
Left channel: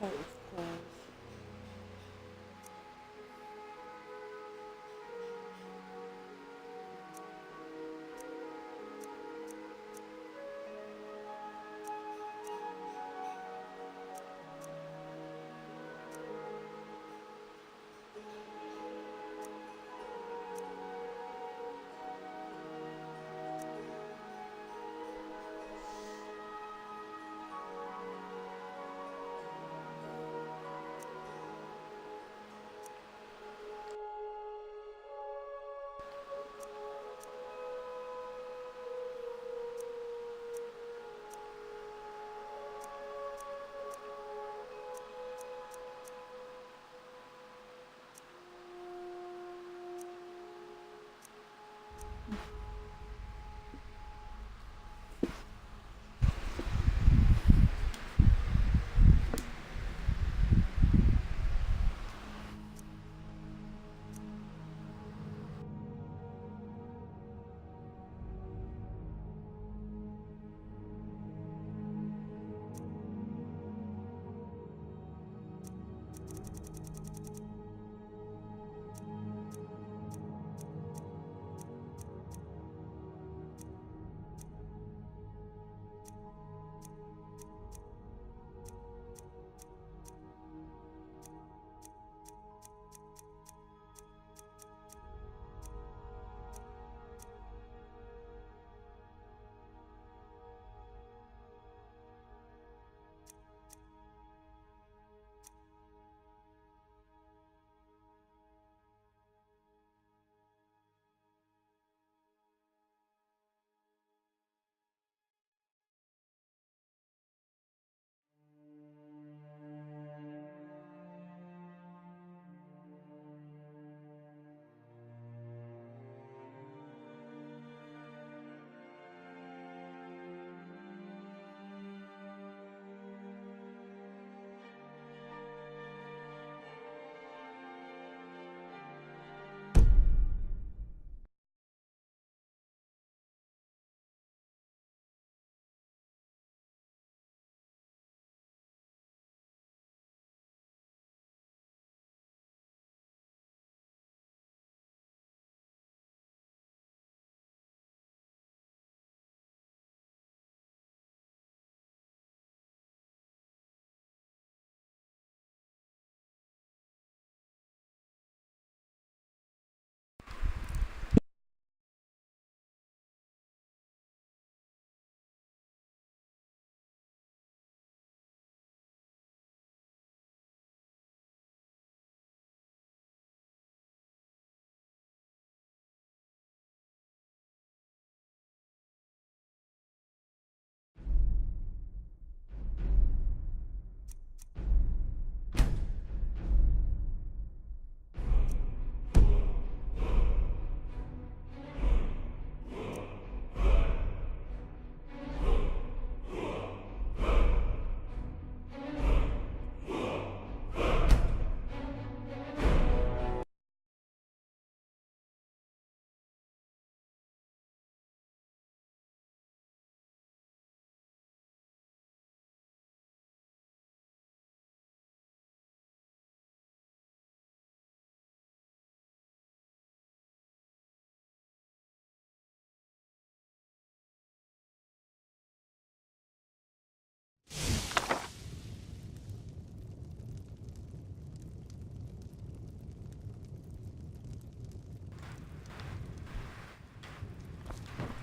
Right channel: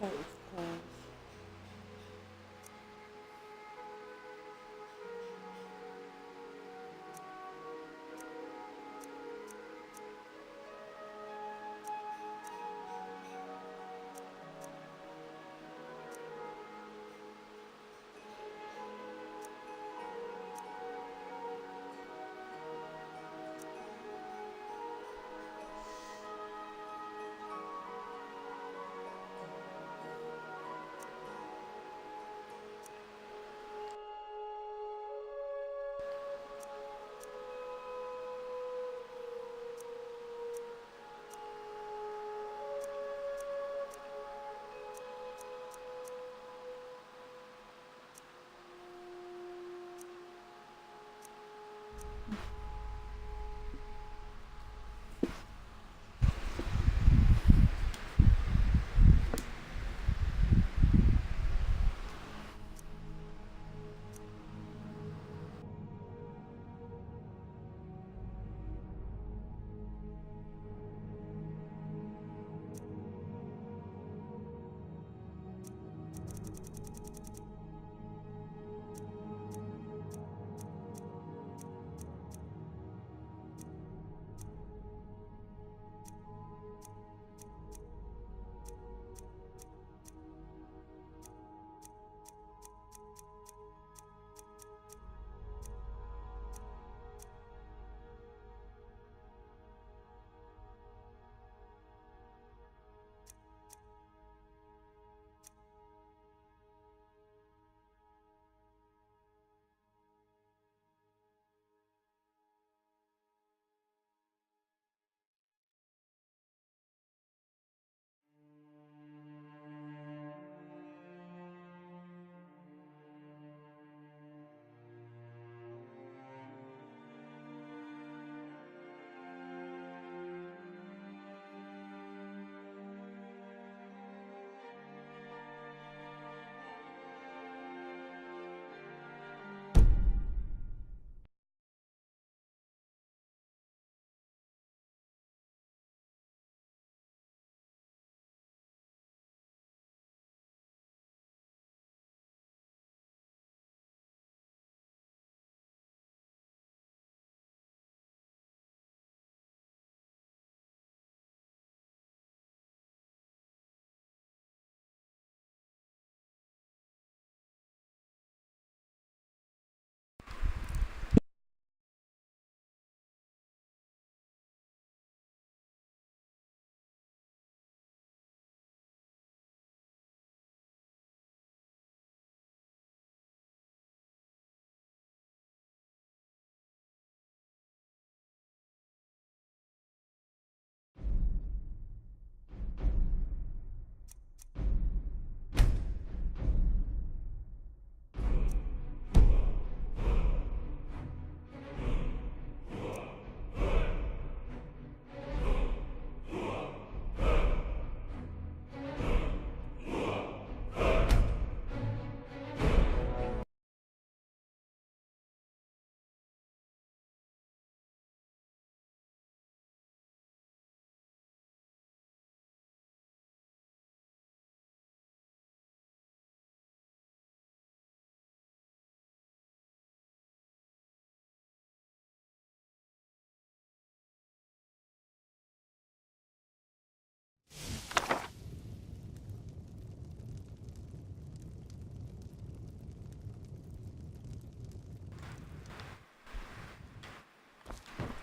fight with ghouls.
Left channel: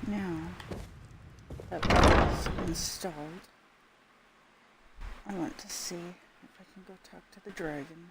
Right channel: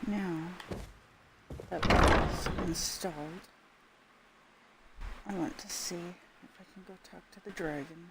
Now that that is installed, I want to see if I can go talk to the dragon.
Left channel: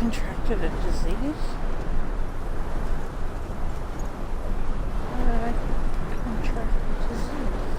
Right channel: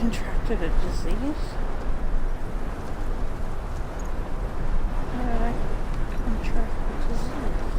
Contracted a disease? How did I contract a disease?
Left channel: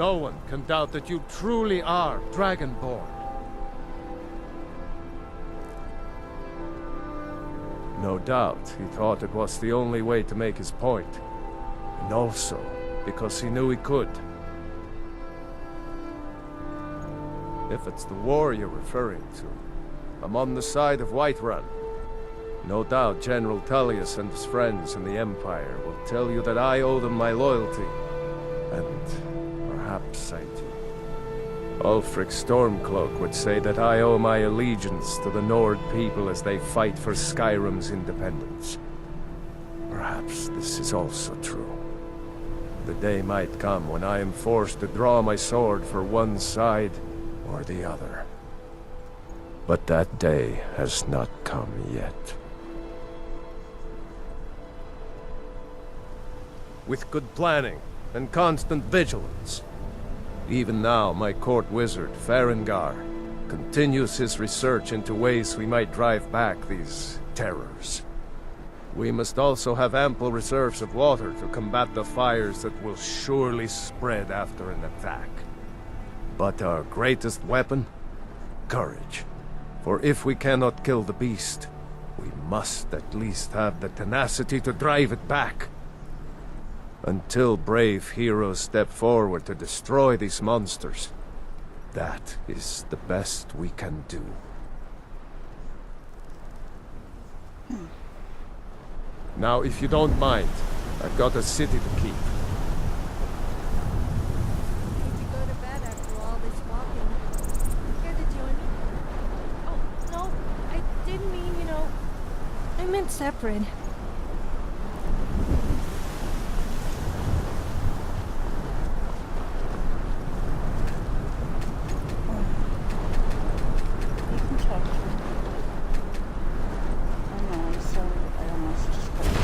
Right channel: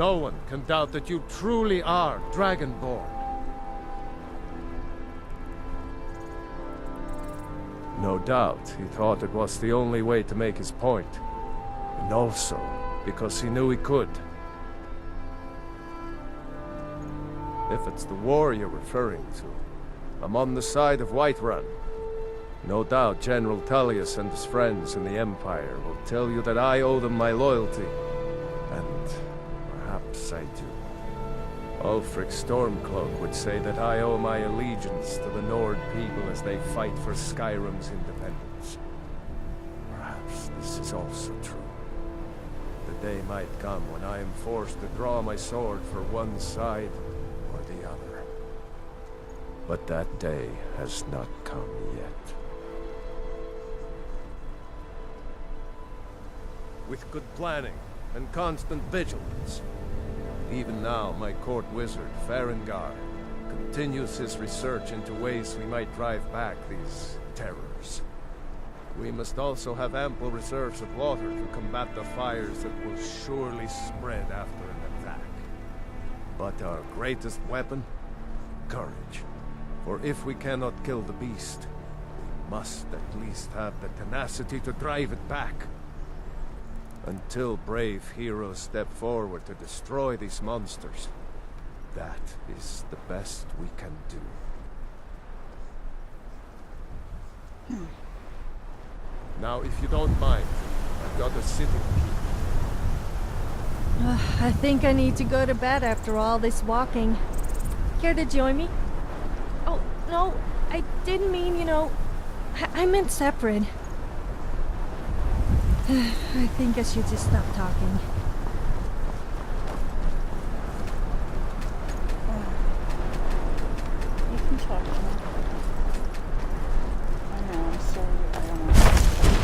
No one can doubt that you truly are Dragonborn. No doubt, he thought it was the only way to make his point. And also, because he knew he could. If it's the war you're referring to, I'm on the side of Whiterun. No doubt General Tullius and his friends in the Empire will tell you that I owe them my loyalty. And perhaps I do. Ulfric Stormcloak would say that I owe my allegiance to the Nord people as they fight for Skyrym's independence. Perhaps this is also true. The day might come when I am forced to draw my sword for one side or the other. But that day has not come yet. With good planning and constant vigilance. Even now, my court wizard, Farengar, continues his research into ways we might drive back these terrors. We must also have ample reserves of water to combat the fires that will surely spread after an attack. But our greatest weapon? Courage. For if we cannot kill the beast, we must at least have the tenacity to drive it back. Until brave heroes step forward to destroy these monsters, that is the best we can do. Now, if you don't mind, I've got a city to keep. I think I need to go to bed after all this walking. Care to join me? Oh, no, I didn't mean, you know, I meant separate. I think I should just stop talking. You can talk to him. I know, I'm sorry. I almost spoke to her.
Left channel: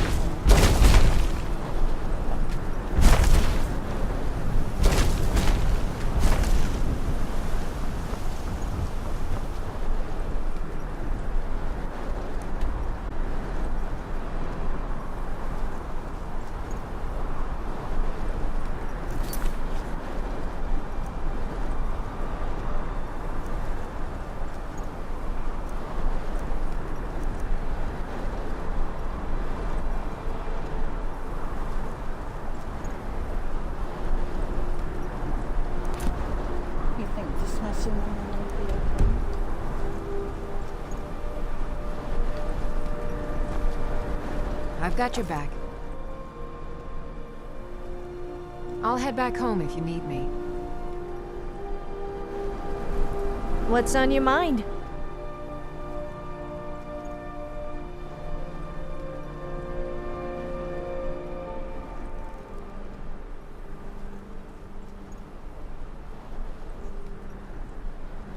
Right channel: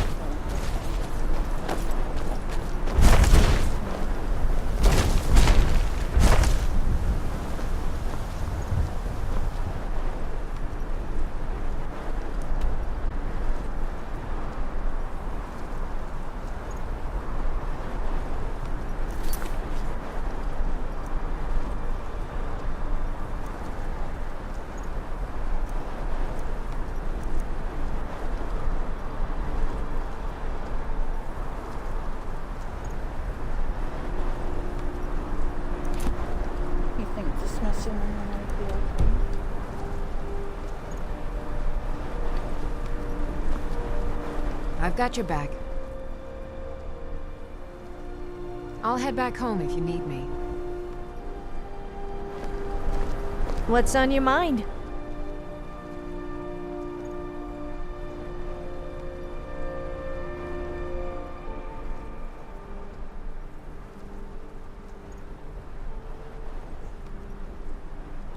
You think dismissing them would be okay? I've got your back. I'll head back home if you need me. What's on your mind?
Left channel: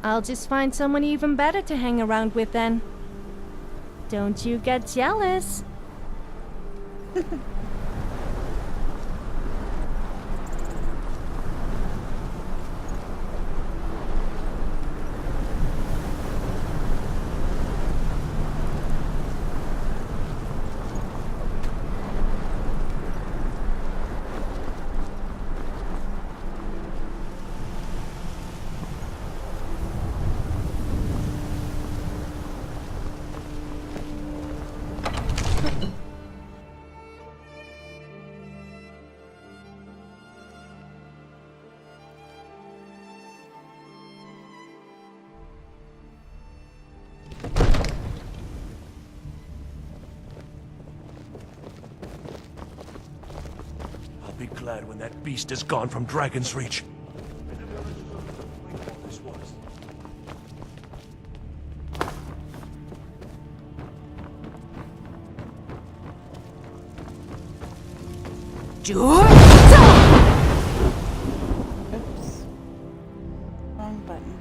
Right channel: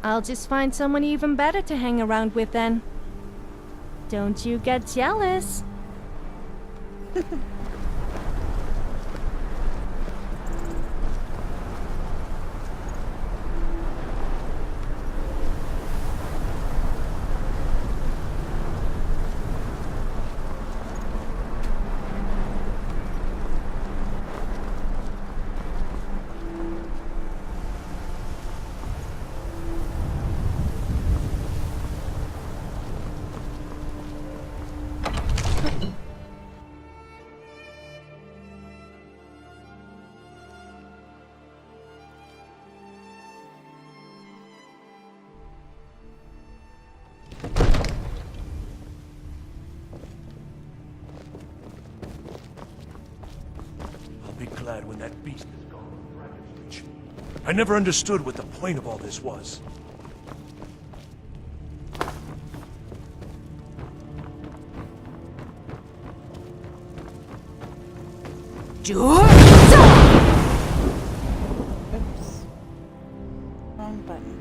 I'll just find someone even better to hang around with then. Don't you get jealous. I'll be glad when that beast is gone from Dragon's Reach. I never understood what the point of all this was. Oops. Wrong button.